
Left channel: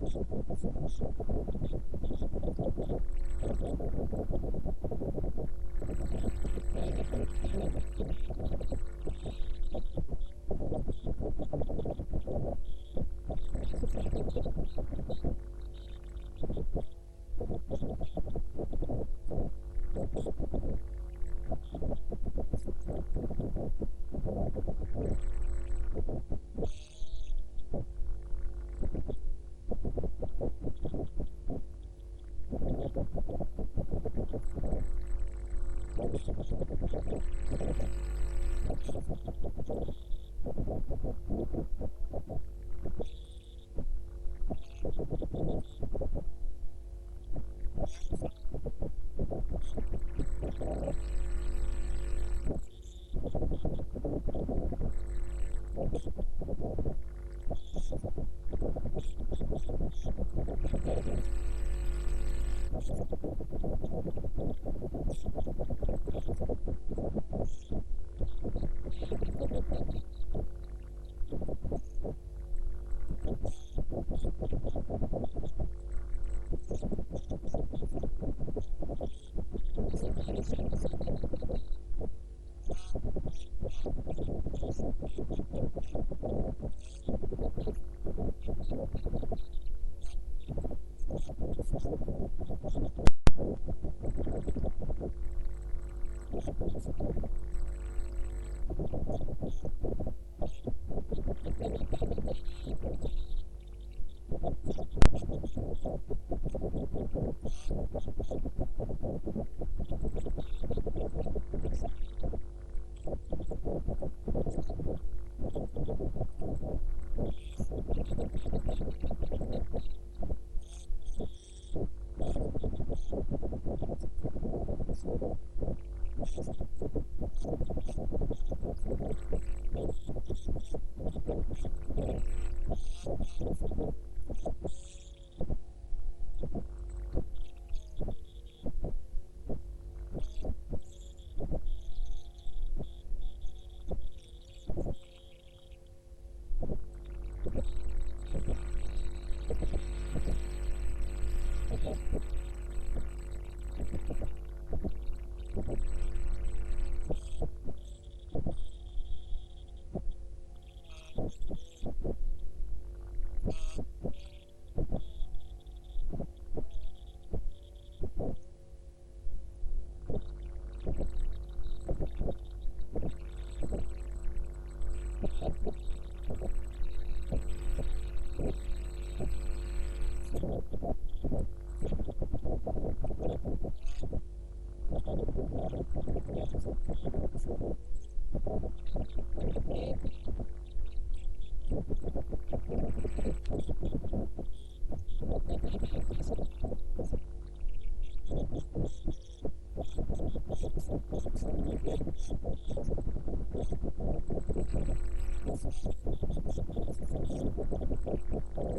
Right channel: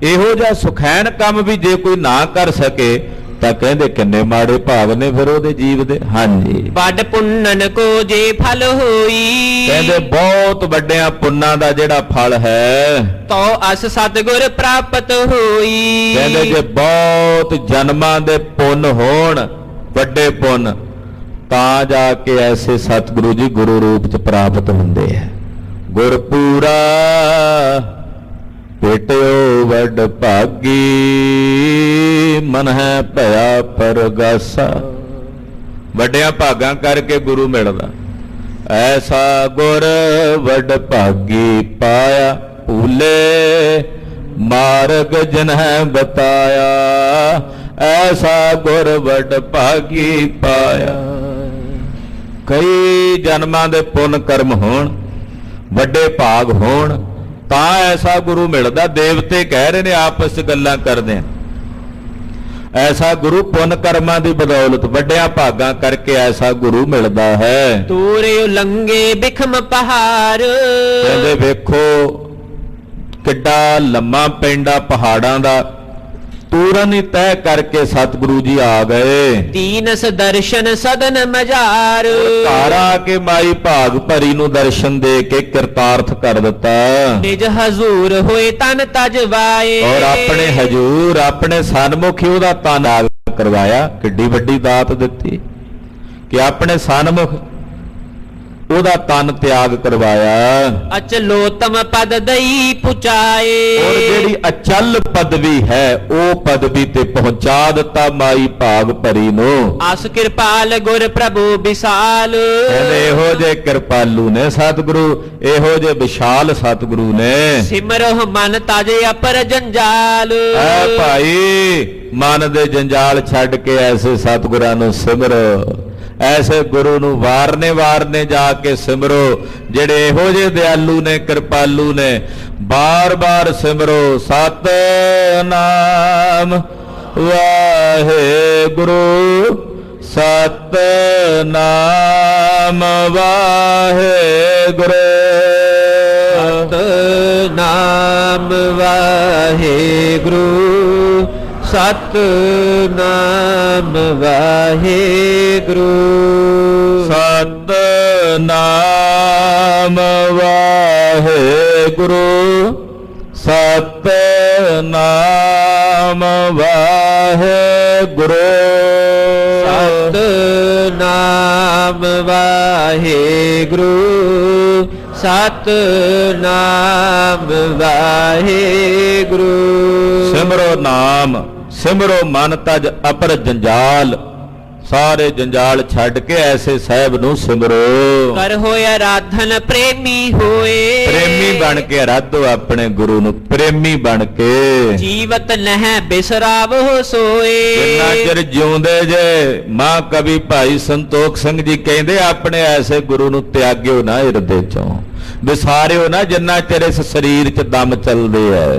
ਇਹੋ ਜਿਹਾ ਸੁਖੈਨ ਕੰਮ ਵੀ ਜੇ ਕੋਈ ਨਾ ਕਰ ਸਕੇ ਤਾਂ ਕਹਿੰਦੇ ਕਿੰਨੇ ਮਾੜੇ ਭਾਗ ਨੇ ਫਿਰ ਉਹਦੇ ਜੀਵ ਦੇ। ਹਾਂਜੀ, ਵੱਡ ਪੁੰਨਨ ਕੋ ਜੇ ਫਲ ਹੋਈ। ਕਹਿੰਦੇ ਬਹੁਤ ਵੱਡਿਆਂ ਪੁੰਨਾਂ ਦਾ ਜਿਹੜਾ ਫਲ ਹੈ ਤੋ ਅਸ ਸਤਿਗੁਰ ਪ੍ਰਾਪਤ ਹੋਈ। ਕਹਿੰਦੇ ਜੇ ਬਹੁਤ ਜਨਮਾਂ ਦੇ ਪੁੰਨ ਹੋਣ, ਵੱਡੇ ਪੁੰਨ, ਤਾਂ ਜਾ ਕੇ ਐਸੇ ਸਤਿਗੁਰੂ ਜੀ ਗੁਰੂ ਰੂਪ ਚ ਪ੍ਰਾਪਤ ਹੁੰਦੇ ਹੈ। ਗੁਰਪੂਰਾ ਭੇਟਿਓ ਵੱਡ ਭਾਗੀ, ਮਨ ਹੈ ਭਇਆ ਪਰਗਾਸਾ। ਵੱਡਿਆਂ ਭਾਗਾਂ ਕਰਕੇ ਗੁਰੂ ਮਿਲਦਾ। ਐਸਾ ਗੁਰ ਵੱਡ ਭਾਗੀ ਪਾਇਆ, ਭੂਲੇ ਮਾਰਗ ਜਿਨਹਿ ਬਤਾਇਆ। ਐਸਾ ਗੁਰ ਵੱਡ ਭਾਗੀ ਪਾਇਆ। ਕਈ ਜਨਮਾਂ ਦੇ ਪੁੰਨ ਕਰਮ ਹੋਣ, ਵੱਡੇ ਭਾਗ ਹੋਣ, ਤਾਂ ਐਸਾ ਗੁਰੂ ਮਿਲਦਾ। ਦੇਵਤੇ ਕਹਿ ਰਹੇ ਨੇ ਆਪਸ 'ਚ ਗੱਲਾਂ ਕਰਦੇ ਆ, ਐਸਾ ਗੁਰੂ ਪੁੰਨ ਕਰਮਾਂ ਦੀ ਬਦੌਲਤ ਵੱਡਿਆਂ ਭਾਗਾਂ ਕਰਕੇ ਐਸਾ ਗੁਰੂ ਮਿਲਦਾ ਹੈ। ਤੂਰੇ ਉਲੰਗੇ ਬਿਖਮ ਪਹਾੜ। ਕਹਿੰਦੇ ਵੇਖੋ ਕਿੱਡਾ ਲੰਮਾ ਪੈਂਡਾ ਪਹਾੜਾਂ ਦਾ, ਤੂਰਨ ਹੀ ਤੈਅ ਕਰਕੇ ਸਤਿਗੁਰੂ ਜੀ ਆ ਗਏ। ਤੀਨਸ ਦਰਸ਼ਨ ਸਦਨ ਮਝਾਰ। ਘਰ ਆ ਕੇ ਮਾਈ ਭਾਗ ਭਰੀ ਨੂੰ ਦਰਸ਼ਨ ਦੇ ਕੇ ਕਿਰਤਾਰਥ ਕਰ ਦਿੱਤਾ। ਨਿਜ ਹਜ਼ੂਰ ਹੋਏ ਤਨ ਤਜਵਾਏ। ਔਰ ਆਪਣੇ ਹਜੂਰ ਆਪਣੇ ਸਨਮੁਖ ਹੀ ਉਹਦਾ ਤਨ ਆਗ ਕਰਵਾਇਆ। ਕਿੱਡੀ ਵੱਡੀ ਦਾਤ ਦਿੱਤੀ ਕਿ ਆਪਣੇ ਸਨਮੁਖ ਉਹਦਾ ਤਨ ਤਿਆਗ ਕਰਵਾਇਆ। ਅਚਲੋਤਮ ਪਦ ਦਈ ਪੁਚਾਏ। ਔਰ ਜਿਹੜੀ ਅਚਲ ਪਦਵੀ ਹੈ ਉਹ ਪਦਵੀ ਤੇ ਪਹੁੰਚਾ ਦਿੱਤਾ ਮਾਈ ਭਾਗ ਭਰੀ ਨੂੰ। ਅਸ ਕਿਰਪਾਲ ਗੁਰ ਪ੍ਰਭੂ ਵਿਸਾਲ। ਕਹਿੰਦੇ ਇਹੋ ਜੇ ਕਿਰਪਾਲੂ ਨੇ ਸਤਿਗੁਰੂ, ਇਹੋ ਜੇ ਵਿਸ਼ਾਲ ਸਤਿਗੁਰੂ ਨੇ। ਸਿਮਰੋ ਮਨ ਤਾਜੇ ਅਪਰ ਜੰਜਾਲ। ਐ ਭਾਈ ਮਨ ਦੇ ਜੰਜਾਲ ਛੱਡ ਕੇ ਐਸੇ ਸਤਿਗੁਰਾਂ ਨੂੰ ਸਿਮਰੋ, ਐਸੇ ਗੁਰੂ ਨੂੰ ਵਾਰਨੇ ਵਾਰਨੇ ਜਾ ਕੇ ਸਿਮਰੋ, ਜਿਹੜੇ ਇਹੋ ਜਿਹੇ ਦਿਆਲੂ ਨੇ, ਕਿਰਪਾਲੂ ਨੇ। ਬਾਰ-ਬਾਰ ਸਿਮਰੋ ਸਤਿਨਾਮ ਵਾਹਿਗੁਰੂ, ਸਤਿਨਾਮ ਵਾਹਿਗੁਰੂ, ਸਤਿਨਾਮ ਵਾਹਿਗੁਰੂ, ਸਤਿਨਾਮ ਵਾਹਿਗੁਰੂ, ਸਤਿਨਾਮ ਵਾਹਿਗੁਰੂ, ਸਤਿਨਾਮ ਵਾਹਿਗੁਰੂ, ਸਤਿਨਾਮ ਵਾਹਿਗੁਰੂ, ਸਤਿਨਾਮ ਵਾਹਿਗੁਰੂ। ਸਿਮਰੋ ਨਾਮ, ਸਿਮਰੋ ਮਨ ਤਜ ਅਪਰ ਜੰਜਾਲ। ਸਾਰੇ ਜੰਜਾਲ ਛੱਡ ਕੇ ਐਸੇ ਸਾਹਿਬ ਨੂੰ ਸਿਮਰੋ। ਕਰ ਹੋਏ ਆਰਾਧਨ ਪ੍ਰੇਮੀ ਹੋਏ। ਪ੍ਰੇਮੀ ਬਣ ਕੇ ਆਰਾਧੋ ਆਪਣੇ ਗੁਰੂ ਨੂੰ, ਪ੍ਰੇਮੀ ਬਣ ਕੇ। ਜੀਵਤ ਨਹਿ ਬਿਸਰਾਵੋ ਸੋਏ। ਜਿੰਨਾ ਚਿਰ ਜਿਉਂਦੇ ਜੇ ਮਾਂ ਕਵੀ ਭਾਈ ਸੰਤੋਖ ਸਿੰਘ ਜੀ ਕਹਿੰਦੇ ਆਪਣੇ ਐਸੇ ਗੁਰੂ ਨੂੰ ਤਿਆਗਿਓ ਨਾ ਹਿਰਦੇ ਚੋਂ, ਵਿਸਾਰਿਓ ਨਾ ਜਿੰਨਾ ਚਿਰ ਇਸ ਸਰੀਰ 'ਚ ਦਮ ਚੱਲਦੇ ਐ।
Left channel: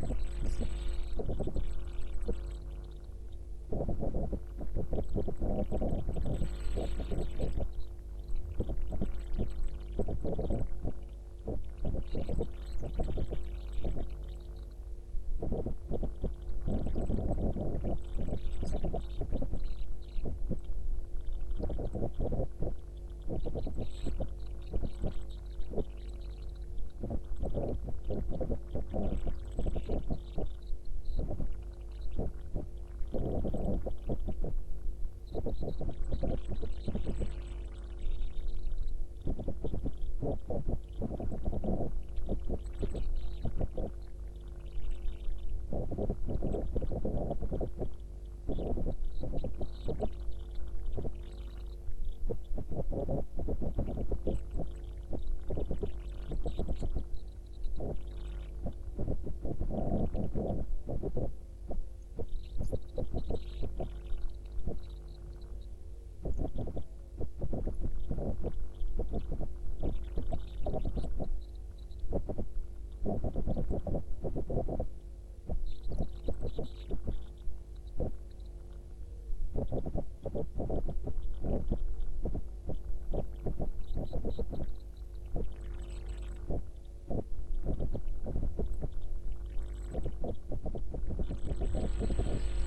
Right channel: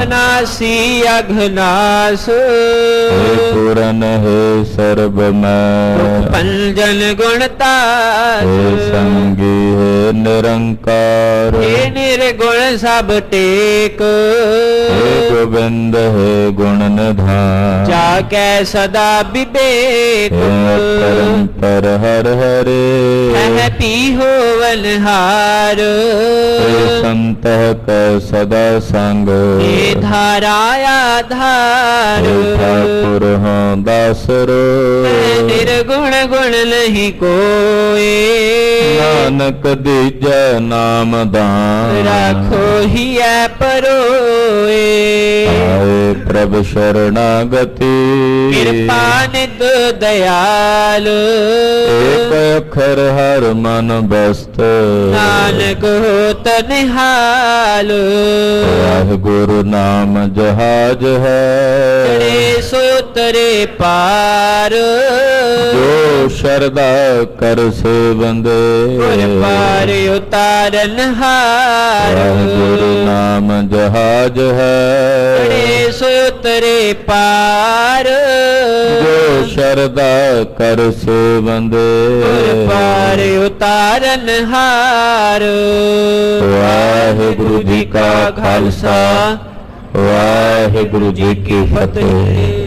ਅਬਨਾਸੀ ਅਘਨਾਸ हे पूरन हे सर्ब मैं ਪੰਜਨ ਗੁਣ हे ਤਾਸ संगी हे निरंकार हे निर्गुण सब टेक हे गोविंद हे गुण निधान जाकै सदा विवेक हे परंपर हर हरे है पी होवन हार हे संत कै सदा संग हे धारा आधार हे ठाकुर हाँ दासरो निर्गुण गुण नहीं कोई नानक दीजै नाम दान राखो ही परोए आए प्रभ शरणागति कृपा नित दयाल एक अखर हर मन बस्त नानक होत निहाल वाहिगुरु नाम जहाज है चढ़े सो तरे पार जो शरदा कर से बंदे गुर पार उतारन हार वाहिगुरु नाम जहाज है चढ़े सो तरे पार जो शरदा कर से बंदे गुर पार उतारन हार वाहिगुरु जी का खालसा वाहिगुरु जी की फतेह।